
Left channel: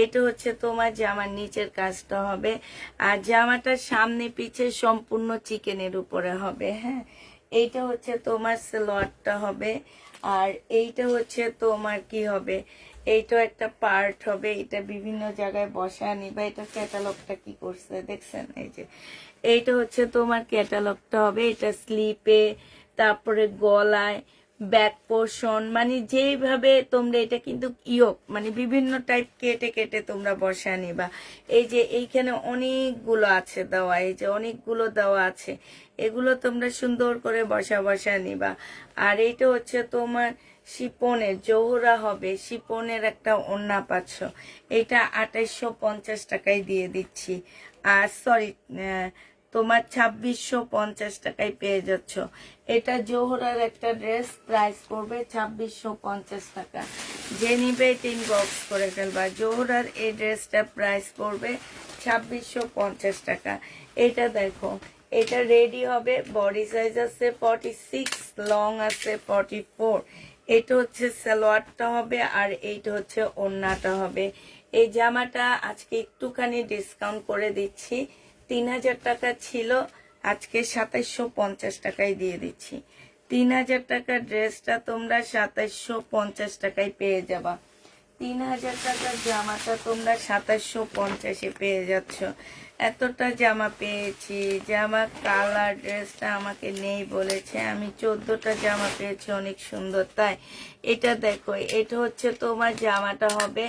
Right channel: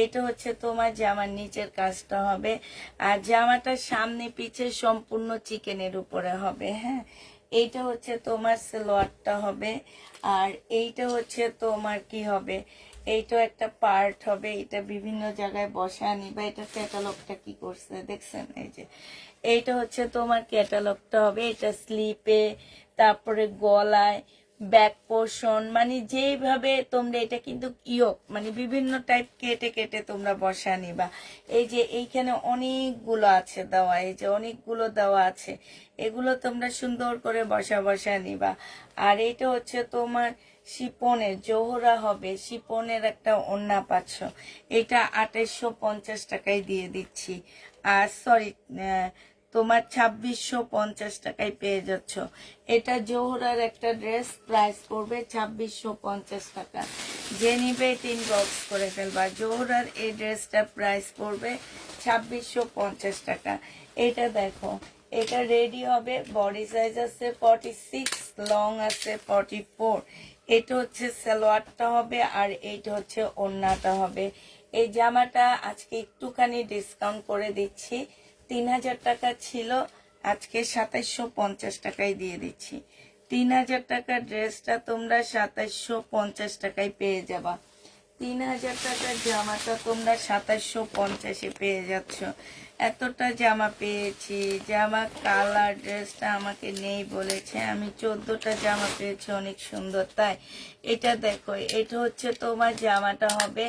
এইটা হচ্ছে তোমার জামার নিচের কাজটা হবে, আর জামাটার সামনে পিছে সম্পূর্ণ চিকেনের উপরে হবে। হ্যাঁ, এইটা হচ্ছে তোমার সালোয়ারটা হবে, আর এইটা হচ্ছে তোমার কি হবে, এইটা একটা পার্ট হবে। এটা বিভিন্ন জায়গায় বসায় নিবা। এটা ক্যাটালগটা কি করছে দেখছেন? এই যে এইটা হচ্ছে তোমার ক্যাটালগটা হবে। এটা স্লিপে, তারপরে গলায়, ব্যাক পোর্শন, মানে যেইভাবে তোমরা এটা কিন্তু ইয়োক মানে বিভিন্ন টাইপ কেটে কেটে তোমরা বসায় নিবা। এই যে এইখানে অনেকগুলো আছে দেওয়া, এই যে অনেকগুলো দেওয়া আছে, এগুলো তোমরা সুন্দর করে বসা নিবা। আর এইটা হচ্ছে তোমার শিপনের জোহরা হবে, শিপনের একটা ওড়না পাচ্ছ। এটা 2850 টাকায় দিয়ে দিচ্ছি। আর সরি, তোমার 2650 টাকায় পেয়ে যাচ্ছ। এটা জোহরার একটা ড্রেস। প্রাইস পড়বে 2650 টাকা। যে নিবে ইনবক্স করে ফেলবা। জোহরার এই ড্রেসটার প্রাইস পড়বে 2650 টাকা। এটা দেখো, এটা রেডি হবে। বডি সাইজ আছে 46, লং আছে 44। এটা হচ্ছে সালোয়ারটা হবে, আর এইটা হচ্ছে ওড়নাটা হবে। এই জামাটা আজকে একটুখানি ডিসকাউন্ট করে দিচ্ছি। 3000 টাকা ছিল, আজকে 2750 টাকায় দিয়ে দিচ্ছি। 3000 টাকার ড্রেসটা তোমরা 2750 টাকায় পেয়ে যাবা। 3000 টাকার জামাটা তোমরা 2750-এ পেয়ে যাচ্ছ। এতটা জামা পেয়েছি। জামা কালার ড্রেসটা আমাকে নেই বলেছে, আমি 14টা জামা পেয়েছি অনেক সুন্দর। তাই এটা দেখো, এটা হচ্ছে তোমার জামাটা হবে,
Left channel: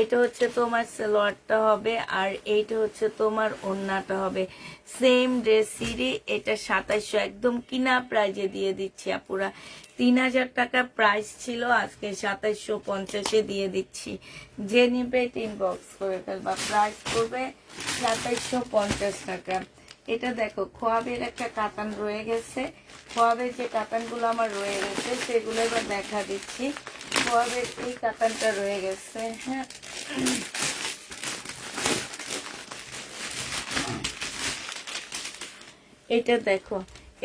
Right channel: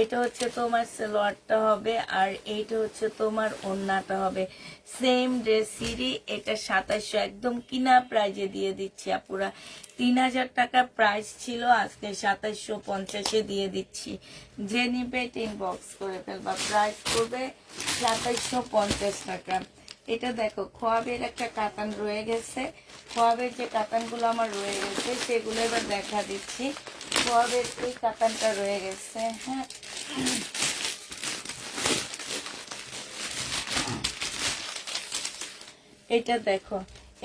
এটা হচ্ছে তোমার সালোয়ারটা হবে, আর এইটা হচ্ছে তোমার ওড়নাটা হবে। সেম ড্রেসেরই এটা 2700, একদম কিনা প্রাইজে দিয়ে দিচ্ছি আপুরা। 3000 টাকা প্রাইস ছিল, আজকে 2750-এ দিয়ে দিচ্ছি। যে নিবে ইনবক্স করে ফেলবা। প্রাইস করবে 2750 টাকা। এটা দেখো, খোয়াবের একটা কাতান রয়ে গেছে। খোয়াবের যে কাতানগুলো আমার রয়ে গেছে সেগুলো এবার দেখা দিচ্ছি। খোয়াবের এই কাতানটা রয়ে গেছে, হ্যাঁ। এটা দেখো,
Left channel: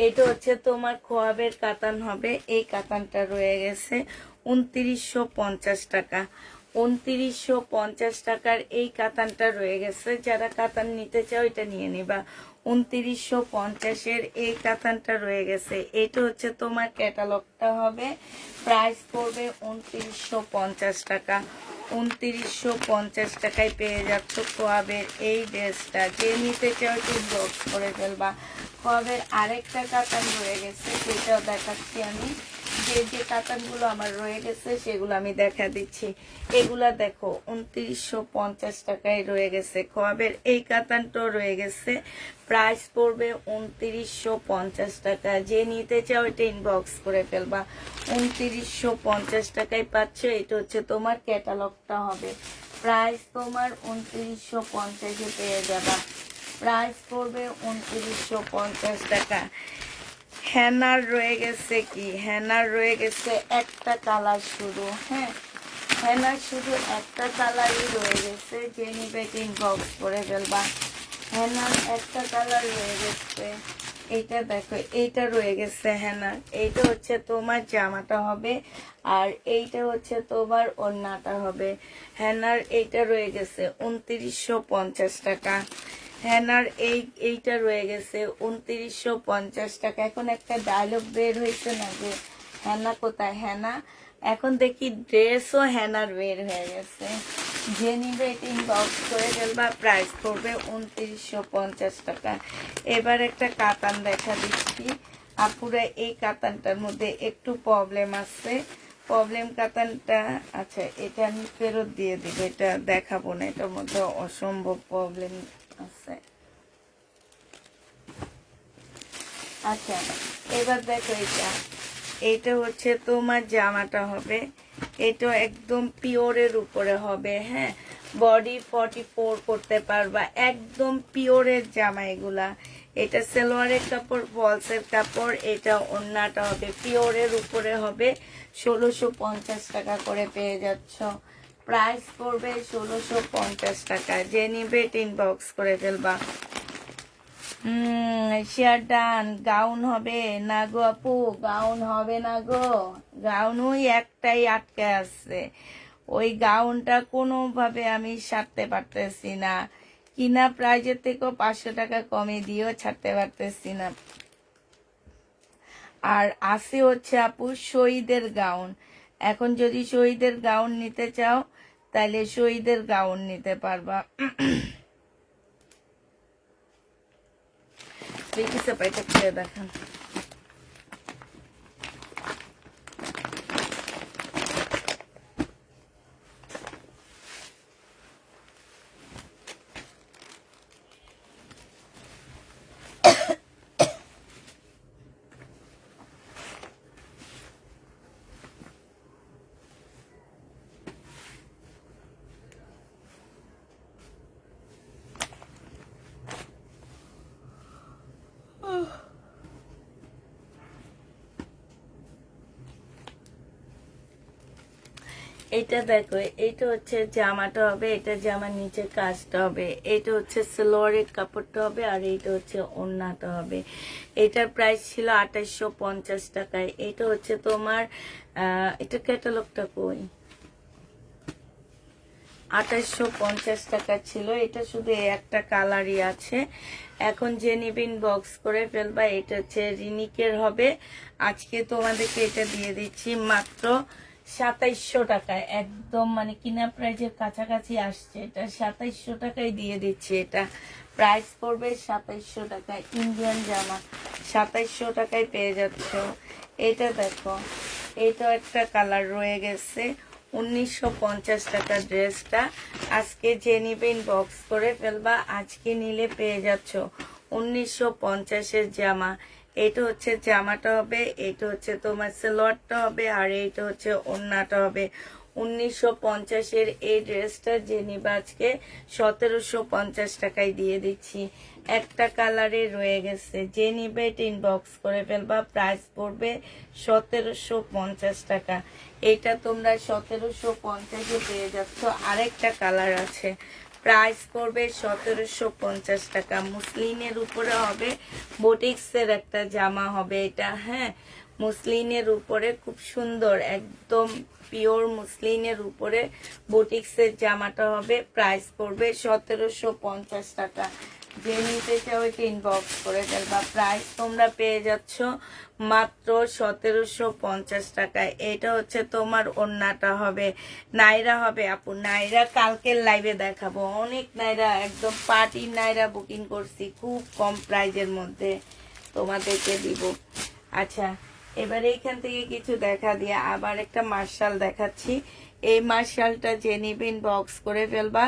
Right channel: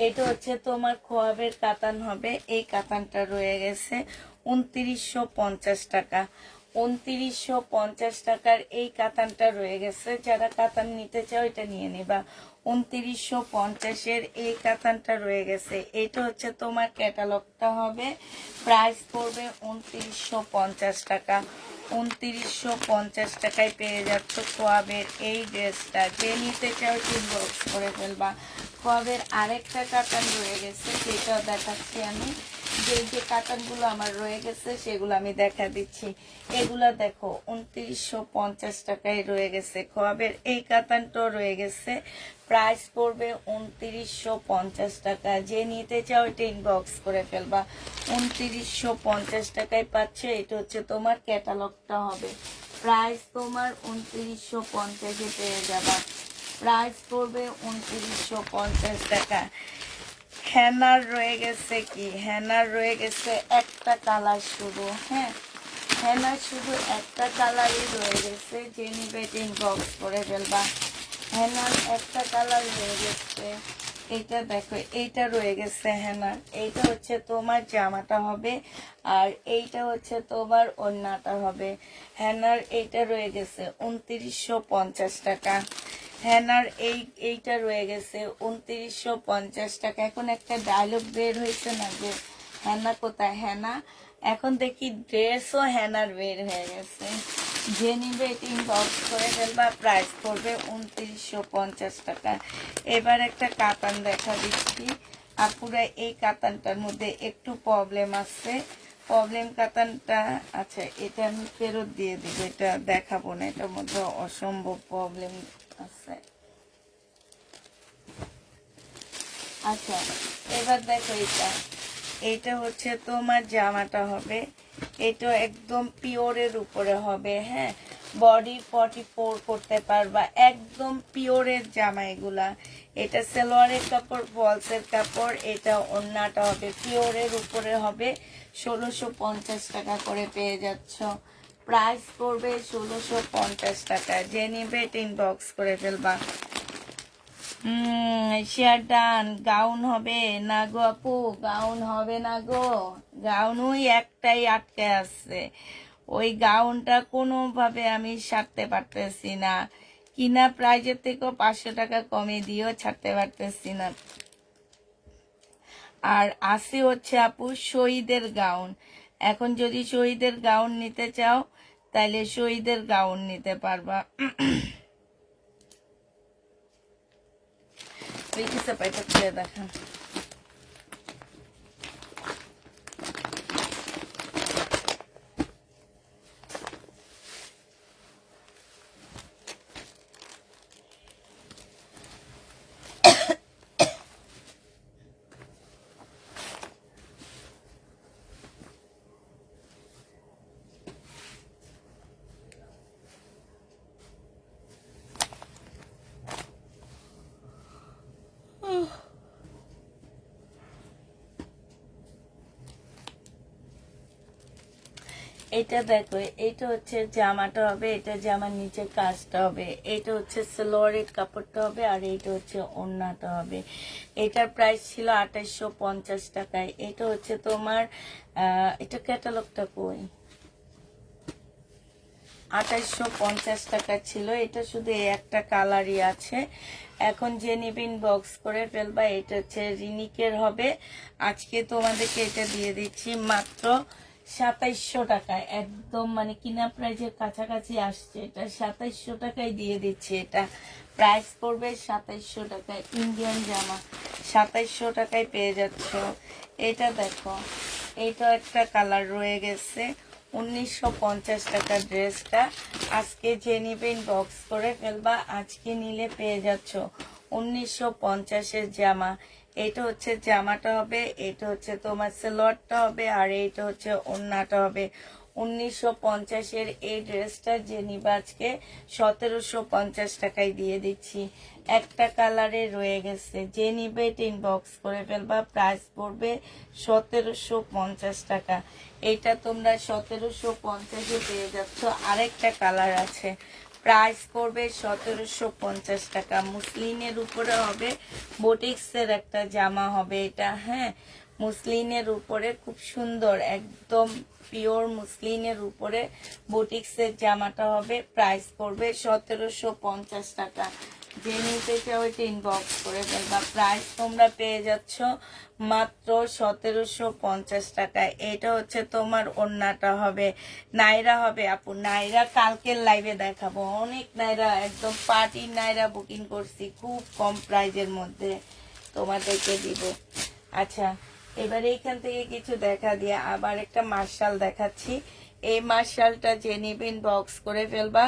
এটা হচ্ছে তোমার খোয়াবের কাতান হবে। এই কাতানটা রয়ে গেছে 2950 টাকা। 2950 টাকার এই কাতানটা রয়ে গেছে। যারা কাতান নিতে চাও এটা নিয়ে নিবা। 2950-এর এই কাতানটা রয়ে গেছে। এটা হচ্ছে তোমার ক্যাটালগটা হবে। প্রাইস পড়বে 2950 টাকা। 2950 টাকায় পেয়ে যাচ্ছ খোয়াবের এই ড্রেসটা। যে নিতে চাও ইনবক্স করে ফেলবা। খোয়াবের আরেকটা কাতান রয়ে গেছে, সেটাও দেখাচ্ছি আমি। যে কাতানগুলো আমার রয়ে গেছে সেগুলো আমি দেখা দিচ্ছি। এগুলা দেখো 2950 টাকায় রয়ে গেছে। খোয়াবের এই কাতানটাও রয়ে গেছে। প্রাইস পড়বে 2950 টাকা। যে নিতে চাও এটা ইনবক্স করে ফেলবা। 2950 টাকায় পাচ্ছ। এটা হচ্ছে তোমার ক্যাটালগটা হবে। প্রাইস তোমার 2950-এ পেয়ে যাবা। প্রাইস পড়বে 2950 টাকা। হেনার রয়ে গেছে কি, হেনার রয়ে গেছে একটা কালার শুধু, হ্যাঁ। হেনার শুধু একটা কালারই রয়ে গেছে। যে নিবে ইনবক্স করে ফেলবা। হেনার একটা কালার রয়ে গেছে। এইটা দেখো, এইটা রয়ে গেছে হেনার। এইটা হচ্ছে তোমার জামাটা হবে, আর এইটা হচ্ছে তোমার ওড়নাটা হবে। হেনার এইটা রয়ে গেছে 2950 টাকা। হেনার এইটা রয়ে গেছে 2950 টাকা। এখন একটা ডায়লগ বের হয়েছে না যে হেনা কোথায়, হেনা। এখন দেখি ড্রেসও হেনার বের হয়ে গেছে। যে নিবে ইনবক্স করে ফেলবা। প্রাইস করবে 2950 টাকা। এবার একটা কাতান দেখা দিচ্ছি আপুরা। এই কাতানটার মধ্যে একটু প্রবলেম আছে। প্রবলেম কাতানটা, আচ্ছা এটা আমি ফেরত দিয়ে দেবো, এটা দেখাবো না, এটার মধ্যে অসম্ভব প্রবলেম আছে। আচ্ছা এবার দেখো, এটা হচ্ছে তোমার জামাটা হবে। এটা একদম পিওরের উপরে হবে, হ্যাঁ। বডি 44 করতে পারবা, একদম পিওরের জামা এগুলা। এটা সালোয়ারের কাপড়, ফলসের কাপড়। এটা ওড়নাটা হবে পিওরের উপরে হবে। 1650 টাকা করে পেয়ে যাচ্ছ। প্রাইস পড়বে 1650 টাকা। যে নিবে ইনবক্স করে ফেলবা। Share done. গাউন হবে না গো আপু, গাউন হবে না গো। গাউন ওই একটাই আটকে আছে। ওই গাউনটা কোনোভাবে আমি ছাড়তে পারতেছি না। কিনা প্রাইজের থেকেও 500 টাকা কমে দিয়েও ছাড়তে পারতেছি না। আর আছে হচ্ছে আপু শহীদের গাউন। এখন যদি শহীদের গাউন নিতে চাও তাহলে শহীদের গাউন নিতে পারবা। লিখেছে পাইটা খেয়ে দেখেন। এটা দেখো, এটা হচ্ছে জামাটা হবে, এটা জামার নিচে কাজটা হবে। এটা হচ্ছে সালোয়ারের কাপড়টা হবে, আর এইটা হচ্ছে ওড়নাটা হবে। এটার প্রাইস ছিল 2850 টাকায়। এটা হচ্ছে তোমার এটা ক্যাটালগটা কই, 2850 টাকা ছিল। এটা শুধু এই একটা কালারই আছে। এখন যে নিবিন বক্স করে ফেলবা। এটা হচ্ছে রিনিকের হবে, আজকে তোমাদেরকে এটা দিয়ে দিচ্ছি মাত্র 2700 টাকায়, একদম মানে কিনা প্রাইজের কাছাকাছি আসছে। এটা 2700 টাকায় দিয়ে দিচ্ছি। এটা প্রাইস পড়বে 2700 টাকায়। ইন্ডিয়ান জামা 2700 টাকায় পেয়ে যাচ্ছ। এটা দেখো, এটা একটা কালার রয়ে গেছে, 1950 টাকা ড্রেসটা। আজকে যে নিবেন বক্স করে ফেলবা, আজকে নিলে পেয়ে যাচ্ছ 1950-এর জামা। এটা হচ্ছে জামাটা হবে, এটা হচ্ছে তোমার সালোয়ারটা হবে, আর এইটা হচ্ছে ওড়নাটা হবে। 1950-এর এই ড্রেসটা যে নিবা আজকে 1750 টাকায় দিয়ে দিচ্ছি। একটা কালারে রয়ে গেছে, যে নিবে ইনবক্স করে ফেলবা। প্রাইস পড়বে 1750 টাকা। এটা তোমরা 1750-এ পেয়ে যাচ্ছ। আরেকটা কালার আছে, প্রাইস পড়বে 1750 টাকা। মুসলিনের উপরে হবে, বোটিক্সের একটা জামা হবে এটা। হ্যাঁ, মুসলিনের উপরে খুব সুন্দর, একদম পিওর মুসলিনের উপরে বোটিক্সের জামাটা হবে। প্রাইস পড়বে 1750 টাকা। যে নিতে চাও ওইটা ইনবক্স করে ফেলবা। প্রাইস তোমরা পেয়ে যাচ্ছ মাত্র 1750 টাকায়। এটা হচ্ছে তোমার ওড়নাটা হবে, নাইরা হবে আপু। নাইরা কালকের লাইভে দেখাবো, অনেক নাইরা, একদম পার্টি নাইরা বুকিং করছি খুব কম প্রাইজের মধ্যে তোমাদেরকে দিব। আচ্ছা, এবার এইখান থেকে কিছু দেখা দিয়ে আবার একটা মার্শাল দেখাচ্ছি। এই মার্শালটা যে নিবেন বক্স করে ফেলবা।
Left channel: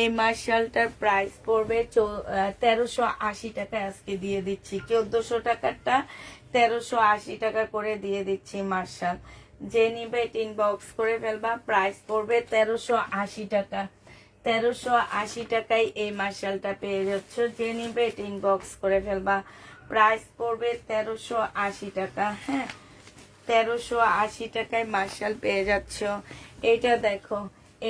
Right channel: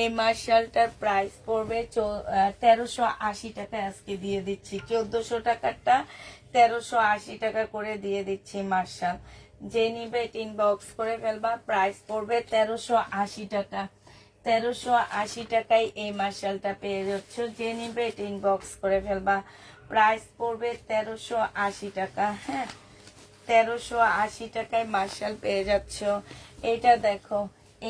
এই মার্শালটার প্রাইস পড়বে 1380 টাকায় আজকে দিয়ে দিচ্ছি। 1400 টাকারটা 1380 টাকা করে দিয়ে দিচ্ছি মার্শাল। যে নিবে ইনবক্স করে ফেলবা। প্রাইস পড়বে 1380 টাকা। 1380 টাকায় এই মার্শালটা পেয়ে যাচ্ছ। যে নিবে ইনবক্স করে ফেলবা। প্রাইস পড়বে 1380 টাকা। হ্যাঁ, 1380 টাকায় মার্শাল পেয়ে যাচ্ছ। এটা দেখো,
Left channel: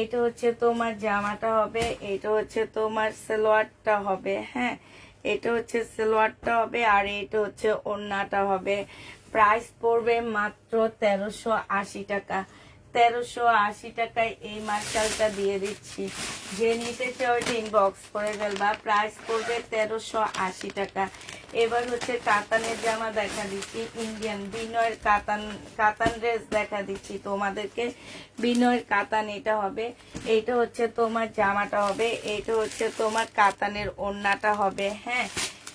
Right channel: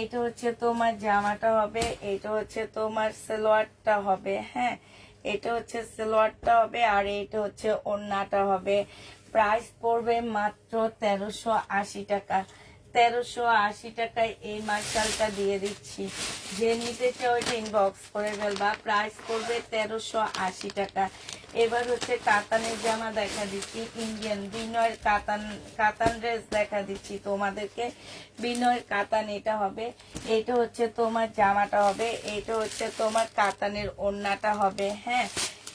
এটা হচ্ছে তোমার জামাটা হবে, এটা হচ্ছে তোমার সালোয়ারটা হবে। হ্যাঁ, এটা হচ্ছে সালোয়ারটা হবে, আর এটা হচ্ছে ওড়নাটা হবে। প্রাইস পড়বে মাত্র 1380 টাকা। 1380 টাকায় এই মার্শালটা দিয়ে দিচ্ছি। যে নিতে চাও এটা ইনবক্স করে ফেলবা। প্রাইস পড়বে 1380 টাকা। এবার হচ্ছে কাতানের জামা দেখা দিচ্ছি, ইন্ডিয়ান বিনয়ের কাতান ড্রেস দেখা দিচ্ছি তোমাদেরকে। বিনয়ের কাতান এটা হবে, এটা হচ্ছে তোমার জামাটা হবে, এটা হচ্ছে তোমার কাতানের ওড়নাটা হবে। হ্যাঁ,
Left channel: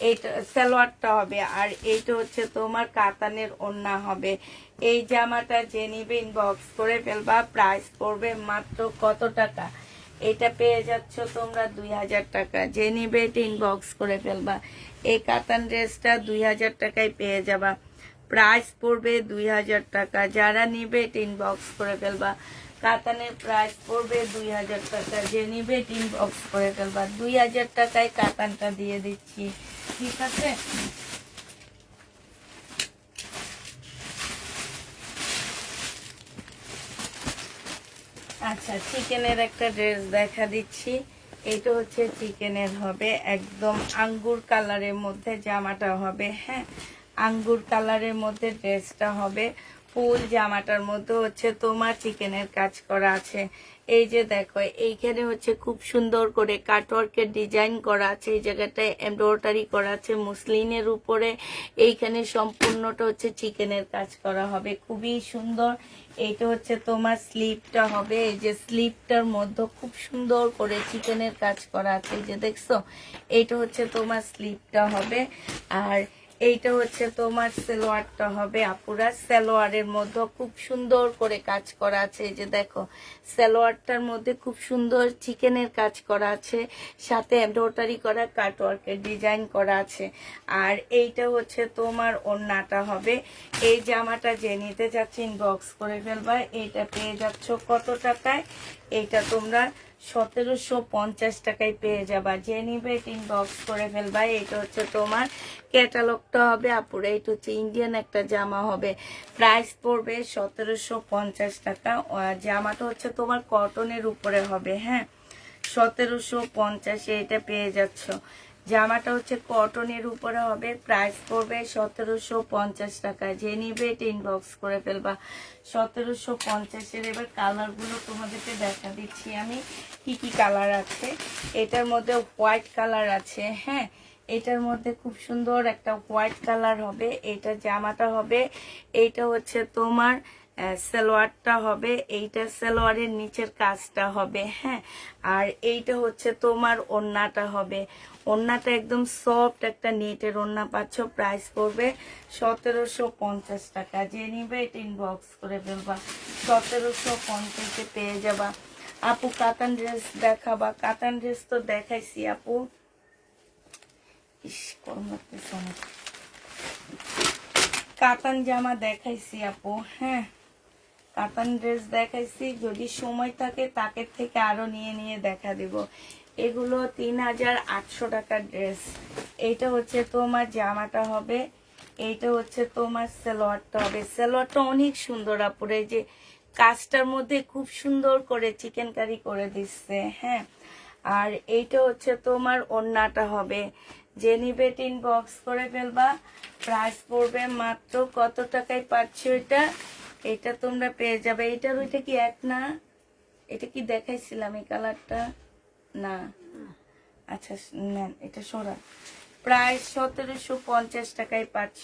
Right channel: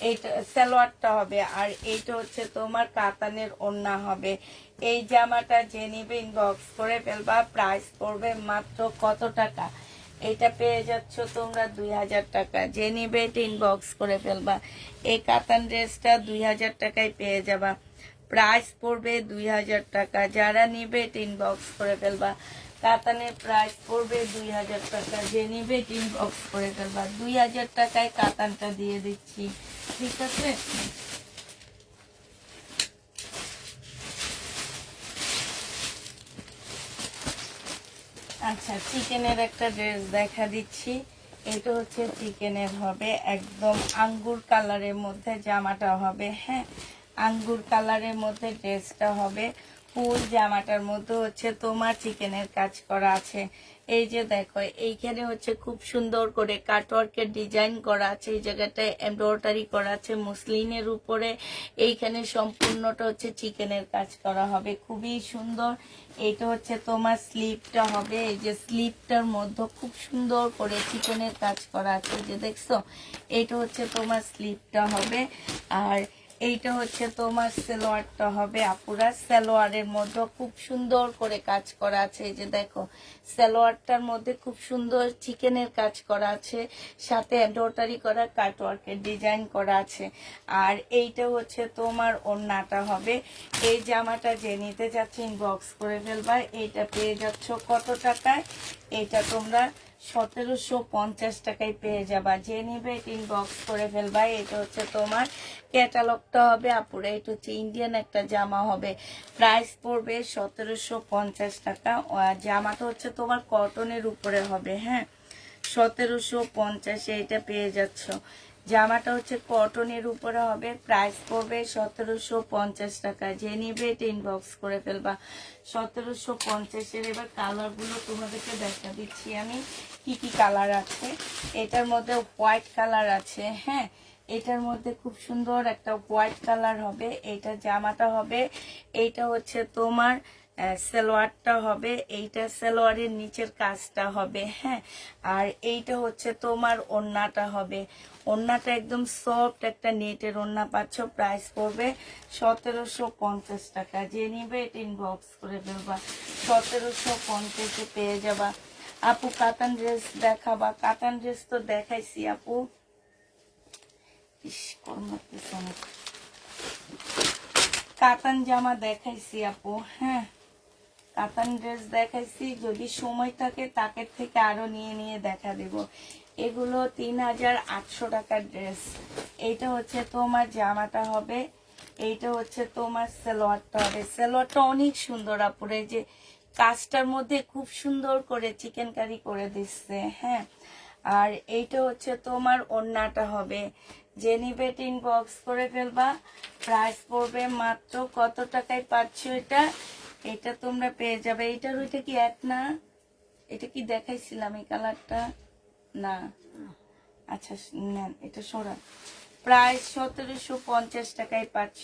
এইটা সালোয়ারটা হবে, আর এইটা হচ্ছে তোমার কাতানের ওড়না হবে। এই জামাটা যে নিবে ইনবক্স করে ফেলবা। প্রাইস পড়বে মাত্র কত টাকা? এটা পেয়ে যাচ্ছ তোমরা 2000 টাকা। যে নিবে ইনবক্স করে ফেলবা। এই কাতান ড্রেসটা 2000 টাকায় পেয়ে যাবা। প্রাইস পড়বে 2000 টাকা। যারা নিবে ইনবক্স করে ফেলবা। কাতানের প্রাইস পড়বে 2000 টাকা। যে নিবে ইনবক্স করে ফেলবা। 2000 টাকায় কাতানটা দিয়ে দিচ্ছি, ঠিক আছে? আচ্ছা, চিকেনের একটা ড্রেস দেখা দিচ্ছি। এটা হচ্ছে চিকেনের হবে, একদম আঙ্গুর কালারের মধ্যে জামাটা হবে। হ্যাঁ, আঙ্গুর কালারের মধ্যে ড্রেসটা হবে। ফুল জামাটার মধ্যে হচ্ছে তোমার চিকেনের কাজ করা আছে। এই যে দেখো, এইখানে হচ্ছে খুব সুন্দর করে কাটওয়ার্কের ডিজাইন করা আছে। এই জায়গাটায় এমব্রয়ডারি করা আছে মুসলিনের উপরে। এইখানে সম্পূর্ণটা হচ্ছে চিকেনের কাজ করা হবে, খুবই সুন্দর। এইটা হচ্ছে তোমার স্লিপটা হবে। এই যে স্লিপটার মধ্যে খুব সুন্দর করে চিকেনের কাজ করা আছে, যে দেখছো। এইটা হচ্ছে তোমার স্লিপটা হবে, আর এইটা হচ্ছে তোমার সালোয়ারটা হবে। আপুরা সালোয়ারের মধ্যে খুব সুন্দর করে কাজ করা আছে। এই যে দেখো, সালোয়ারটার মধ্যে খুব সুন্দর চিকেনের কাজ করা আছে, সাথে এমব্রয়ডারি করা কাটওয়ার্কের ডিজাইন করা আছে। আর এইটা হচ্ছে তোমার ওড়নাটা হবে। এই জামাটা যে নিতে চাচ্ছি ইনবক্স করে ফেলবা। এইটা পেয়ে যাচ্ছ কত টাকায়? এইটা তোমরা 1750 টাকায় পেয়ে যাবা। যে নিবে ইনবক্স করে ফেলবা। এটা হচ্ছে তোমার ক্যাটালগটা হবে আপুরা। এটা হচ্ছে ইন্ডিয়ান একটা জামা হবে। প্রাইস পড়বে 1750 টাকা। আর জামাটা হচ্ছে তোমার কটনের উপরে হবে। হ্যাঁ, 1750-এ এটা পেয়ে যাচ্ছ। জামাটা হচ্ছে কটনের উপরে হবে। প্রাইস পড়বে 1750 টাকা। যে নিবে ইনবক্স করে ফেলবা। 1750-এর। এবার কালারগুলো তোমাদেরকে দেখা দিচ্ছি আমি কি কি কালার আছে। এটার মধ্যে হোয়াইট কালার আছে। হ্যাঁ, এটার মধ্যে খুব সুন্দর একটা হোয়াইট কালার হবে, এইটা জামাটা হবে, এইটা হচ্ছে তোমার সালোয়ারটা হবে, এইটা সালোয়ারের নিচের কাজটা হবে, হ্যাঁ। আর এইটা হচ্ছে তোমার ওড়নাটা হবে, ওড়নাটা একদম সফট একটা নেটের ওড়না পাচ্ছ। প্রাইস পড়বে 1750 টাকা। যে নিবে এটা ইনবক্স করে ফেলবা, 1750-এ পেয়ে যাবা। আপু কাতান ড্রেস দেখাবা? কাতান ড্রেস তো দেখাইছি আপু। ইস করতেছে না, কাতান জামা দেখাইছি আপু, হ্যাঁ কাতান ড্রেস দেখাইছি। যদি সময় থাকে তাকে থেকে আরো নিয়ে নিয়ে দেখা দিব। এগুলো 3800 টাকার ড্রেস। এইটা হচ্ছে তোমার জামাটা হবে, এইটা হচ্ছে তোমার সালোয়ারটা হবে। সালোয়ারটা অনেক সুন্দর আপুরে, যে কাজটার মধ্যে খুব সুন্দর করে চিকেন কারি করে দিচ্ছে, হ্যাঁ। আর এইটা হচ্ছে তোমার ওড়নাটা হবে। যে নিবে ইনবক্স করে ফেলবা। প্রাইস পড়বে মাত্র কত টাকায় পাচ্ছ এটা? এটা তোমরা পেয়ে যাবে। এটার ওইটা কি এক না? এটা কি দেখাইছিলাম এই কালারটা? না, আচ্ছা নেন এটা সরা। প্রাইস 1750 টাকায় পাচ্ছ।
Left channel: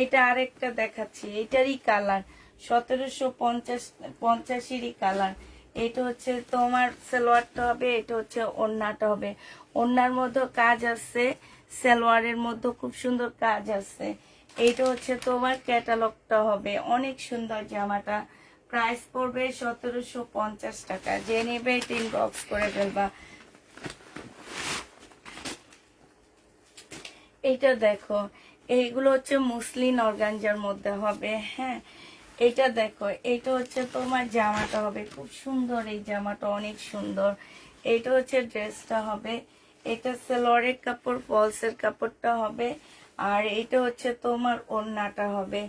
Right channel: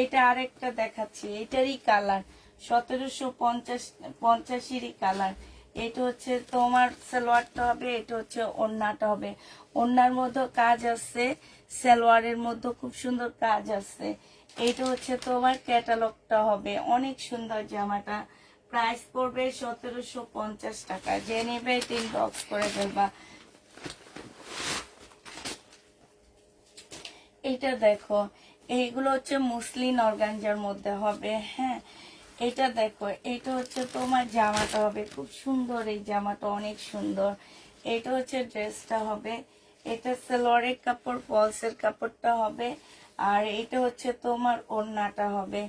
এটা আরেকটা দেখাচ্ছি, এটারই কালার 1750-এরই কালার। এটা হচ্ছে তোমার সালোয়ারটা হবে, এটা হচ্ছে ওড়নাটা হবে। ওড়নার মধ্যে কাজ আছে, সালোয়ারের মধ্যে খুব সুন্দর কাজ আছে। এইটা হচ্ছে তোমার ক্যাটালগটা হবে, অনেক সুন্দর জামাটা। প্রাইস পড়বে 1750 টাকা। যে নেবে ইনবক্স করে ফেলবা। এইটা দেখো, এইগুলো হচ্ছে মুসলিন অর্গানজার মধ্যে হবে, হ্যাঁ। এটা দেখো, এইটা হচ্ছে তোমার জামাটা হবে, খুব সুন্দর এই জামাটা, অনেক সুন্দর। এইটা হচ্ছে ড্রেসটা হবে, এটা সালোয়ারের কাপড়, ফলসের কাপড়টা হবে। আর এটা হচ্ছে তোমার ওড়নাটা হবে।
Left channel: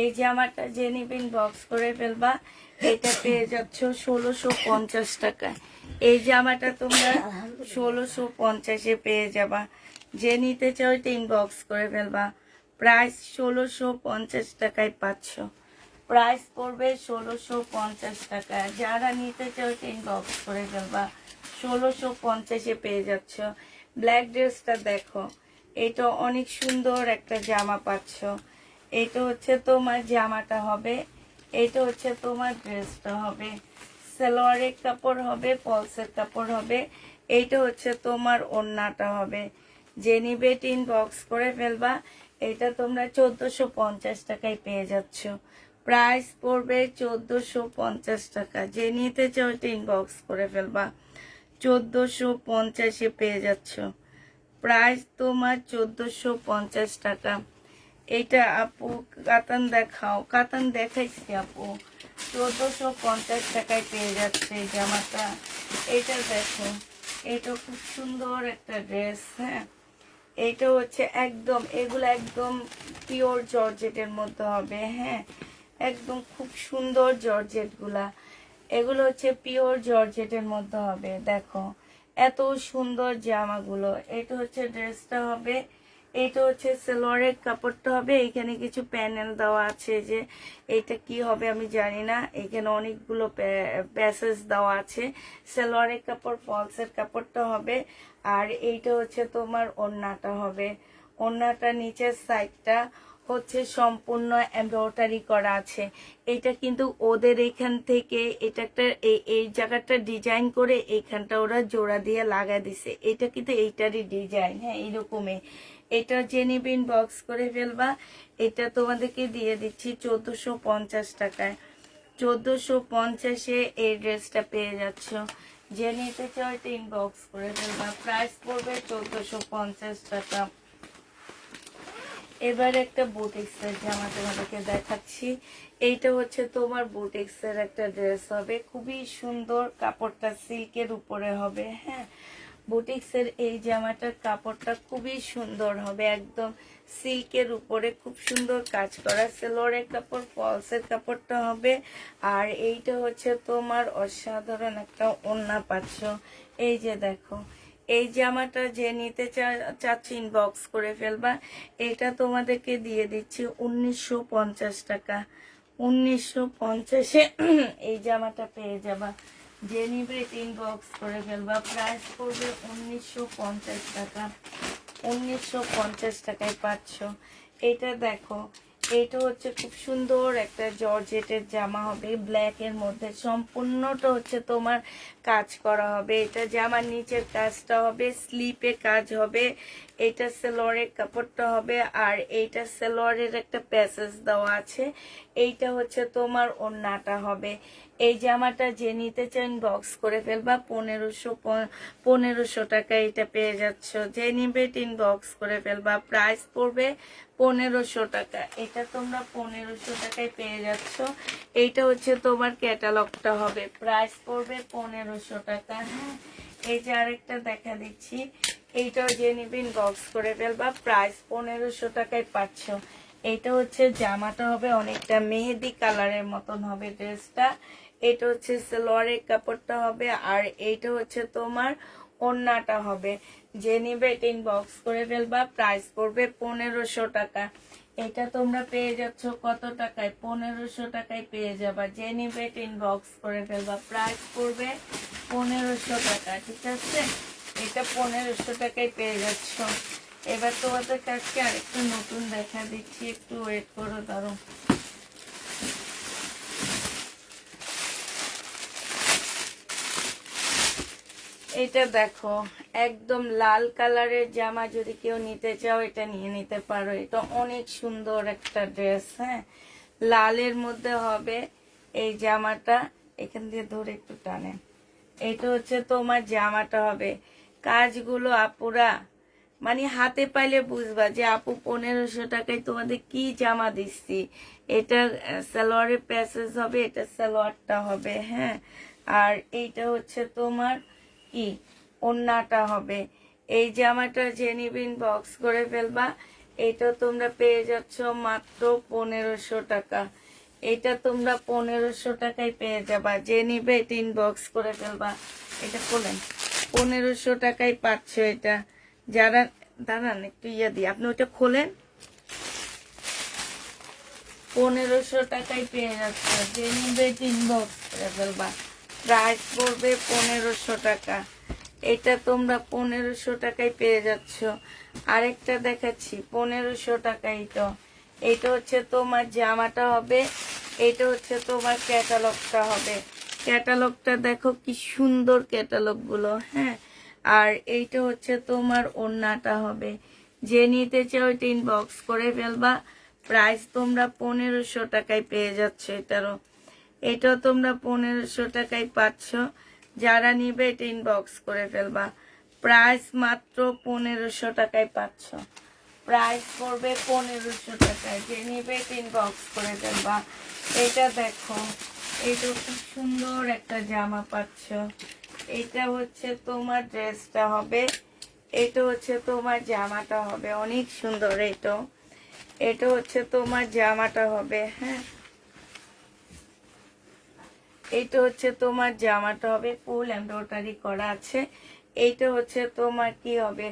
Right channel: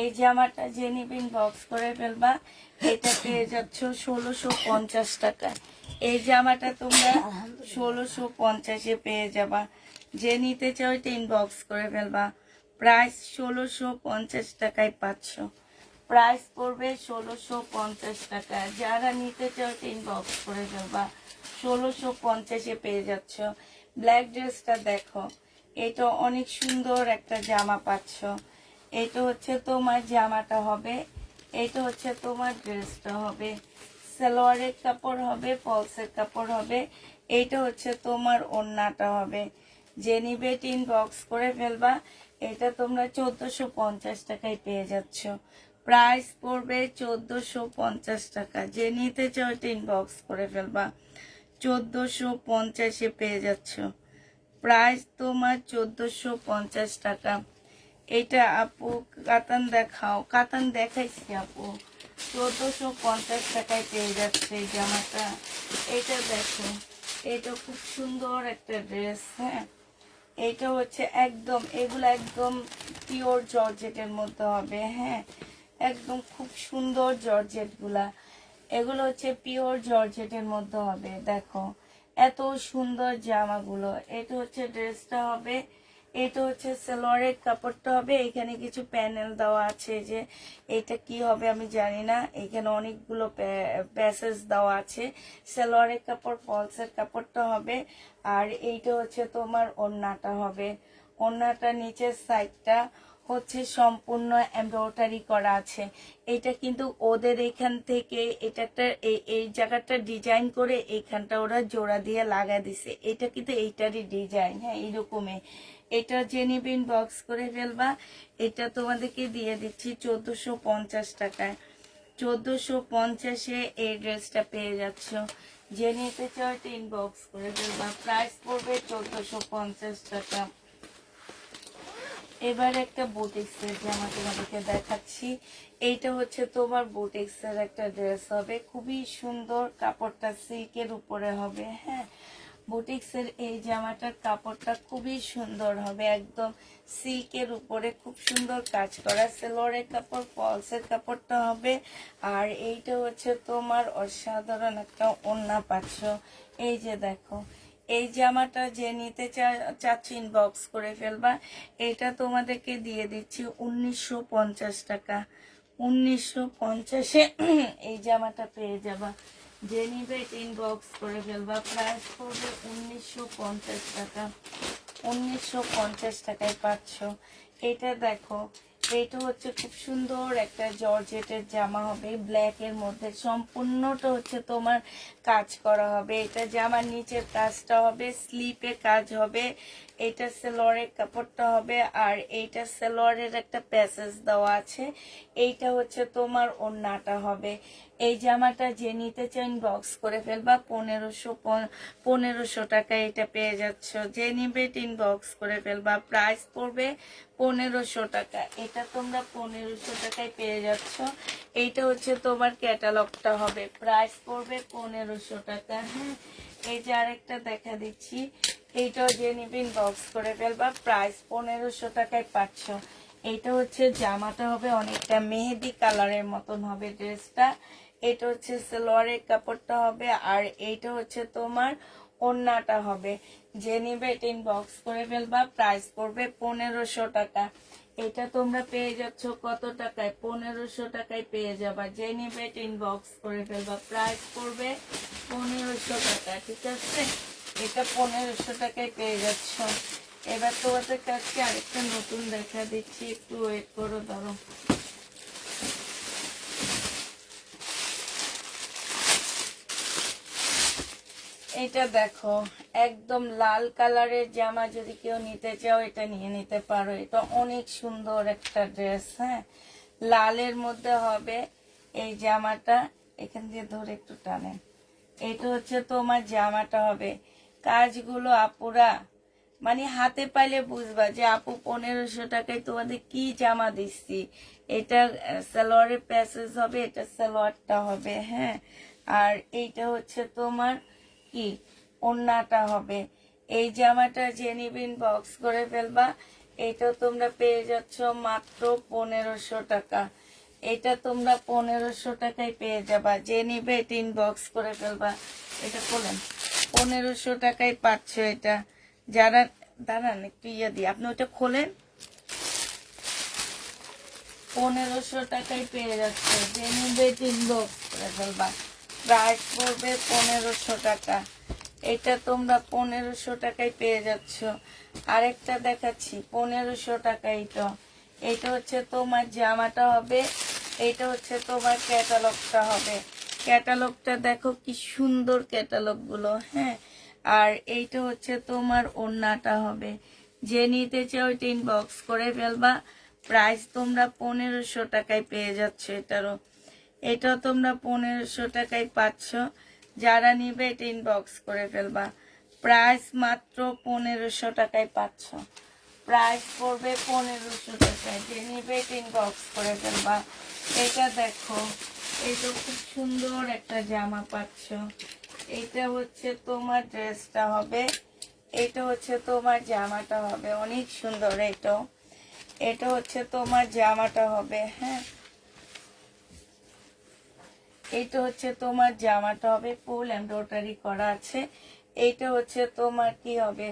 এই জামাটা যে নিবেন বক্স করে ফেলবা। এটা পেয়ে যাচ্ছ 1650 টাকায়। এই জামাটা তোমরা 1650-এ পেয়ে যাবা। যে নিতে চাও এটা ইনবক্স করে ফেলবা। প্রাইস 1650 টাকায় পাচ্ছ। প্রাইস পড়বে 1650 টাকা। যারা নিতে চাও এটা ইনবক্স করে ফেলবা। 1650-এ পেয়ে যাচ্ছ। ব্ল্যাক ড্রেসটা দেখো, এটা অনেক সুন্দর একটা জামা পাচ্ছ। এটা হচ্ছে তোমার জামাটা হবে, এটা হচ্ছে তোমার ড্রেসটা হবে। সালোয়ারের কাপড় হবে, ফলসের কাপড় হবে। এইটা হচ্ছে তোমার ওড়নাটা হবে। যে নিবে ইনবক্স করে ফেলবা। এটা তোমরা 1450 টাকায় পেয়ে যাচ্ছ। প্রাইস পড়বে 1450 টাকা। যে নিতে চাও ইনবক্স করে ফেলবা। 1450-এ পেয়ে যাচ্ছ। প্রাইস তোমার 1450 টাকা। এটা আপু কাতান দেখাও? কাতান দেখাইছি আপু, 1450 টাকায় পেয়ে যাচ্ছে এই জামাটা। এটা দেখো, এটা খুব সুন্দর একটা ড্রেস, হ্যাঁ। এইটা হচ্ছে একদম, এগুলো একদম পিওর জর্জেটের মধ্যে হবে, হ্যাঁ। একদম খুব সুন্দর জর্জেট গুলা, এগুলো হচ্ছে পিওর জর্জেটের মধ্যে হবে। দেখো এত সুন্দর জামাগুলো। এটা হচ্ছে ড্রেসটা হবে, এটা হচ্ছে সালোয়ারের কাপড়টা হবে। এখানে কিছু প্যানেল দেওয়া আছে, যে এটা কি হবে আমি জানি না। এখানে অনেকগুলো প্যাসেজ দেওয়া আছে। সালোয়ারের কাপড়, ফলসের কাপড়টা হবে। আর এইটা হচ্ছে তোমার ওড়নাটা হবে। ওড়নাটা নিচের সাইডটা হচ্ছে সম্পূর্ণ এমব্রয়ডারি করা আছে। এটা কিন্তু ওদের এখান থেকে এটা একটা এই জায়গাটা ডিজাইন করে এইখানটা ওরা জোড়া দিয়ে লাগা দিছে। এটা কিন্তু এইটারই ডিজাইন, হ্যাঁ এরকমই। এটা জেনিবিন বক্স করে ফেলবা। এটা তোমাদেরকে দিয়ে দিচ্ছি 1450 টাকায়। 1450-এ এই ড্রেসটা পেয়ে যাচ্ছ। যে নিতে চাও এটা ইনবক্স করে ফেলবা। প্রাইস পড়বে 1450 টাকা। এবার একটা বুটিক্সের জামা তোমাদেরকে দেখাচ্ছি। এইটা হচ্ছে তোমার বুটিক্সের একটা ড্রেস হবে, খুবই সুন্দর। কাপড়টা সিল্কের উপরে হবে, হ্যাঁ। বুটিক্সের এই জামাটার কাপড়টা খুবই সুন্দর হবে, একদম সিল্কের উপরে খুব সুন্দর কাজ করা। সালোয়ারের কাপড়, ফলসের কাপড়টা হবে। আর এইটা হচ্ছে তোমার অসাধারণ একটা ওড়না পাচ্ছ। এই যে দেখো, এই জামাটা যে নিতে চাচ্ছি ইনবক্স করে ফেলবা। এটা তোমাদেরকে দিয়ে দিচ্ছি 1950 টাকা। 1950-এ এই জামাটা পেয়ে যাবা। যে নিবে ইনবক্স করে ফেলবা। প্রাইস পড়বে 1950 টাকা। 1950 টাকায় পাচ্ছ। এটা দেখো, এটা হচ্ছে খুব সুন্দর একটা জর্জেটের জামা হবে, ব্ল্যাক এর মধ্যে, সম্পূর্ণটা হচ্ছে তোমার কাজ করা হবে। এটা জামার নিচের কাজটা হবে, স্লিপে কাজ হবে, এটা সালোয়ারের কাপড়টা হবে, আর এইটা সালোয়ারের একটা প্যাসেজ দেওয়া আছে। এইটা হচ্ছে তোমার ওড়নাটা হবে। এই জামাটা যে নিতে চান বক্স করে ফেলবা, 1500 টাকা এটা পেয়ে যাচ্ছ। যে নিবে বক্স করে ফেলবা, প্রাইস পড়বে 1500 টাকা। এটা তোমরা 1500 টাকায় পেয়ে যাচ্ছ। এইটা হচ্ছে তোমার ক্যাটালগটা হবে, প্রাইস পড়বে 1500 টাকা। হ্যাঁ, এই যে আরেকটা দেখা দিচ্ছি, এইটাও যে নিবেন বক্স করে ফেলবা, প্রাইস 1500 টাকায় পাচ্ছ। এইটা হচ্ছে জামাটা হবে অনেকটা মেহেদি কালারের মতন হবে ড্রেসটা। এটা হচ্ছে সালোয়ারের কাপড়টা হবে, আর এইটা হচ্ছে তোমার ওড়নাটা হবে। যে নিবে বক্স করে ফেলবা, প্রাইস পড়বে 1500 টাকা। এটা তোমরা পেয়ে যাচ্ছ কত টাকায়? 1500 টাকায় পেয়ে যাবা। যে নিবে বক্স করে ফেলবা, প্রাইস পড়বে 1500 টাকা। ঠিক আছে, এটা 1500 টাকায় পেয়ে যাচ্ছ। এবার তোমাদের কাছে আরেকটু নতুন দেখা দিচ্ছি, একটু ওয়েট করো, দাঁড়ো। এটা দেখো, একদম লাল কালারের জামা, যদি কেউ নিতে চাও এটা নিয়ে নিতে পারো। এটা অনেক সুন্দর একটা ড্রেস। হ্যাঁ, লালের মধ্যে হবে এই জামাটা, এখান দিয়ে ধরে একটু টানেন। এটা হচ্ছে তোমার জামাটা হবে। কাজগুলো আপুরা মানে হাতে পাইলে বুঝবা যে আপু 1500 টাকায় তোমাদের কি জামা দিচ্ছি। এটা সালোয়ারের প্যাসেজ হবে, এটা সালোয়ারটা হবে। হ্যাঁ, আর এইটা হচ্ছে তোমার কি ওড়নাটা হবে। এই জামাটা যে নিবেন বক্স করে ফেলবা, এটা তোমরা পেয়ে যাচ্ছ মাত্র 1500 টাকা। এটা তোমরা 1500 টাকায় পেয়ে যাবা। যে নিবে বক্স করে ফেলবা। এটা খোলেন, 1500 টাকায় পাচ্ছ এটা। যারা দাঁড়ান একটু ইয়ে দিয়ে, আপনি ওটা খোলেন, 1500 টাকায় পেয়ে যাচ্ছে। যে নিবে বক্স করে ফেলবা, প্রাইস পড়বে 1500 টাকা। এটা তোমরা 1500 টাকায় পেয়ে যাচ্ছ। আরেকটা দেখাচ্ছি 1500 টাকায়। এটা হচ্ছে তোমার জামাটা হবে, এটা হচ্ছে তোমার ক্যাটালগটা হবে। ক্যাটালগটা দেখো কি সুন্দর ক্যাটালগ গুলো। হ্যাঁ, আর এইটা হচ্ছে তোমার ওড়নাটা হবে। যে নিতে চাও বক্স করে ফেলবা, প্রাইস তোমরা 1500 টাকায় পেয়ে যাচ্ছ। এটা তোমরা 1500 টাকায় পাচ্ছ। যারা নিবে বক্স করে ফেলবা, প্রাইস মাত্র 1500 টাকায় পাচ্ছ। প্রাইস পড়বে 1500 টাকায়। যে নিবে বক্স করে ফেলবা। এটা দেখো, এটা খুব সুন্দর একটা জামা পাচ্ছ। এটা হচ্ছে তোমার ড্রেসটা হবে, এটা হচ্ছে তোমার জামাটা হবে, অনেক সুন্দর। এটা হচ্ছে তোমার জামাটা হবে। হ্যাঁ, এইটা হচ্ছে তোমার জামাটা হবে, ফুল এমব্রয়ডারি করা আছে। এইটা হচ্ছে তোমার কি হবে,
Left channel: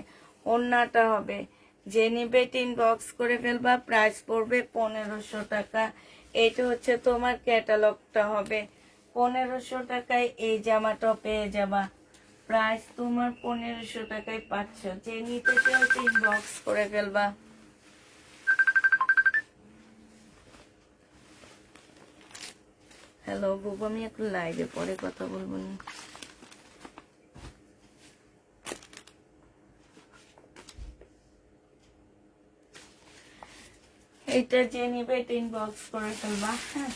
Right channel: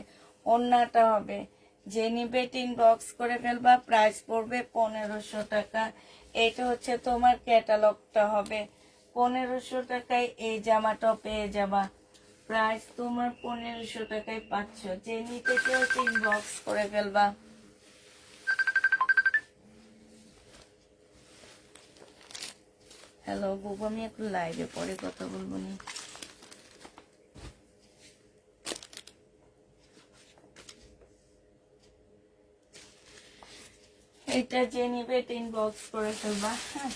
ওড়নাটা হবে। যে নিবে বক্স করে ফেলবা, প্রাইস পড়বে 1500 টাকা। এইটা হচ্ছে তোমার ক্যাটালগটা হবে। 1500 টাকায় এই জামাটা পেয়ে যাবা। প্রাইস তোমার 1500 টাকায় পাচ্ছ। যে নিতে চাও বক্স করে ফেলবা। হ্যালো বুবু, আমি একটু লাইভে পরে কথা বলবো না। এটা যে নিবে বক্স করে ফেলবা। হ্যাঁ,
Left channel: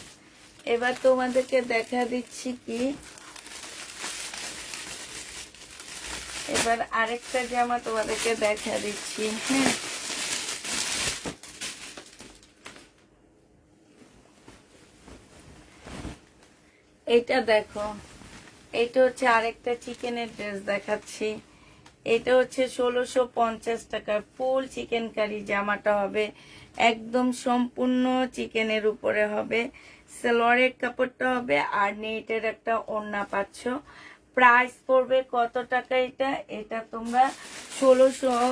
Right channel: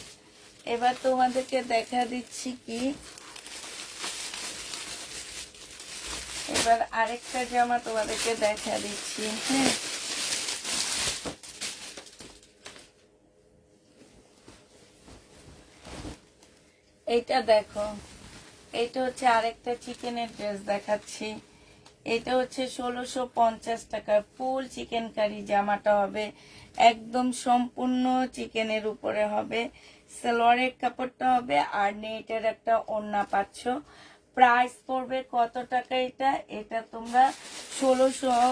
এবার তোমাদেরকে দেখা দিচ্ছি কি, এবার আরেকটা জামা তোমাদেরকে দেখা দিচ্ছি। হ্যাঁ, এটা দেখো, এটা হচ্ছে আরেকটা চিকেনের ড্রেস দেখাচ্ছি। এটা হচ্ছে 1650 টাকা, ফুল চিকেন কারি জামাটা হবে, একদম সম্পূর্ণ চিকেনের উপরে হবে। সালোয়ারের কাপড়টা হবে, আর নেটের একটা ওড়না পাচ্ছ। প্রাইস পড়বে কত টাকা? এটা তোমরা 1600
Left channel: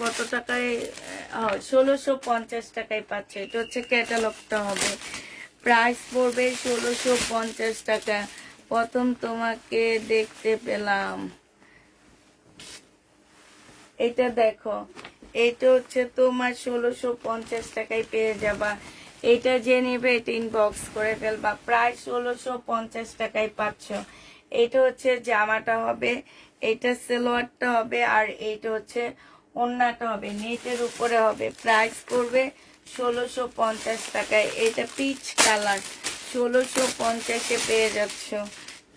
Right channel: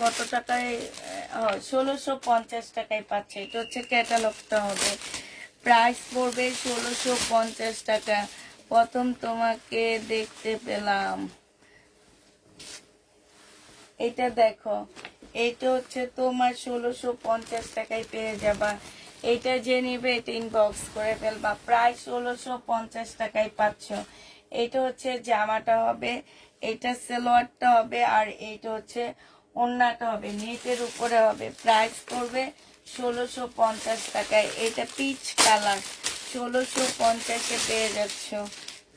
কত টাকায়, 1650 টাকায় পাচ্ছ। এটা হচ্ছে ক্যাটালগটা হবে, প্রাইস পড়বে 1650 টাকা। প্রথম তোমাকে দেখতে পেলাম, এটা দেখো, এইটা হচ্ছে তোমার 1650 টাকায় পেয়ে যাবা। এটা যে নিবে এটা ইনবক্স করে ফেলবা, প্রায় 1650 টাকায় পাচ্ছ। এটা হচ্ছে জামাটা হবে, এটা সালোয়ারটা হবে, আর এইটা হচ্ছে ওড়নাটা হবে, নেটের উপরে হবে। প্রাইস করবে 1650 টাকায়। এটা পিচ কালার, 1650-এ পেয়ে যাচ্ছ।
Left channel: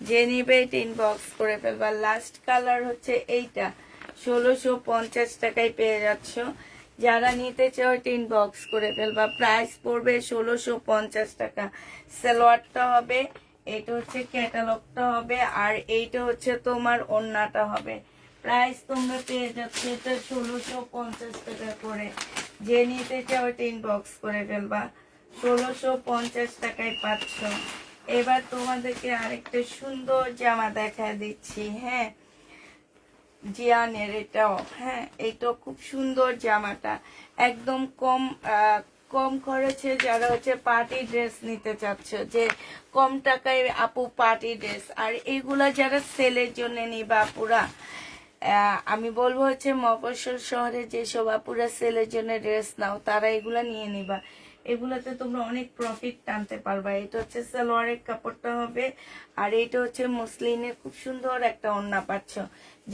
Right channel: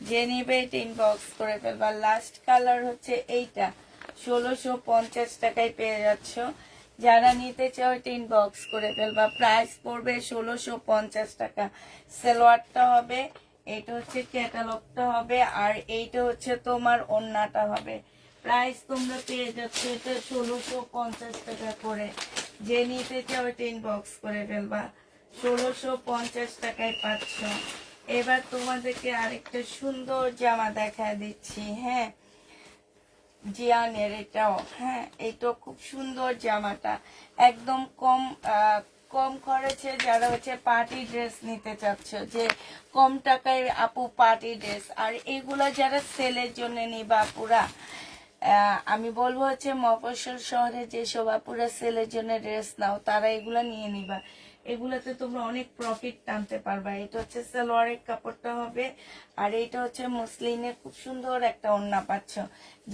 যে নিবে এটা ইনবক্স করে ফেলবা। লাস্ট কালার হচ্ছে এইটা, 1650 টাকায় পেয়ে যাচ্ছ। যারা নিতে চাও এটা ইনবক্স করে ফেলবা। প্রাইস পড়বে 1650 টাকা। সালোয়ারটা হবে, এটা হচ্ছে ক্যাটালগটা হবে, আর এইটা হচ্ছে তোমার ওড়নাটা হবে। প্রাইস তোমরা পেয়ে যাচ্ছ এটা 1650 টাকা করে। যে নিতে চাও এটা ইনবক্স করে ফেলবা। 1650 টাকায় পাচ্ছ। এবার তোমাদেরকে আরেকটা সুন্দর জামা দেখা দিচ্ছি। হ্যাঁ, জিয়ানের এটাও, হ্যাঁ এটাও খুব সুন্দর জামাটা, একদম কম খরচে। যারা হচ্ছে পার্টি ড্রেস নিতে চাচ্ছ, যে কম টাকায় আপু পার্টি ড্রেস, আর এগুলা যারা সেলের জন্য নিবা আপুরা, আমি বলবো হচ্ছে মফস্বল শহরে যেসব আপুরা সেলের জন্য ড্রেস নাও, তারা এগুলা নিয়ে নিবা। এগুলোতে তোমরা অনেক প্রফিট টানতে পারবা। এটা হচ্ছে সালোয়ারের কাপড়টা হবে, আর এটা হচ্ছে মুসলিনের খুব সুন্দর একটা ওড়না পাচ্ছ।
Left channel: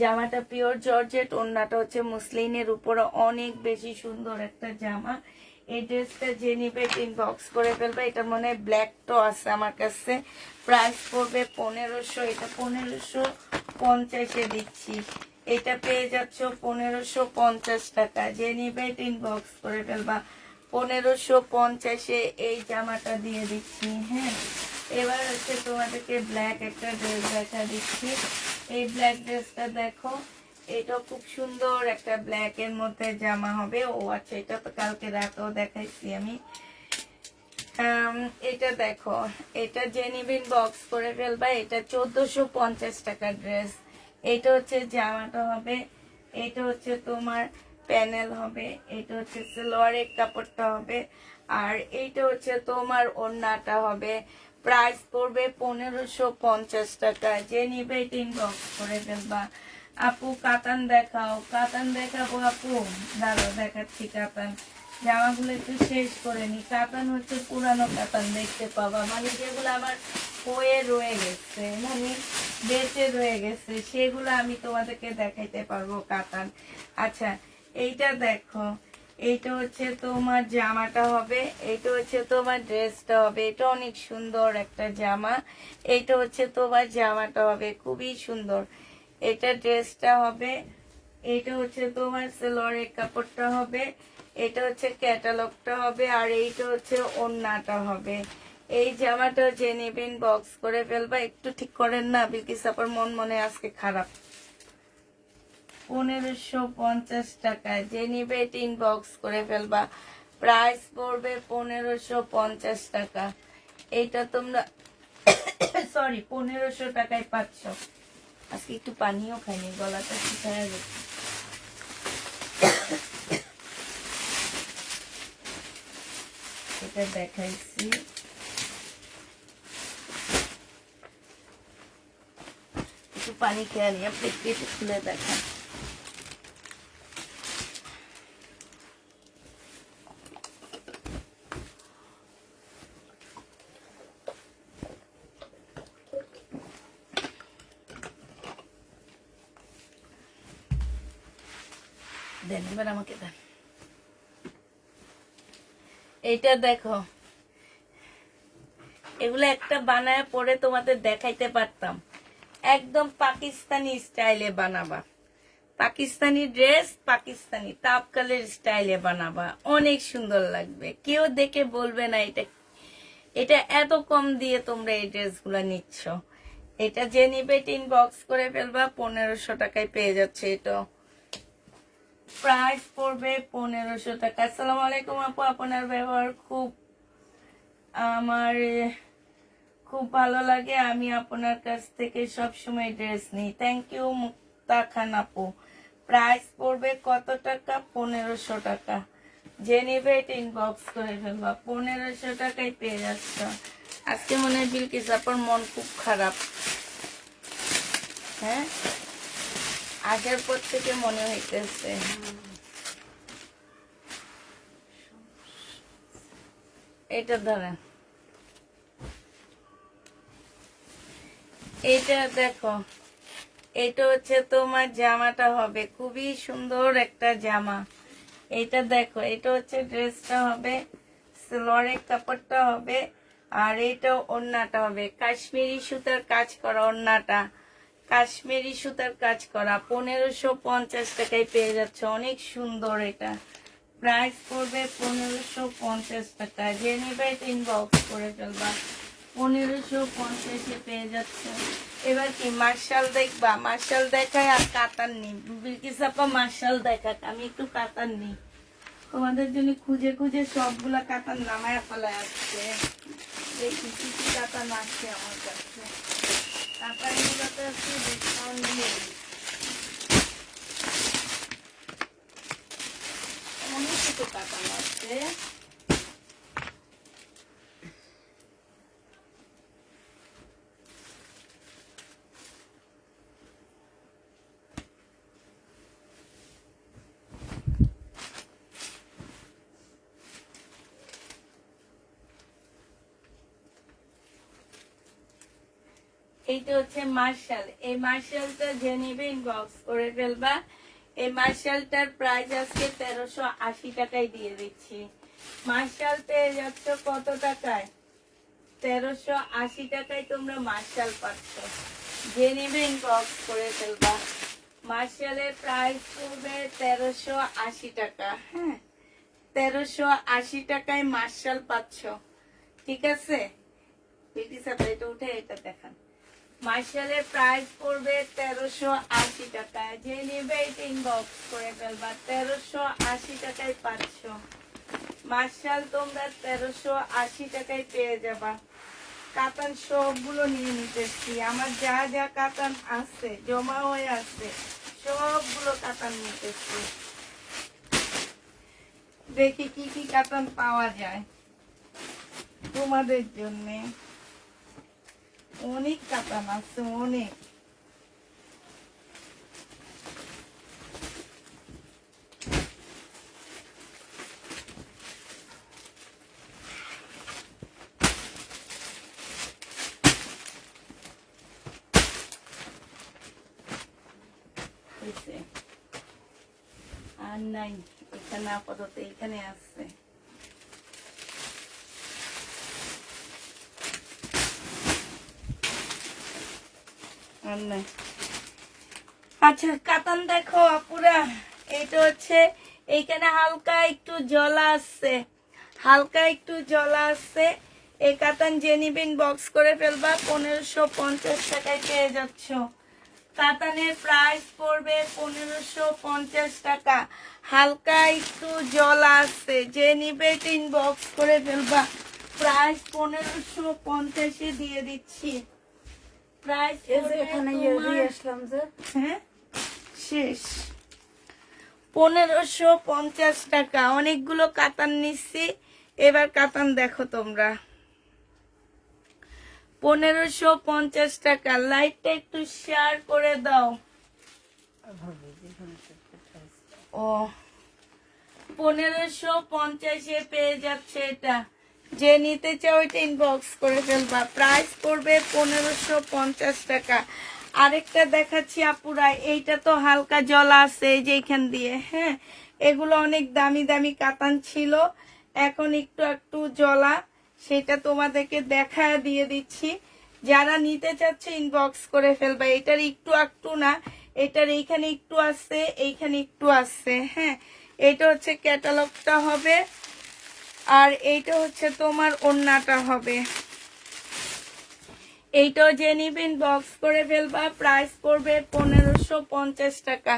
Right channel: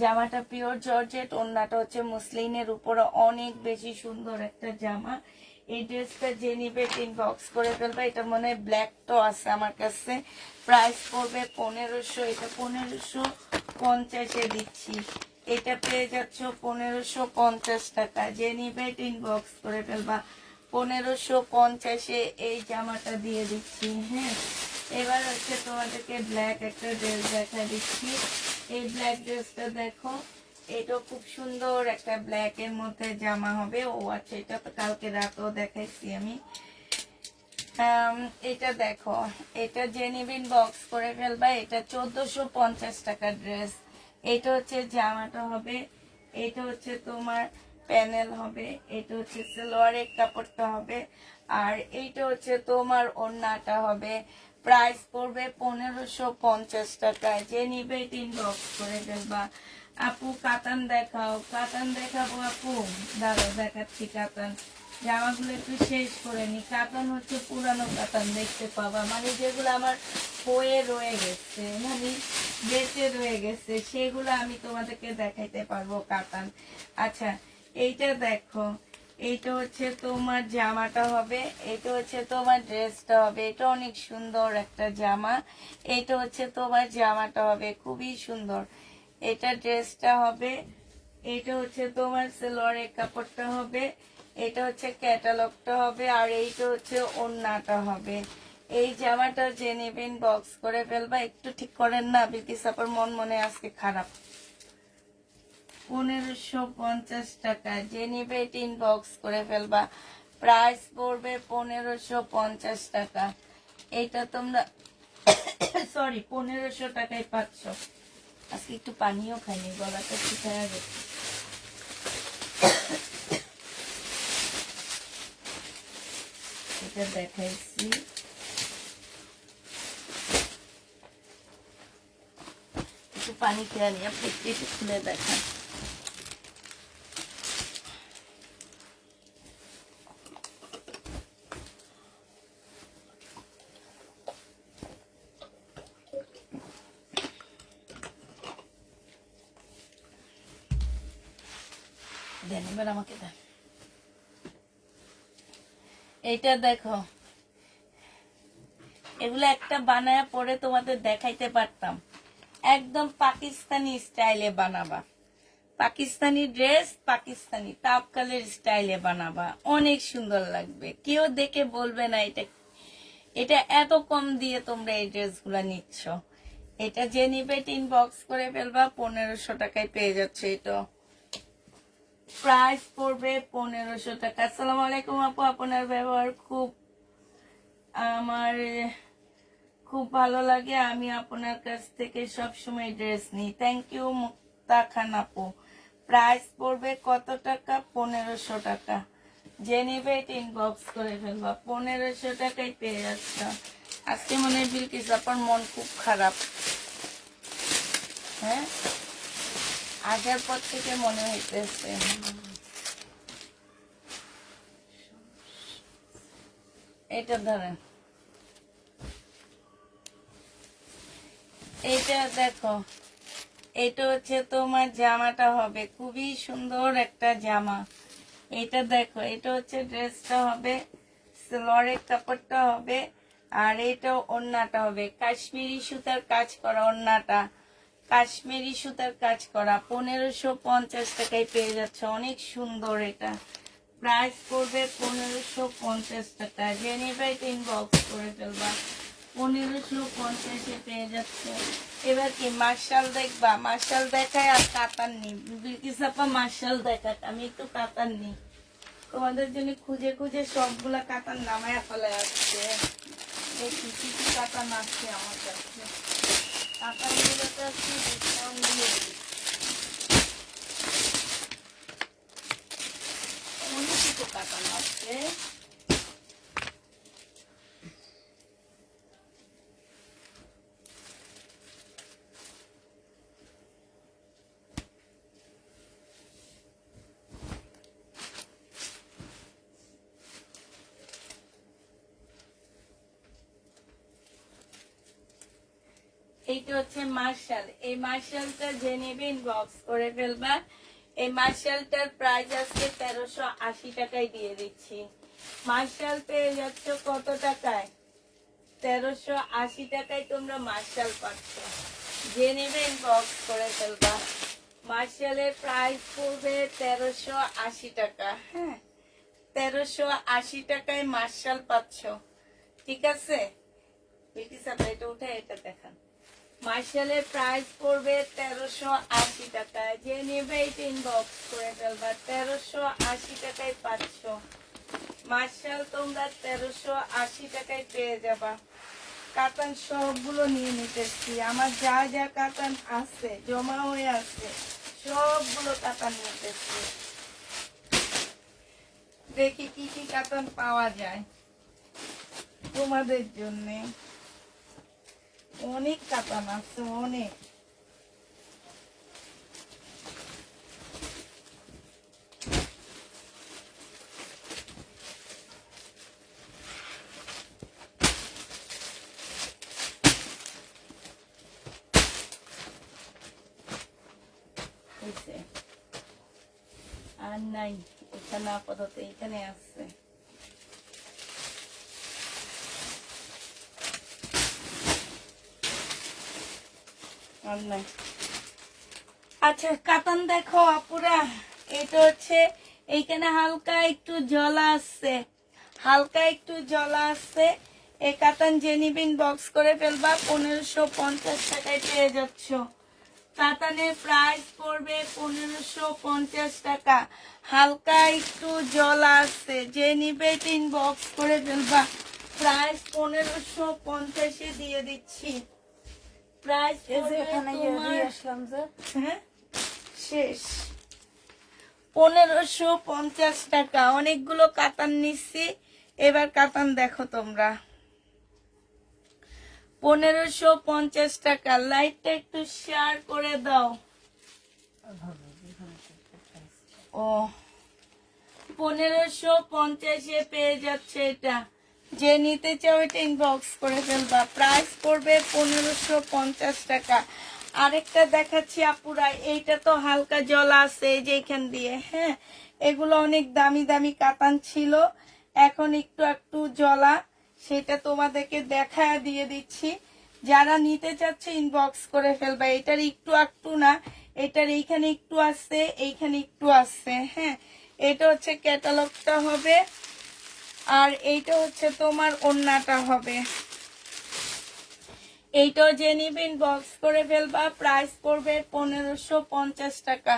জামাটা পিওর জর্জেট, ওড়নাটা হচ্ছে মুসলিনের উপরে অনেক বেশি সুন্দর একটা জামা। এই ড্রেসটা যে নিবে ইনবক্স করে ফেলবে। এটা মনে হয় ব্ল্যাক তো আছে আমার কাছে। প্রাইস পড়বে 1500, এটা 1550-এ দিচ্ছি। এটা পেয়ে যাচ্ছ 1550 টাকা। যে নিবে ইনবক্স করে ফেলবা। 1550-এ এই জামাটা দিয়ে দিচ্ছি। হ্যাঁ, এবার হচ্ছে তোমাদেরকে ব্ল্যাক একটা ড্রেস দেখা দিচ্ছি। এই ব্ল্যাক ড্রেসটা দেখো, এটা খুব সুন্দর একটা ব্ল্যাক এর মধ্যে জামা হবে। ও আচ্ছা, এটা কালকে রাতেও দেখাইছি আমি। এটা দেখো, এটা জেনিবিন বক্স করে ফেলবা। এটা 1450 টাকার ড্রেস। এটা হচ্ছে জামাটা হবে, এটা হচ্ছে তোমার প্যানেল হবে, এটা হচ্ছে সালোয়ারের কাপড়টা হবে, আর এইটা হচ্ছে তোমার ওড়নাটা হবে। প্রাইস পড়বে 1550 টাকা। যে নিবে ইনবক্স করে ফেলবা। আপু কাতান দেখাও, কাতান দেখাবো আপু, দাঁড়াও দেখাচ্ছি কাতান। জামাগুলো একটু শেষ করে নি। কাতান হচ্ছে পুরানো কাতান দেখতে পাবা, মানে যেগুলো আমার হয়ে রয়ে গেছে, মানে বেঁচে রয়ে গেছে, সেগুলো আমি তোমাদেরকে দেখাইতে পারবো কাতান। আচ্ছা, এইটা দেখো, এইটা হচ্ছে তোমার জামাটা হবে, এইটা হচ্ছে তোমার ড্রেসটা হবে। এটা অনেক সুন্দর একটা জামা। এইটা হচ্ছে তোমার জামাটা হবে, খুবই সুন্দর। এটা ড্রেসটা হবে, এটা হচ্ছে তোমার সালোয়ারের কাপড়টা হবে, এটা হচ্ছে ক্যাটালগটা হবে, আর এইটা হচ্ছে ওড়নাটা হবে। এই জামাটা যে নেবেন বক্স করে ফেলবা। একটু ঠিক করেন না বিলকিস আপার, মন মনে আজকে খারাপ। 1550 টাকা। যে নিবে ইনবক্স করে ফেলবা। প্রাইস পড়বে 1550 টাকা। এইটা তোমরা সরি 1500 টাকায় পাচ্ছ। আজকে একটু পানিও খাইনি, গলাটা শুকায় গেছে। এটা দেখাইছি, একটু পানি খেয়ে নিয়ে আপনি একটু খুলে দেখান। দেন এবার আমাকে দেন। এইটা দেখো, এগুলো একটা বানায় পরে তোমাদের দেখাইতে পারতাম। একদম পাকিস্তানি স্টাইলে বানাবা। পাকিস্তানি ড্রেস, পাকিস্তানি তাপকালের স্টাইলে বানাবা, অনেক সুন্দর লাগবে। কেউ দেখে বলবে না এটা এটা এত কম দিয়ে তোমরা এই ড্রেসগুলো নিচ্ছ। এটা যে নিবে ইনবক্স করে ফেলবা। 1500 টাকায় পেয়ে যাচ্ছে। এটা প্রাইস পড়বে 1500 টাকা। আসসালামু আলাইকুম আপু, আপনার ব্যবহার আমার খুব ভালো লাগে। আমি আপনার কাছ থেকে সবসময় ড্রেস নিই। থ্যাংক ইউ মুক্তা খান আপু। প্রাইস পড়বে কত টাকা? 1500 টাকা। যে নিবে এটা ইনবক্স করে ফেলবা। 1500 টাকায় পেয়ে যাচ্ছে। আজকে মনে হয় বিলকিস আপার মন খুব খারাপ। হ্যাঁ, আসার পর থেকে মনে হইতেছে। এটা ধরেন, এটা দেখো, এটা হচ্ছে তোমার জামাটা হবে, খুবই সুন্দর একটা জামা। এটা দেখো, এটা হচ্ছে ড্রেসটা হবে, সালোয়ারের কাপড়টা হবে, আর এটা ওড়নাটা হবে কাশ্মীরি সুতার কাজ করা। ওড়নাটা কাশ্মীরি সুতার কাজ করা, 1550 টাকায় পেয়ে যাচ্ছে। অনেক সুন্দর। এটা প্রাইস পড়বে 1550 টাকা। জেনিভাইট ইনবক্স করে ফেলবা, 1550-এ পেয়ে যাচ্ছে। এবার কি মার্শাল দেখবা? মার্শাল দেখায় আর কাতার নেই। বিলকিস আপা মার্শাল দেখাক, আমি একটু কাতার নেই তোমাদের জন্য। খুঁজে খুঁজে সবগুলা কাতার নামায় ফেলে আসছে। দেখি কি কি কাতার আসছে আমার কাছে। কাতার নিয়ে তো আসছে ডিসকাউন্ট দিয়ে দিই। অনেক কিছু কাতার আসছে। এইটা হচ্ছে মার্শাল। এই মার্শালটা যে নেবে ইনবক্স করে ফেলবা। এই মার্শালটার প্রাইস আজকে 1380 টাকায় দিয়ে দিচ্ছি। মার্শাল পেয়ে যাচ্ছ কত টাকায়? 1380 টাকায় তোমরা মার্শাল পাচ্ছ। যে নেবে ইনবক্স করে ফেলবা। মার্শালের প্রাইস পড়বে 1380 টাকা। হ্যাঁ, 1380 টাকায় মার্শাল পাচ্ছ। ঠিক আছে, এটা উঠে এটা দেখান। মার্শালের প্রাইস পড়বে 1380 টাকায়। যে নেবে এটা ইনবক্স করে ফেলবা। 1380 টাকায় পাচ্ছ মার্শাল। তোমরা 1380 টাকায় পেয়ে যাবা। কাতান সবগুলো নিয়ে নিতেছি। আমার যা যা কাতান আছে, জমা হয়ে আছে, সবগুলো কাতান নিতেছি। দেখি কি কি কাতান পাওয়া যায় তোমাদের জন্যে। অনেক কাতান আছে, অনেক। আর নাই এখানে, আপাতত এখানে আছে। আর নাই। আচ্ছা, কাতান দেখো আপুরা। এটা হচ্ছে এইখানে হালকা একটু জলা আছে, হালকা একটু জলা আছে। এই কাতান যে নিবেন বক্স করে ফেলবা। 1550 টাকায় পেয়ে যাচ্ছ। কাতানের প্রাইস পড়বে 1550 টাকা। হালকা একটু জলা আছে, যে নিবে বক্স করে ফেলবা। প্রাইস 1550-এ দিয়ে দিচ্ছি। প্রাইস হ্যাঁ শেষ 1550 টাকা। অনেকগুলো কাতান নিচ্ছি। এবার কাতান দেখো তোমরা, 1550 টাকা। লাইটটা একটু শেয়ার করে দাও। ও 1550-এ পেয়ে যাচ্ছে এটা। যে নিতে চাও এটা ইনবক্স করে ফেলবা। প্রাইস পড়বে 1550 টাকা। আরেকটা দেখাচ্ছি আপুরা। এইটা তো হালকা জলা আছে এই যে এখান দিয়ে। হ্যাঁ, এগুলো অনেক দামি দামি কাতান ছিল, এখন একটু একটু জলা। সেটা তোমাদেরকে দেখা দিয়ে দিচ্ছি। যারা নিতে চাচ্ছে ইনবক্স করে ফেলবা। এটার একটু একটু না, এটার এইখানে একটু আছে, এইখানে একটু আছে। হ্যাঁ, এটা হচ্ছে ক্যাটালগটা হবে, আর এইটা হচ্ছে তোমার ওড়নাটা হবে। এইটাও যে নিবেন বক্স করে ফেলবা। প্রাইস পড়বে 1550 টাকা।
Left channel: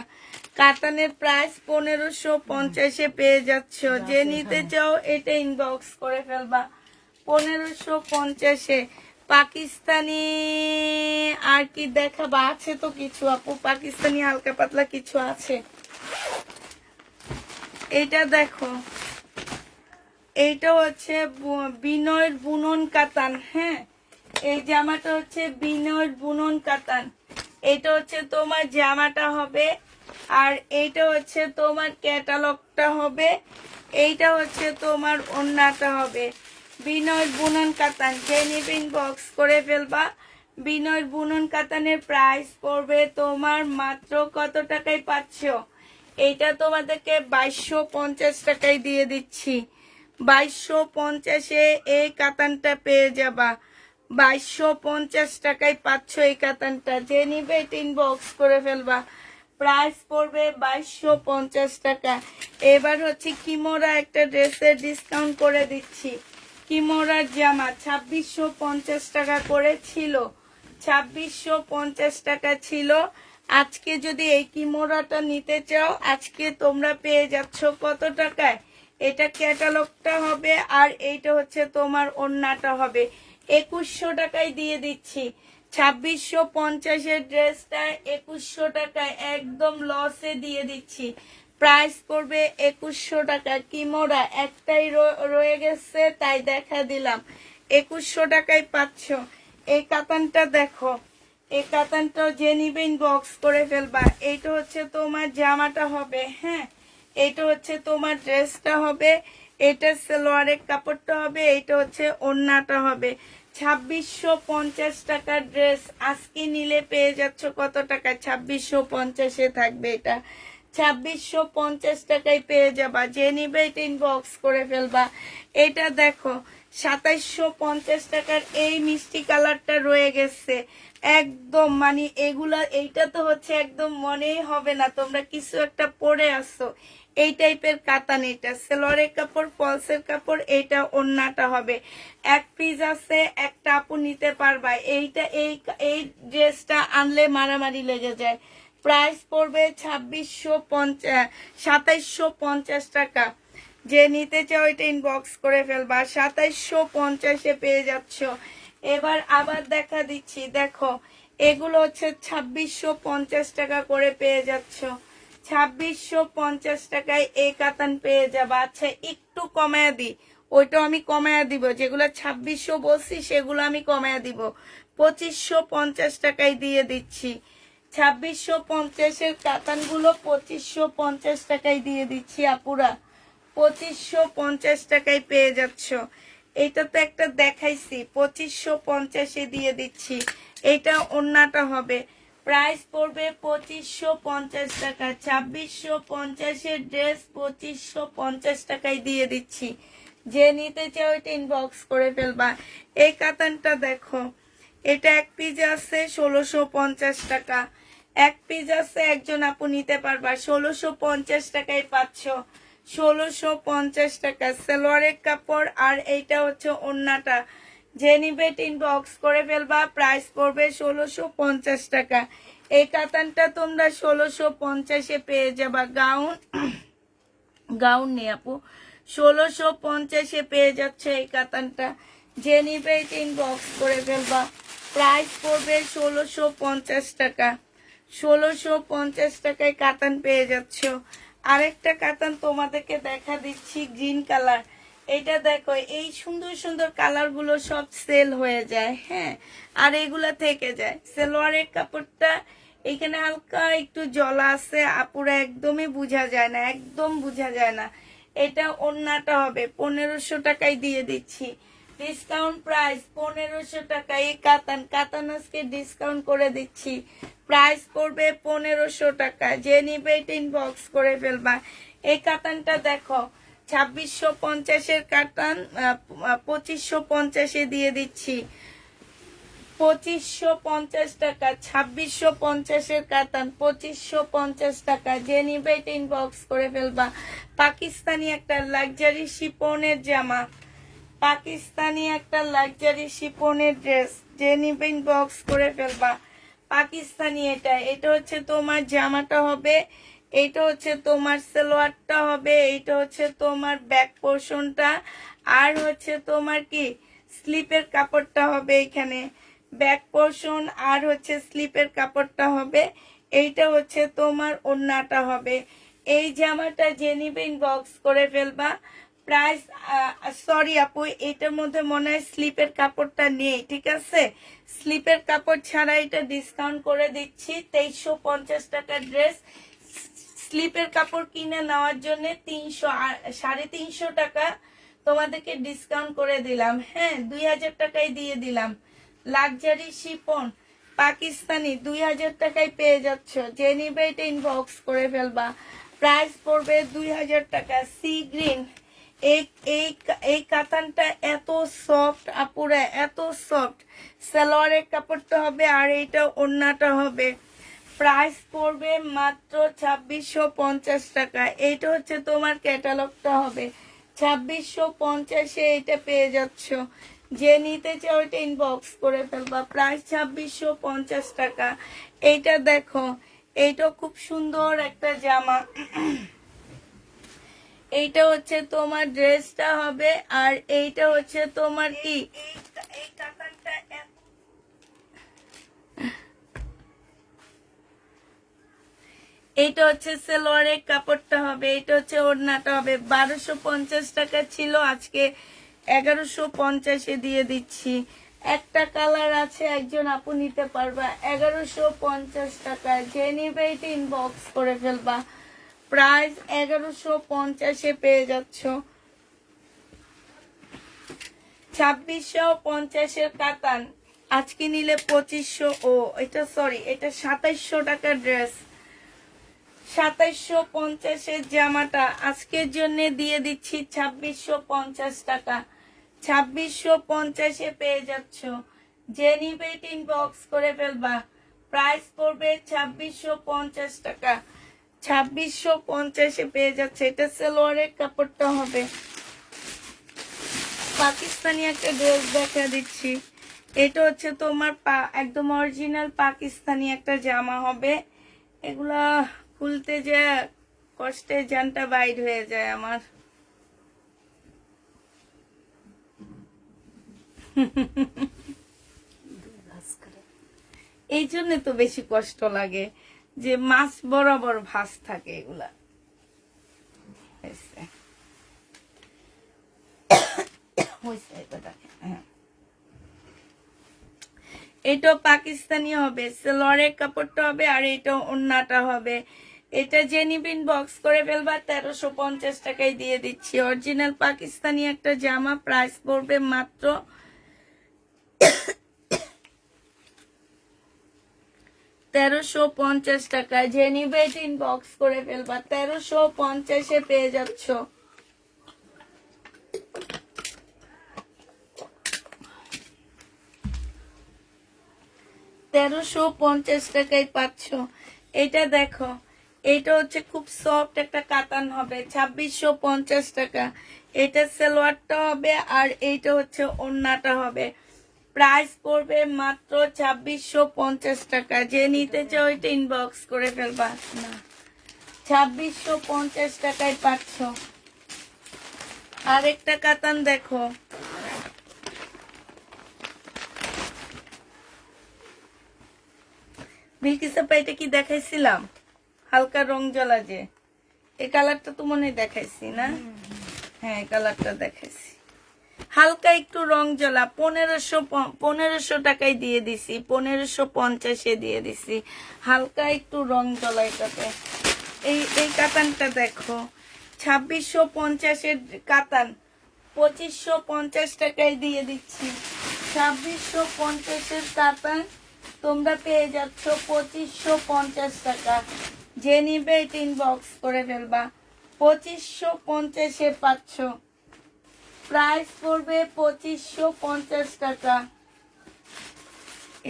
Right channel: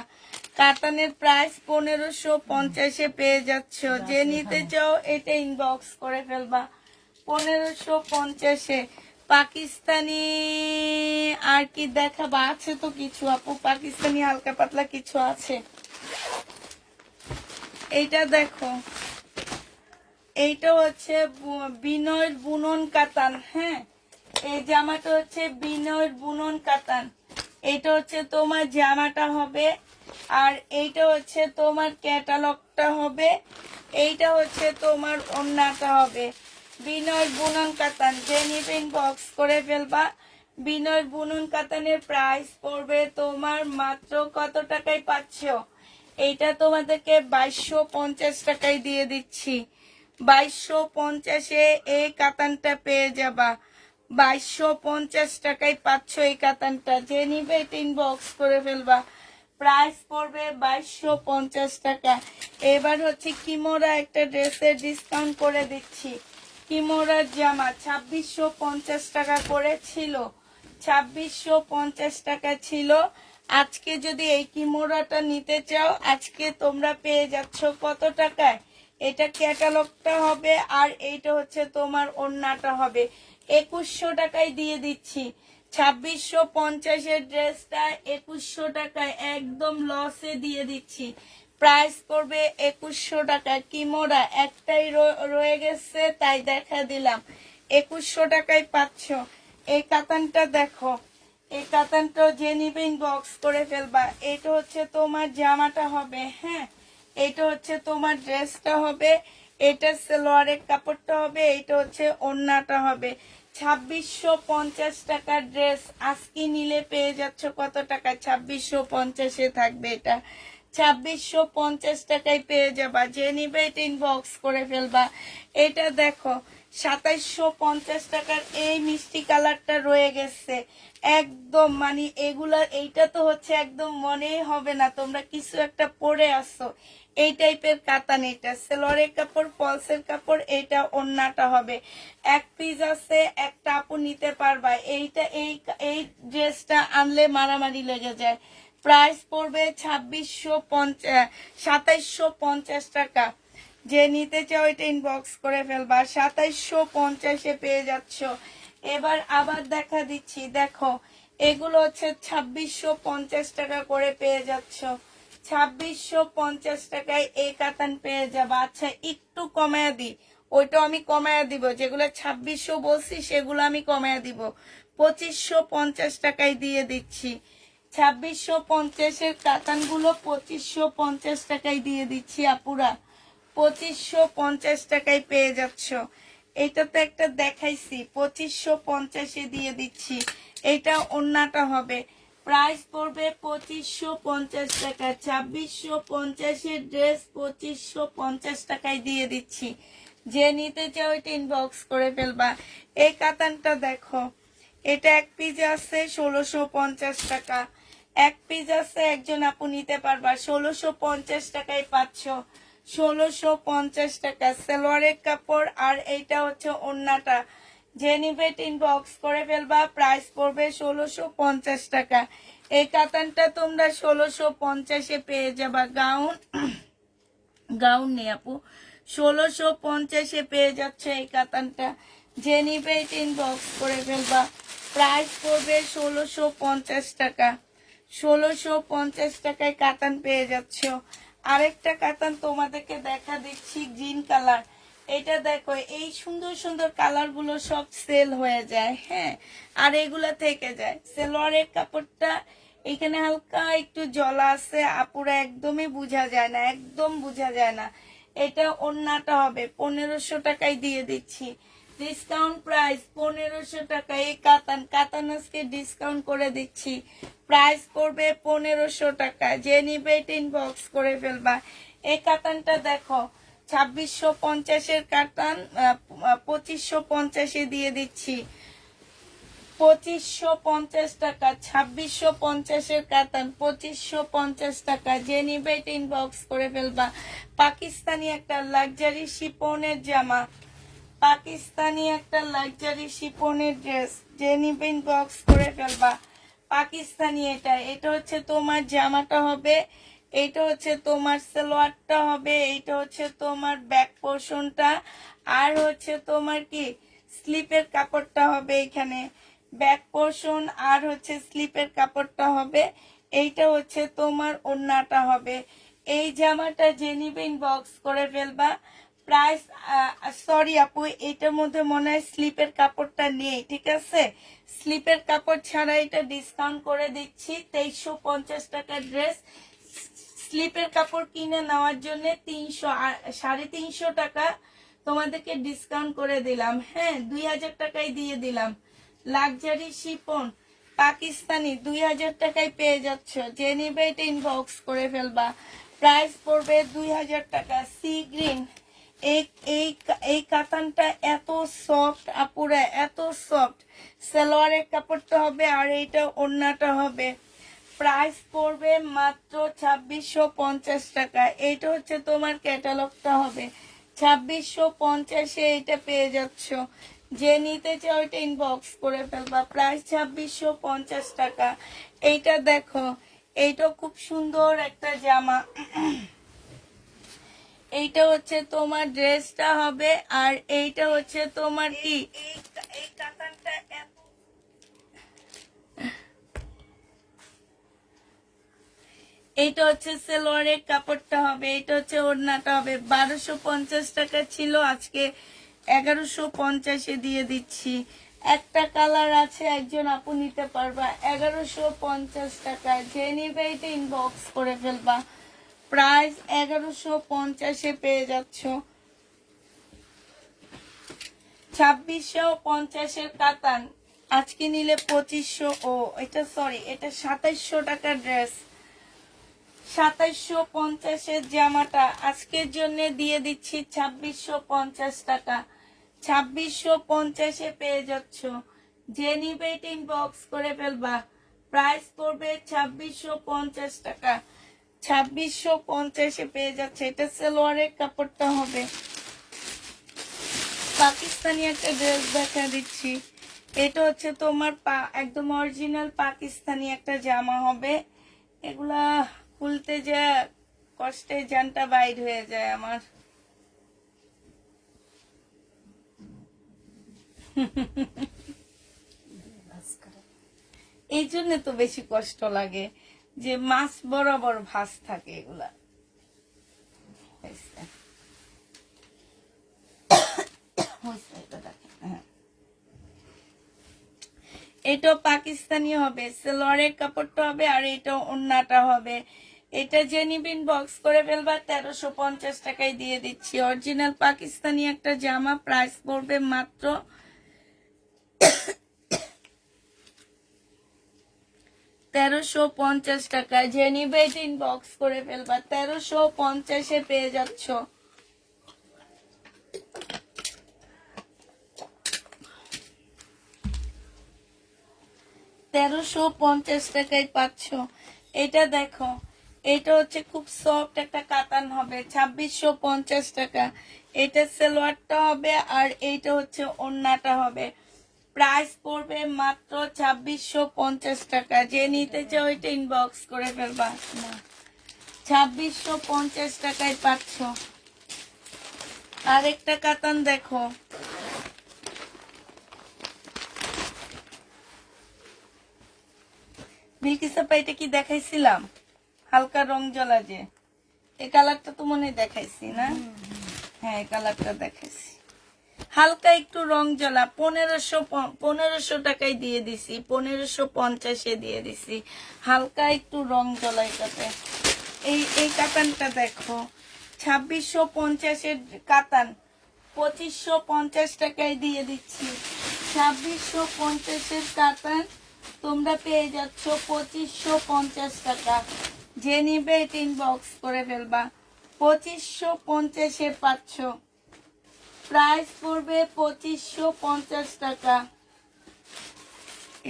কাতানের প্রাইস 1550-এ পেয়ে যাচ্ছ। যে নিতে চাও এটা ইনবক্স করে ফেলবা। 1550-এ। পাকিস্তানি আর কি দেখাবা? আছে তো কিছু আপু, পাকিস্তানি হালকা পাতলা কিছু আছে। এটা দেখো, এইটা হচ্ছে বিনয়ের বুনন কাতান। হ্যাঁ, এই জামাটা হচ্ছে বিনয়ের বুনন কাতান। এইটা হচ্ছে তোমার জামাটা হবে, আর এইটা হচ্ছে তোমার ক্যাটালগটা হবে, এইটা হচ্ছে তোমার ওড়নাটা হবে। বিনয় বুনন কাতান, যে নিবেন বক্স করে ফেলবা। বিনয় বুনন কাতানের প্রাইস পড়বে তোমার মাত্র কত টাকায় পাচ্ছ? এইটা তোমাদেরকে 2250 টাকায় দিয়ে দিচ্ছি। 2250-এ এই কাতানটা পেয়ে যাবা। 2250 টাকায় পাচ্ছ এই কাতানটা। যে নিবে ইনবক্স করে ফেলবা। প্রাইস পড়বে 2250 টাকা। এবার হচ্ছে কিমোরা একটা ড্রেসের ডিসকাউন্ট করে দিচ্ছি। কিমোরার জামা 2650 টাকা করে ছিল, 2650 টাকা ছিল। আজকে যদি এই কিমোরাটা নিতে চাও, আজকে তোমরা পেয়ে যাচ্ছ কত টাকায়? এটা ক্যাটালগটা হবে, আর এইটা হচ্ছে তোমার ওড়নাটা হবে। 2100 টাকায় দিয়ে দিচ্ছি। 2650-এর ড্রেসটা 2100 টাকায় একদম লসে দিয়ে দিচ্ছি। প্রাইস পড়বে 2100 টাকা। কিমোরা একটাই রয়ে গেছে, তাই দেখা দিলাম। 2100 টাকায় পাচ্ছ। এই কাতানটা দেখো, এই কাতানটা যে নিবে বক্স করে ফেলবা। এইটা হচ্ছে তোমার জামাটা হবে, হ্যাঁ, এইটা হচ্ছে তোমার ড্রেসটা হবে, এটা সালোয়ারের কাপড়টা হবে, এইটা হচ্ছে ওড়নাটা হবে। 2650 টাকার ড্রেস আজকে নিলে পেয়ে যাচ্ছ কত টাকা? 2650-এ থাকবে এটা। 2650 টাকায় পেয়ে যাবা। যে নিবে এটা ইনবক্স করে ফেলবা। এটা দেখো 2750 টাকার এই মিষ্টি কালারটা রয়ে গেছে একদম, মানে এগুলা, এইটা তো হচ্ছে একদম মনেই হবে না তোমরা কিছু একটা পরে আসছো। এই টাইপের কাতান, এটা সেলোয়ারের কাপড়, ফলসের কাপড়, এইটা ওড়নাটা হবে। এক পিস আছে, একটা আপু নিতে পারবা। এইটা এই এই ড্রেসটা আনলে মারামারি লেগে যায়। প্রাইস পড়বে 2750 টাকা। যে নিতে চাও এটা ইনবক্স করে ফেলবা। 2750-এ পেয়ে যাচ্ছ। এবার আবার দেখা দিচ্ছি, দেখো এগুলো হচ্ছে 2650 টাকা করে পেয়ে যাচ্ছ। 2650 টাকায় এই কাতান পেয়ে যাবা। আচ্ছা একটু কমায়া দিই, ওইটাও আমি কমায়া দিব। যেগুলো 2600 বলছি সেগুলো আমি কমায়া দিব। 2550 টাকায় দিয়ে দিচ্ছি। 2650-এর কাতানগুলো 2550 টাকায় দিয়ে দিচ্ছি আপুরা। 2550 টাকায় পেয়ে যাচ্ছ। এটা তো একটা দেখাইছি, 2550-এ দিয়ে দিচ্ছি। এটা ওড়নাটা হবে। প্রাইস পড়বে 2550 টাকা। 2650-এর ড্রেস 2550 টাকায় দিয়ে দিচ্ছি। যে নিতে চাও এটা ইনবক্স করে ফেলবা। এই কাতানটা দেখো, এটা এক পিস আছে 1650 টাকা। এক পিস আছে, একজন আপু নিতে পারবা। 1650 টাকায় পাচ্ছ। 1650 টাকা সালোয়ারের কাপড়, আর এইটা হচ্ছে ওড়নাটা। যে নিবে ইনবক্স করে ফেলবা। প্রাইস পড়বে 1650 টাকা। এই কাতানটা তোমরা 1650-এ পেয়ে যাবা। গাউন, গাউন নেই আপু, 1650-এ পেয়ে যাচ্ছে এই কাতানটা। যে নিবে ইনবক্স করে ফেলবা। প্রাইস পড়বে 1650 টাকা। 1650 টাকায় কাতান পেয়ে যাচ্ছ। আরেকটা কাতান তোমাদেরকে দেখা দিচ্ছি, গ্রিন কালার। এটা দেখো, এই সুন্দর সুন্দর কালার গুলো সব সেল হয়ে যায়, হ্যাঁ, আর এগুলা থেকে যায়। সালোয়ারের কাপড়টা এখানে হালকা একটু জলা আছে আপুরা, একদমই বোঝা যায় না, একদম বোঝা যায় না। এটা ওড়নাটা হবে। 1500 টাকায় দিয়ে দিচ্ছি। ডিসকাউন্ট প্রাইস 1500 টাকা। এই কাতান, কাতান আজকে ডিসকাউন্ট করে দিচ্ছি। প্রাইস পড়বে 1500 টাকা। যে নিবে ইনবক্স করে ফেলবা। এই কাতানটা দেখো, 2650-এর কাতান 2550-এ দিয়ে দিচ্ছি। 2550 টাকা। 2650-এর কাতান 2550 টাকা। যে নিবে ইনবক্স করে ফেলবা। পাকিস্তানি একটা লাক্সারি শিপনের জামা, পাকিস্তানি একটা লাক্সারি শিপনের ড্রেস। যে নিবে ইনবক্স করে ফেলবা। পাকিস্তানি এটা, এটা হচ্ছে তোমার জামাটা হবে, এইটা হচ্ছে তোমার সালোয়ারটা হবে, এইটা হচ্ছে তোমার ব্যাক পোর্শনটা, আর হচ্ছে তোমার কি স্লিপের কাপড়টা হবে। এখানে ব্যাক পোর্শন আর হচ্ছে স্লিপের কাপড়টা হবে। এইটা হচ্ছে তোমার ওড়নাটা হবে। এই জামাটা যে নিবে ইনবক্স করে ফেলবা। প্রাইস সরি আপু, এটার মধ্যে মনে হয় স্লিপের কাপড়টা নেই, ঠিক আছে? স্লিপের কাপড় ছাড়া এটা ডিসকাউন্ট করে দিচ্ছি 2350 টাকার ড্রেস। স্লিপের কাপড় কিনে নেওয়ার জন্য 300 টাকা তোমাদেরকে ডিসকাউন্ট করে দিলাম। হ্যাঁ, 2000 টাকায় দিয়ে দিলাম। লাক্সারি শিফন পাকিস্তানি 2000 টাকায় পেয়ে যাচ্ছ। যে নিবে এটা ইনবক্স করে ফেলবা। প্রাইস পড়বে 2000 টাকা। সি গ্রিন, এই এই এই কাতানটা এত সফট আপুরা, এত সফট। সালোয়ারের কাপড়টা হবে আর এইটা ওড়নাটা হবে। প্রাইস পড়বে মাত্র 2650 টাকা। এইটা হচ্ছে তোমার ক্যাটালগটা হবে 2650-এ এটা পেয়ে যাচ্ছ। যে নিতে চাও ওইটা ইনবক্স করে ফেলবা। প্রাইস 2650 টাকা। এইটা দেখো, এইটা খুব সুন্দর একটা জামা। এইটা হচ্ছে তোমার ড্রেসটা হবে আর এইটা হচ্ছে তোমার কি এই কাতানটা এইটা হচ্ছে সালোয়ারের কাপড়টা হবে, এটা হচ্ছে ওড়নাটা হবে। 1250 টাকা ছিল, আজকে 1150-এ দিয়ে দিচ্ছি। একটা কালার আছে, একজন আপু নিতে পারবা 1150 টাকা। যে নিবে এটা ইনবক্স করে ফেলবা। প্রাইস 1150-এ পেয়ে যাচ্ছ। 2650-এর কাতান আজকে নিলে 2500। ও এটা সরি, এটা 2700 টাকার ড্রেস। 2750-এর জামাটা আজকের জন্য দিয়ে দিচ্ছি 2650 টাকা। 2650-এ পেয়ে যাচ্ছ। যে নিবে এটা ইনবক্স করে ফেলবা। প্রাইস পড়বে 2650 টাকা। 2650-এ পেয়ে যাচ্ছে। এটা সালোয়ারের কাপড়টা হবে। পাকিস্তানি একটা ড্রেস দেখা দিচ্ছি। এটা হচ্ছে তোমার একদম অরিজিনাল পাকিস্তানি একটা জামা হবে। এগুলা খুলতে যে কষ্টে জানটা বাইর হয়ে যায় আমার। এই জন্য তো বেশি কষ্ট লাগে যে মাছ বরাবর ভাঁজ থাকে এগুলা। এটা পাকিস্তানি হবে, সালোয়ারের কাপড়টা হবে আর এটা ওড়নাটা হবে। এটা যে নিবেন বক্স করে ফেলবা। 1350 টাকায় দিয়ে দিচ্ছি। অরিজিনাল পাকিস্তানি একটা জামা। প্রাইস পড়বে মাত্র 1350 টাকা। যে নিবে এটা ইনবক্স করে ফেলবা। 1350-এ পেয়ে যাচ্ছ। 1350 টাকায় পাচ্ছ। এটা দেখো, এটা হচ্ছে খুব সফট একটা কাতান হবে। 2650 টাকা। এটা সালোয়ারটা হবে আর এইটা হচ্ছে ওড়নাটা হবে। প্রাইস পড়বে মাত্র 2650 টাকা। যে নিতে চাও এটা ইনবক্স করে ফেলবা। 2650 টাকায় পাচ্ছ। আরেকটা কাতান দেখো, বিলকিসাপা এটা কি দেখাইছিলাম? হালকা রং জ্বালা যে, এই কালারটা তো মনে হয় দেখাইছি না? হ্যাঁ, এই কালারটা দেখাইছি। হালকা একটু রং জ্বালা 1500 টাকায় দিয়ে দিছি। 1550-এ দিয়ে দিছি। হালকা একটু রং জ্বালা এটাতে। এই কাতানটা দেখো, 2650-এর কাতান 2550 টাকায় দিয়ে দিচ্ছি। 2650-এর কাতান তোমরা পেয়ে যাচ্ছ 2550 টাকা। যে নিবে এটা ইনবক্স করে ফেলবা। 2550-এ পাচ্ছ। প্রাইস পড়বে 2550 টাকা।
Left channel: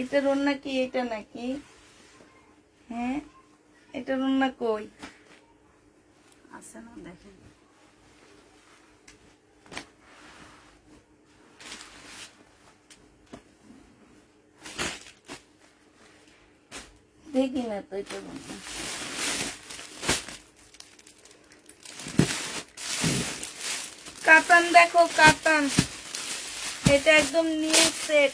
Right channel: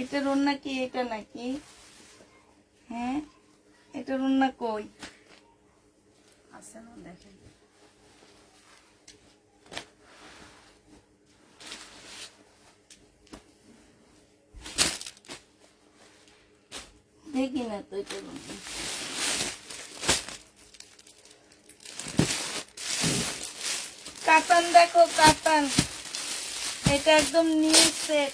এটার ওড়না কি? এটা নাকি? হ্যাঁ, এটার ওড়না কই? আছে না, দেখেন। দেখি না তো এটা। কাতান দেখো, কাতান। এটা একদম নিউ সেট,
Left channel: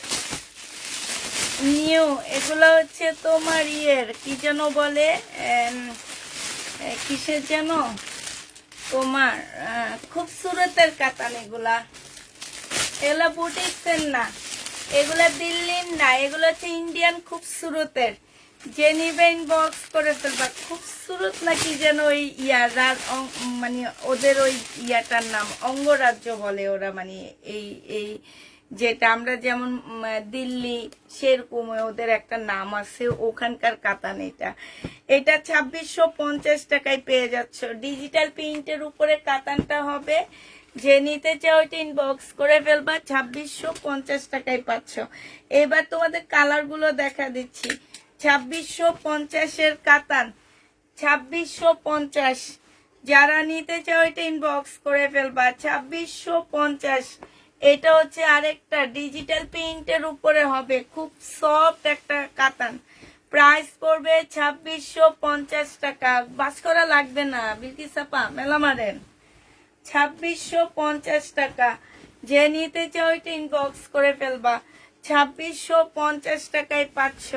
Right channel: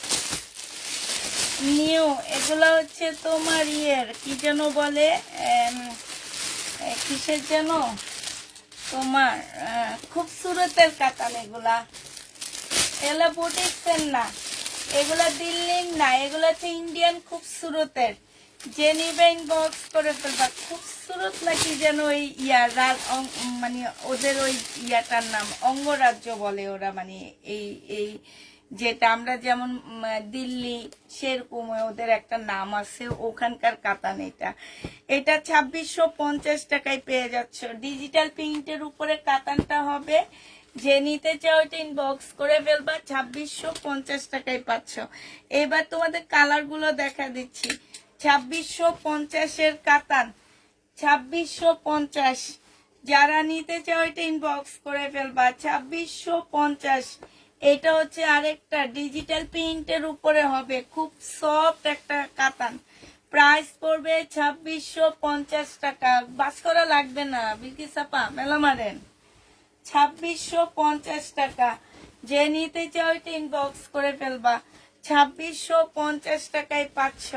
নিউ। এগুলো হচ্ছে তোমার ইয়ের কি যেন বলে, কিসের যেন তোমার খুবসুরতের কাতান এগুলা, এগুলা বুটিক্সের না, এগুলা দিল্লির না, এগুলো হচ্ছে ইন্ডিয়ান খুবসুরতের। যে নিবে ইনবক্স করে ফেলবা। খুবসুরত নাকি যেন ওই মানে ওদের ওই ইয়াটার নাম অঙ্গরাজ্য বলে ওরা, মানে এই এই যেটা আমরা যেমন দিল্লি সেরকম ওদের একটা নাম আছে, ওখানকার কাতান এটা। এটা 2650 টাকায় পেয়ে যাচ্ছ। ডিজিটাল প্রিন্টের উপরে কাতানটা হবে। যে নিতে চাও ওইটা ইনবক্স করে ফেলবা, 2650 টাকায় পাচ্ছ। এবার তোমাদের কালার গুলো দেখা দিচ্ছি। 2650 কাতান, 2650। যারা নিতে চাও এটা ইনবক্স করে ফেলবা, 2650। এটা হচ্ছে আরেকটা ডিজিটাল প্রিন্টের উপরে হবে, খুব সফট একটা কাতান। প্রাইস পড়বে 2650 টাকা। বাস করা লাগবে না বিলকিস আপা, মেলা মারেন। 2650 টাকা। যে নিতে চাও এটা ইনবক্স করে ফেলবা, 2650 টাকায় পাচ্ছ।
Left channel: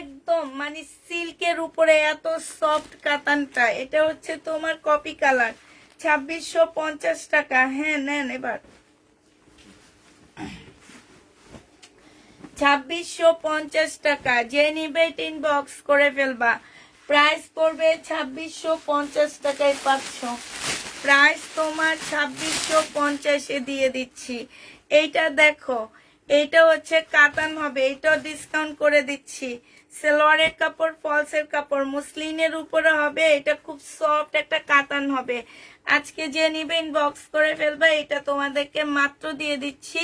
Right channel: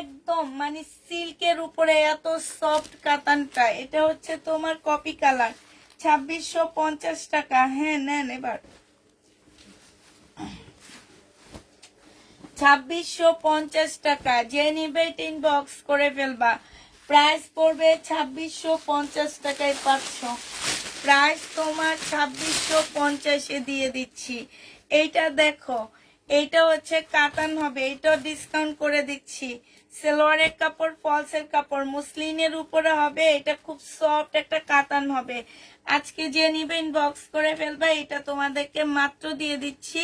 একদম মানে সিল্কের উপরে এত সফট কাতানটা। এটা হচ্ছে তোমার কপি কালার, 2650 টাকা। হ্যাঁ নেন এবার। 2650 টাকা। যে নিবে ইনবক্স করে ফেলবা। প্রাইস পড়বে 2650 টাকায় পাচ্ছ। প্রাইস তোমার 2650 দিয়ে দিচ্ছি। এইটা দেখো, এইটা হচ্ছে কাতান হবে, এইটাও ডিসকাউন্ট করে দিচ্ছি। সালোয়ারের কাপড়, ফলসের কাপড়, মুসলিনের উপরে হবে। এটা খুব সফট একটা কাতান হবে। আজকে যে নিবে ইনবক্স করে ফেলবা। এটা তোমাদেরকে মাত্র দিয়ে দিচ্ছি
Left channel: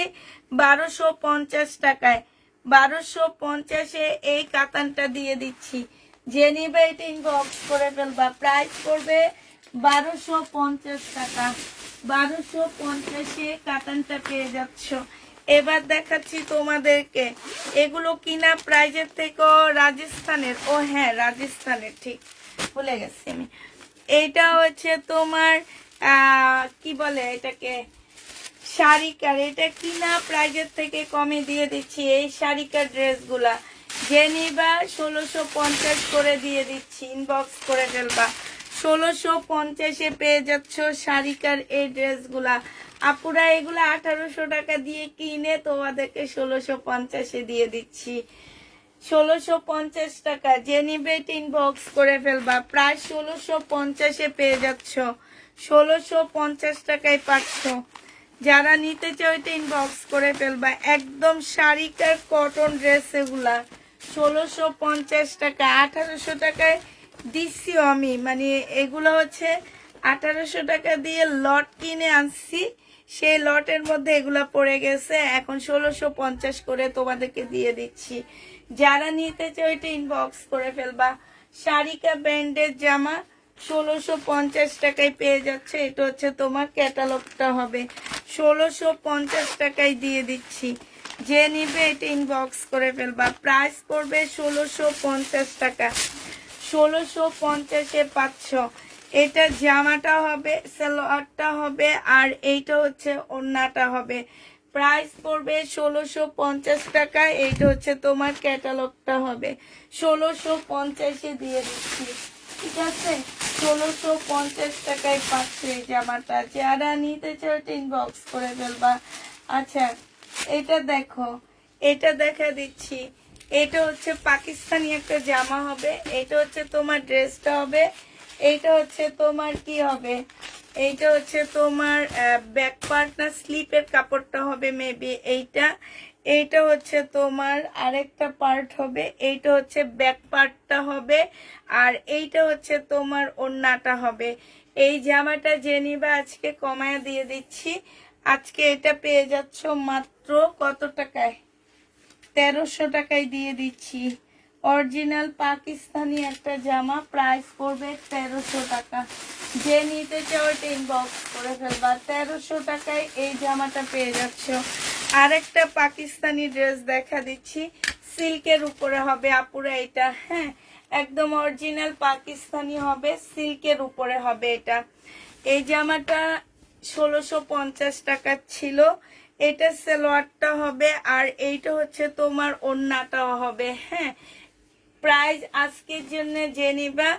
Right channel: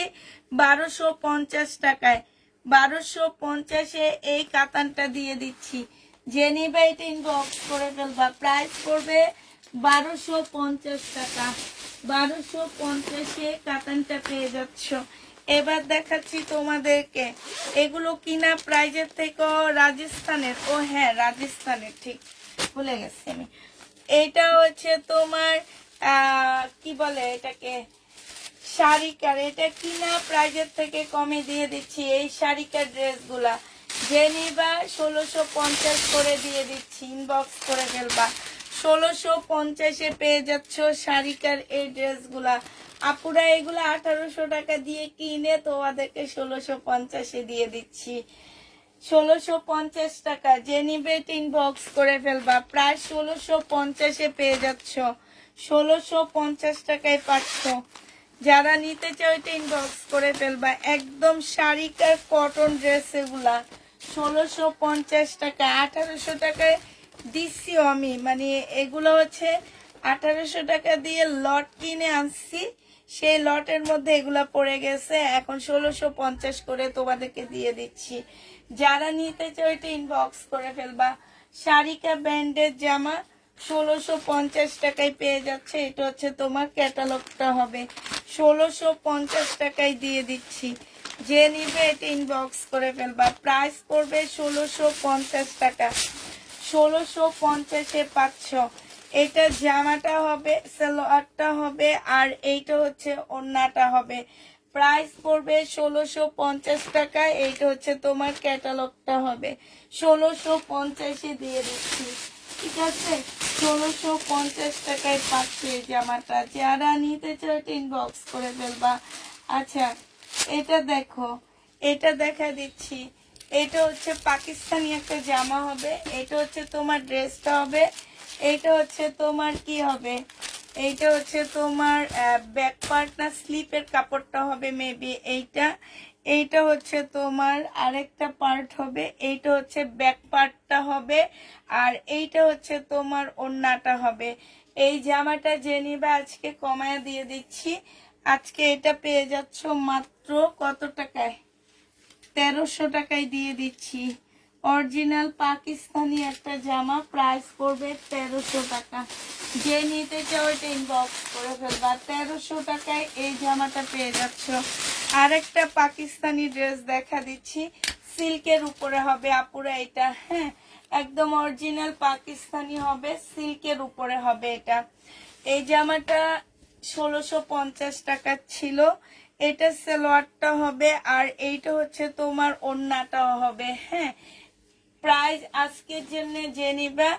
1250 টাকায়। 1250 এই কাতানটা দিয়ে দিচ্ছি। যে নিবে এটা ইনবক্স করে ফেলবা। প্রাইস পড়বে 1250 টাকা। 1250 কাতানটা পেয়ে যাচ্ছ। এবার দেখাচ্ছি তোমাদেরকে, এগুলো কিনা প্রাইজের থেকে রাজস্থানের। ও হ্যাঁ রাজস্থানের, ঠিক ভুলে গেছি আমি। এইটা হচ্ছে তোমার কি বলে এটাকে, শাড়িকার। এটা কিনা প্রাইজের থেকে কমে দিয়ে দিচ্ছি। এই শাড়িকার ড্রেসগুলা যে নিবা 1650 করে দিয়ে দিচ্ছি। ইনবক্স করে ফেলবা। 1650 পেয়ে যাচ্ছ শাড়িকার এই ড্রেসগুলা। আপুরা এগুলা 1800 টাকা দিয়ে কিনে তোমাদেরকে 1650 দিয়ে দিচ্ছি। 1650 টাকা। যে নিবে ইনবক্স করে ফেলবা। প্রায় 1650 পেয়ে যাচ্ছ। 1650 টাকায় পাচ্ছ। যারা নিতে চাও এটা ইনবক্স করে ফেলবা। একদম শাড়িকার কটন ড্রেস এগুলা 1650 টাকা। 1800 টাকায় দিচ্ছি আমি, মানে এগুলো হচ্ছে 1800 টাকা দিয়ে লট কিনে আনছি। সেই লটের মধ্যে এগুলা পড়ে গেছে, এখন 1650 করে তোমাদেরকে দিয়ে দিচ্ছি। যারা নিতে চাও এটা ইনবক্স করে ফেলবা। শাড়িকা ব্র্যান্ডের জামা 1650 টাকায় পেয়ে যাচ্ছে। এটা হচ্ছে তোমার ক্যাটালগটা হবে। 1650 টাকায় দিয়ে দিচ্ছি। যে নিবে এটা ইনবক্স করে ফেলবা। প্রাইস পড়বে 1650 টাকা। 1650 পাচ্ছ। এটা জামাটা হবে, সালোয়ারটা হবে, আর এইটা হচ্ছে ওড়নাটা হবে। প্রাইস পড়বে 1650 টাকা। এইটা হচ্ছে তোমার ক্যাটালগটা হবে। 1650 দিয়ে দিচ্ছি, ঠিক আছে। 1650 টাকায় পাচ্ছে এই জামাটা। যারা নিতে চাও ইনবক্স করে ফেলবা। আচ্ছা এটা দেখো, এটা দেখা দিচ্ছি। এটা হচ্ছে পাকিস্তানি একটা জামা হবে। এটা হচ্ছে তোমার ড্রেসটা হবে। এইটা হচ্ছে তোমার কি হবে, এইটা হচ্ছে তোমার ব্যাক পার্ট না স্লিপের কাপড়টা হবে মেবি এইটা। এইটা হচ্ছে তোমার আরেকটা পার্ট হবে। এইটা হচ্ছে ব্যাক পার্টটা হবে, আর এইটা হচ্ছে তোমার ওড়নাটা হবে। এই জামাটা যে নিবে আজকে কমায় দিয়ে দিচ্ছি। আজকে এটা পেয়ে যাচ্ছ মাত্র কত টাকায়, 1300 টাকায় দিয়ে দিচ্ছি। অরিজিনাল পাকিস্তানি একটা জামা, প্রাইস পড়বে 1300 টাকা। যে নিতে চাও এটা ইনবক্স করে ফেলবা। 1300 টাকায় এই জামাটা পেয়ে যাচ্ছ। আরেকটা পাকিস্তানি ড্রেস দেখা দিচ্ছি, সিল্কের উপরে হবে আপুরা এটা। হ্যাঁ একদম অরিজিনাল পাকিস্তানি হবে, সিল্কের উপরে হবে এটা। এই জামাটা 1650 টাকা ছিল। এটা সালোয়ারটা হবে, আর এইটা হচ্ছে তোমার ওড়নাটাও হবে। হ্যাঁ প্রাইস আজকের জন্য যে নিবা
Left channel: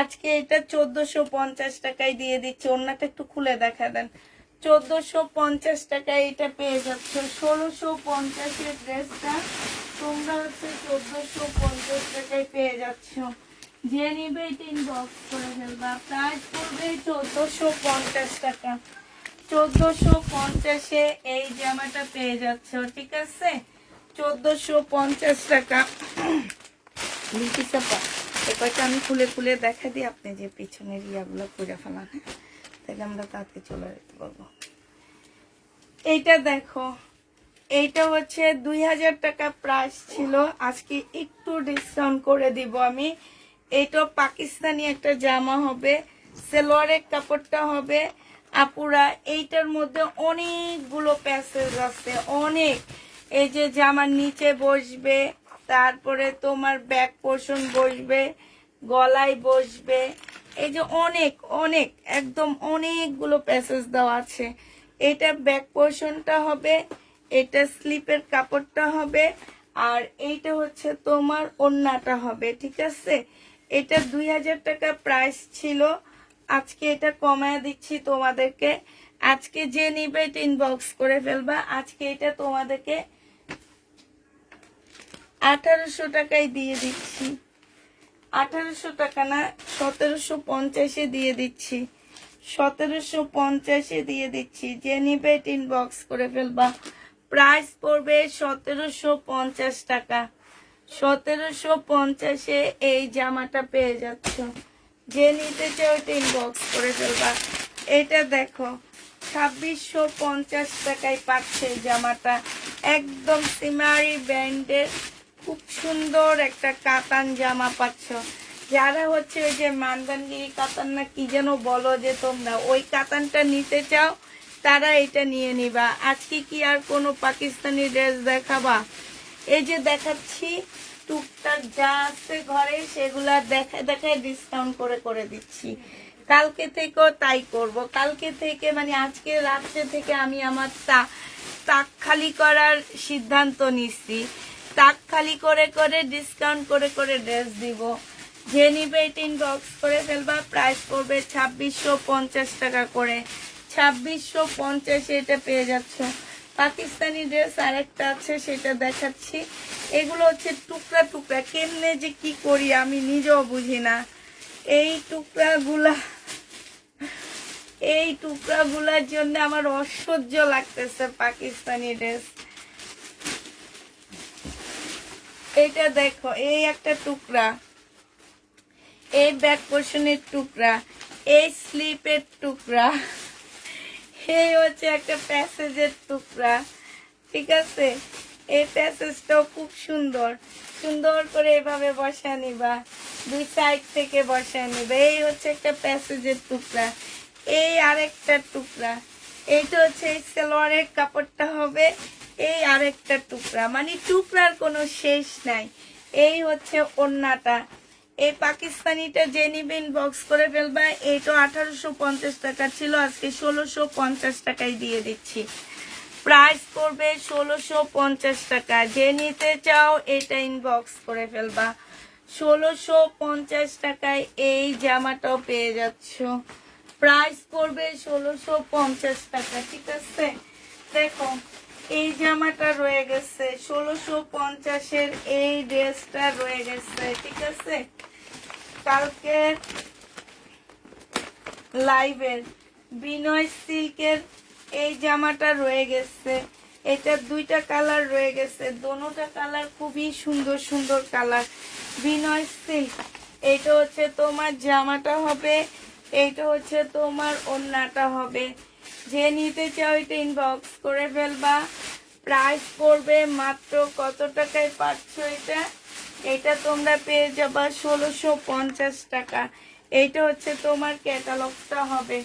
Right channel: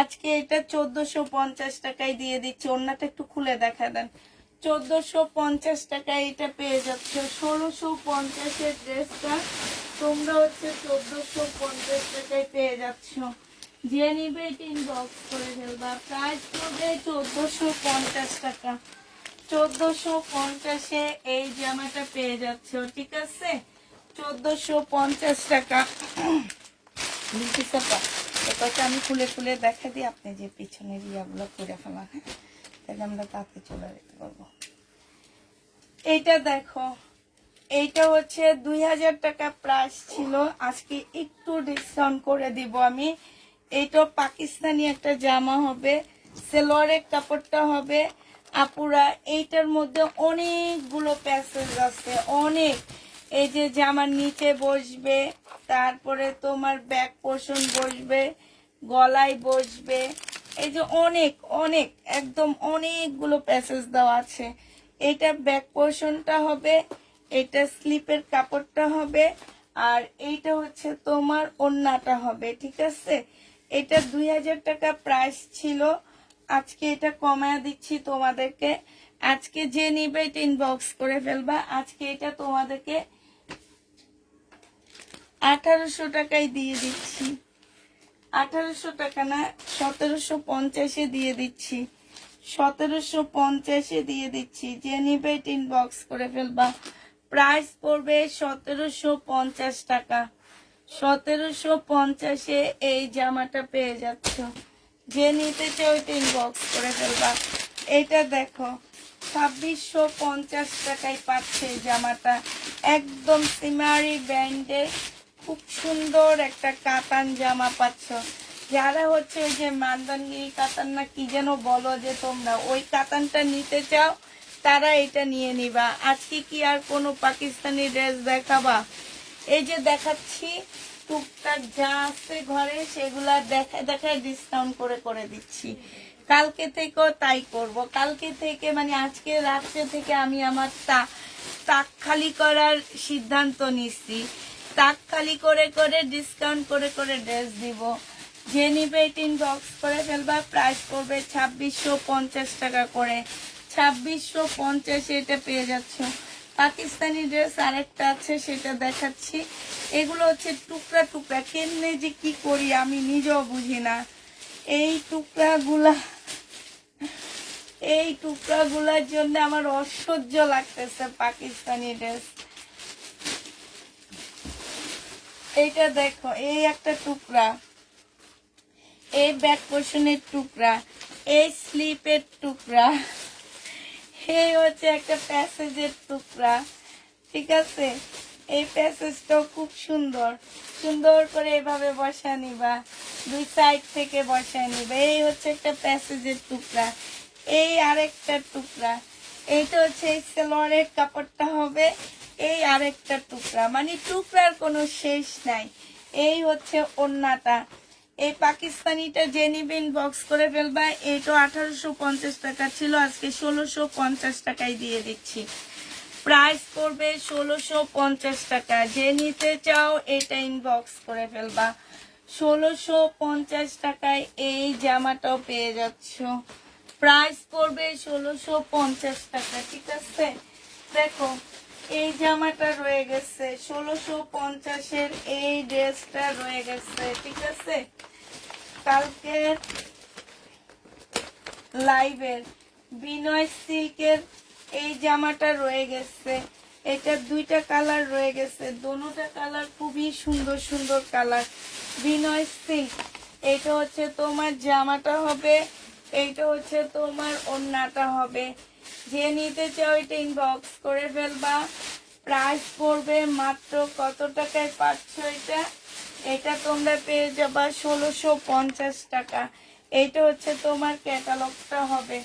আজকে এটা 1450 টাকায় দিয়ে দিচ্ছি। ওড়নাটা একটু খুলে দেখা দেন। 1450 টাকায় এটা পেয়ে যাচ্ছ। 1650 ড্রেসটা তোমরা হচ্ছে 1450 টাকায় পেয়ে যাচ্ছ। যে নিবে এটা ইনবক্স করে ফেলবা। প্রাইস পড়বে 1450 টাকা। 1450-এ এই জামাটা পেয়ে যাচ্ছ, ঠিক আছে? 1450 টাকা। এটা আমি খুলে খুলে দেখা দিই, আপনি যে পিছনের ইয়াগুলো করে ফেলা, হ্যাঁ, তাহলে আমরা তাতে চলে যেতে পারবো। এইটা দেখো, এইটা হচ্ছে 2000 টাকা প্রাইস ছিল, আজকে একটু ডিসকাউন্ট করে দিব আমি। এইটা পাকিস্তানি একটা জামা হবে, সেলোয়ারের কাপড়টা হবে আপুরা। এইটার মধ্যে অনেকগুলো প্যাসেজ আছে, অনেক। এই যে জামার নিচে বসবে, তারপরে তোমার ব্যাক পোর্শন বসবে, গলায় বসবে, এই যে অনেক অনেক একদম অনেকগুলো প্যাসেজ দেওয়া আছে। এটা ব্যাক পোর্শনটা হবে, এটা স্লিপের কাপড়টা হবে, আর এইটা হচ্ছে তোমার ওড়নাটা হবে, ঠিক আছে? এটা 2000 টাকা প্রাইস ছিল, আজকে এটা কমায় দিচ্ছি তোমাদেরকে। আজকে যে নিবে এটা ইনবক্স করে ফেলবা। আজকে এটা তোমাদেরকে 1800 টাকায় দিয়ে দিচ্ছি। 1800 টাকা না, 1750-এ দিয়ে দিচ্ছি। 1750-এ দিয়ে দিচ্ছি। যে নিবে এটা ইনবক্স করে ফেলবা। প্রাইস পড়বে 1750 টাকা। 1750-এ এই জামাটা পেয়ে যাচ্ছ। যে নিতে চাও এটা ইনবক্স করে ফেলবা। এটা দেখো, 2650 টাকায় পাচ্ছে জামাটা, একদম সিমারি ব্র্যান্ডের খুব সুন্দর একটা কাতান জামা পাচ্ছ। যারা হচ্ছে ওই যে মান্দানগিরি কাতান না কি যেন বলো যে তোমরা, ওই কাতানটা নিতে চাও তারা এটা নিয়ে নিবা। আজকে কি আর কোনো পাকিস্তানি ড্রেস দেখাবা? এই যে দেখাচ্ছি, টুকটাক যা আছে ঘরে সেগুলা দেখায় দেখায় ডিসকাউন্ট করে করে দিচ্ছি। কালকে থেকেও তাই করব। কালকে থেকে মানে আজকে রাত্রে থেকে আমি আমার তাক খালি করার সিদ্ধান্ত নিচ্ছি। তাক খালি করে করে ডিসকাউন্ট করে করে ড্রেস দিব। যে নিবে এটা ইনবক্স করে ফেলবা। প্রাইস পড়বে 2650 টাকা করে। 2650 এটা পেয়ে যাচ্ছ। পাকিস্তানি ড্রেস আরেকটা আছে, সেটা দেখাচ্ছি। এগুলো হচ্ছে টুকরা টুকরা, কেমনে যে কি করি আমি নিজেও বুঝি না। এই টুকরাগুলার জন্য আমার অসহ্য লাগতেছে পাকিস্তানি ড্রেস। এইটা দেখো, এই একটা টুকরা, এই ব্যাক পোর্শনের টুকরা, এই স্লিপের টুকরা, এই হচ্ছে একটা প্যাসেজের টুকরা, ঠিক আছে? এই প্যাসেজটাও খুব সুন্দর, সুন্দর করে এভাবে বসা নিবা, দুই সাইড থেকে বসা নিবা। এই হচ্ছে একটা প্যাসেজের টুকরা, এই আরেকটা টুকরা, এইটা হচ্ছে এই সালোয়ারের কাপড়টা হবে, এই আরেকটা টুকরা, মানে টুকরার কোনো শেষ নাই। এই হচ্ছে ওড়নাটা। এই পাকিস্তানিটা যে নিবেন বক্স করে ফেলবা। এইটা 1850 টাকা ছিল, আজকে 1650 টাকায় দিয়ে দিচ্ছি। প্রাইস পড়বে 1650 টাকা। যে নিতে চাও এটা ইনবক্স করে ফেলবা। 1650 টাকায় এই জামাটাও পেয়ে যাচ্ছ। প্রাইস পড়বে 1650 টাকা, ঠিক আছে? দেখো, এই জামাটা রয়ে গেছে 1650-এর, এই ড্রেসটা রয়ে গেছে, ঠিক আছে? কালকের লাইভের বিনয় সিল্কের এই জামাটা রয়ে গেছে। এটা দুইটা কালার রয়ে গেছে, দোনোটা কালার খুবই সুন্দর সুন্দর কালার। বিনয় সিল্ক, এইটা হচ্ছে তোমার জামাটা হবে, এইটা হচ্ছে তোমার ওড়নাটা হবে। যে নিতে চাও এটা ইনবক্স করে ফেলবা। প্রাইস পড়বে মাত্র কত টাকায় পাচ্ছ এটা? এটা তোমরা পেয়ে যাবা 1650 টাকা। এইটা হচ্ছে তোমার ক্যাটালগটা হবে।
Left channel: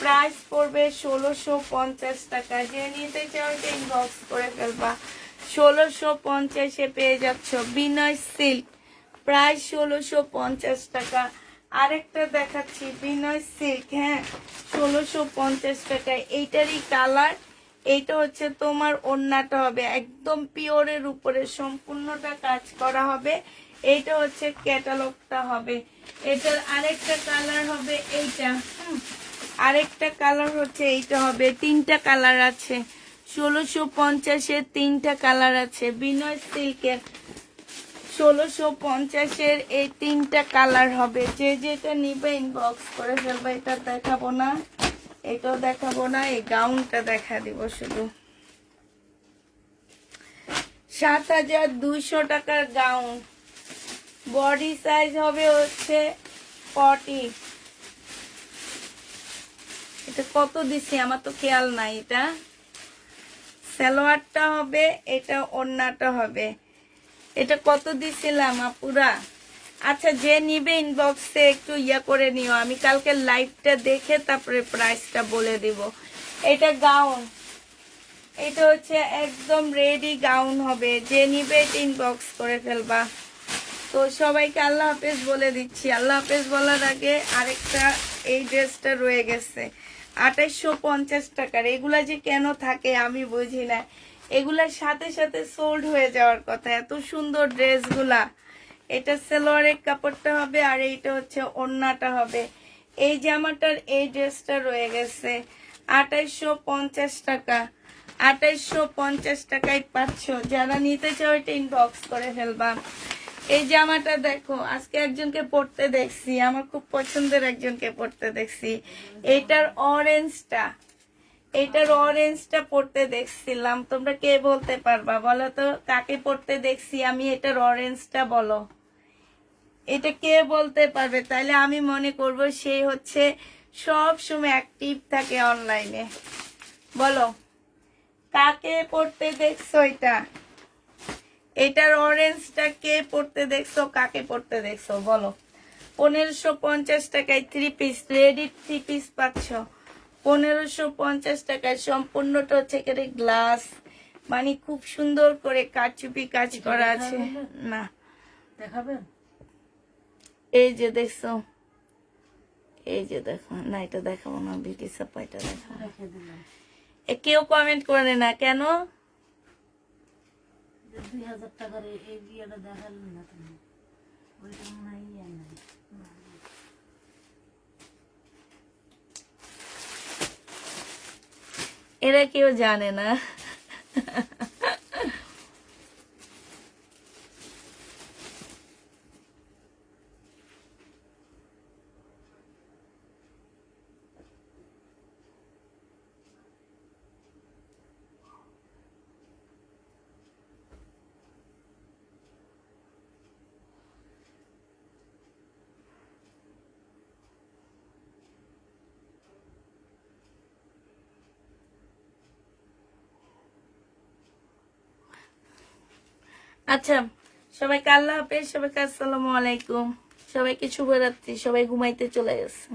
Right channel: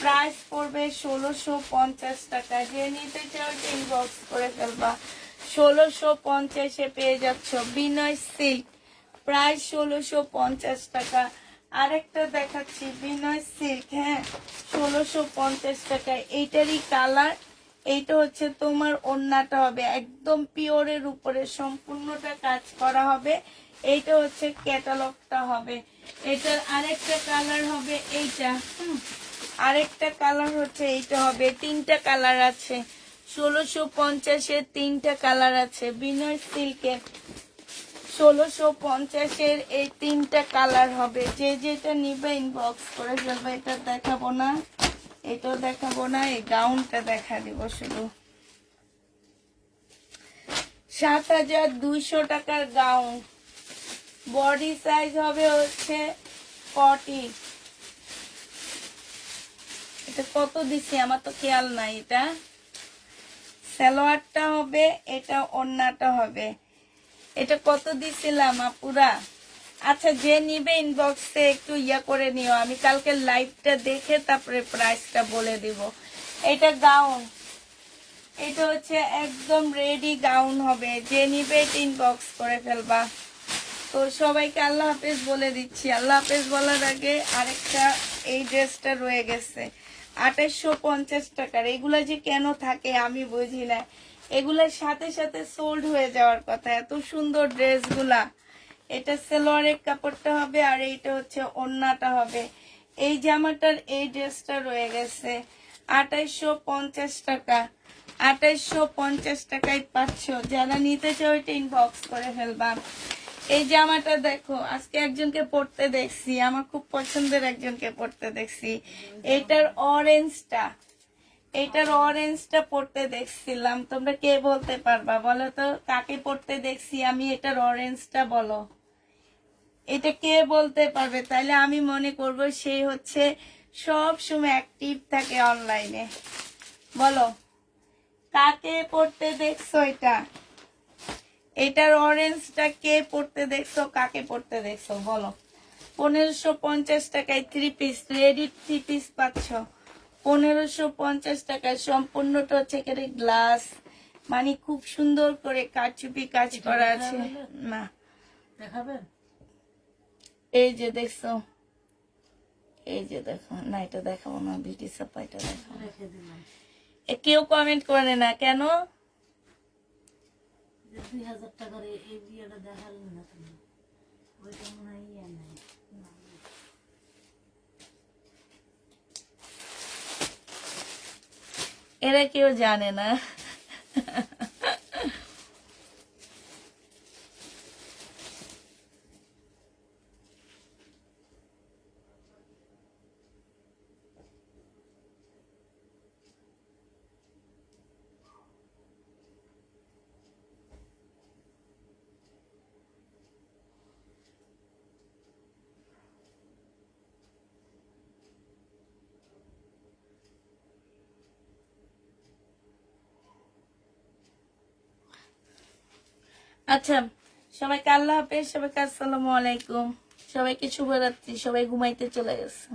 প্রাইস পড়বে 1650 টাকা। যে নিতে চাও এটা ইনবক্স করে ফেলবা। 1650-এ পেয়ে যাচ্ছ বিনয় সিল্ক, প্রাইস 1650 টাকা। আরেকটা দেখাচ্ছি বিনয় সিল্ক, হ্যাঁ, 1650 টাকায়। এইটারই কালার, এইটা হচ্ছে তোমার ওড়নাটা হবে একদম পিওরের উপরে সম্পূর্ণটা কাজ করা হবে। এইটা হচ্ছে ক্যাটালগটা হবে। এটার আরেকটা কালার হবে এইটা। আরেকটা কালার হচ্ছে এইটা হবে। তিনটা কালার আছে, 1650-এর তিনটা কালার আছে। বিনয় সিল্কের 1650-এর এই তিনটা কালার হবে। যে যেটা নিবে ইনবক্স করে ফেলবে। এটা দেখাবো না, এটাও দেখাবো না, এই গাউনটা দেখা দিব শুধু। 7200 টাকার গাউন। বডি সাইজ হবে হচ্ছে 40। এটা কত দিছি আমার তো খেয়াল নাই। এটা সালোয়ারটা হবে, এটা ওড়নাটা হবে। এটা কত দিছিলাম আপুরা? আচ্ছা, যে নিবে ইনবক্সে একটু ইয়া করে নিও, আমি কালকে লাইভটা দেখে তারপরে প্রাইসটা বলে দিব। এটা গাউন, এটা হচ্ছে একদম রেডি গাউন হবে। যে নিবে এটা ইনবক্স করে ফেলবা। তো সবাইকে আল্লাহ হাফেজ বলে দিচ্ছি। আল্লাহ হাফেজ বলার আগে আরেকটা এই ড্রেসটা রয়ে গেছে 2850 টাকার। এগুলা যে কেন থাকে আমি বুঝি না। এগুলার সাথে সাথে সোল্ড হয়ে যাওয়ার কথা, এত সুন্দর ড্রেসগুলা। এটা সালোয়ারের কাপড়টা হবে আর এইটা হচ্ছে ওড়নাটা হবে। এই জামাটার এই ড্রেসটা রয়ে গেছে 2850 টাকা। 2850 টাকায় পাচ্ছ। যারা নিতে চাও এটা ইনবক্স করে ফেলবা। এই জামাটা দেখো, আজকে একজনকে পড়তে দেখছি, আমার খুব পছন্দের একজনকে পড়তে দেখছি। এটার অরেঞ্জটা পড়তে দেখছিলাম। তোমরা কে বলতে পারবা বলো তো, কাকে পড়তে দেখছি আমি? এটার অরেঞ্জটা বলো, এটা কে বলতে পারবে? তাহলে আমি মনে করব সে হচ্ছে সব সময় অ্যাক্টিভ থাকে অনলাইনে। বলো কাকে পড়তে দেখছো এটা? এটার অরেঞ্জটা কে পড়তে দেখছো, কাকে পড়তে দেখছো বলো। 1550 টাকায় 3 পিস, রেডি 3 পিস পাচ্ছ 1550 টাকায়। সম্পূর্ণটা হচ্ছে এখানে গ্লাস, মানে খুব সুন্দর করে কারচুপি কাজ করা আছে। না দেখাবেন? এই যে দেখছো, এই যে দেখো না, এটা দেখাবো না, বিউটি সাপ্লাইটা দেখাবো। রেখে দিলাম। কেউ কমেন্ট করে না কেন? 2000 টাকার এই বিয়েটা দেখালেন না তুমি? ওইটা মনে হয় ইয়ে নাই। এরা কেউ জানে না। আচ্ছা, সবাইকে আল্লাহ হাফেজ, সবাইকে আসসালামু আলাইকুম, সবাইকে শুভরাত্রি, সবাই ঘুমাইতে চলে গেছে।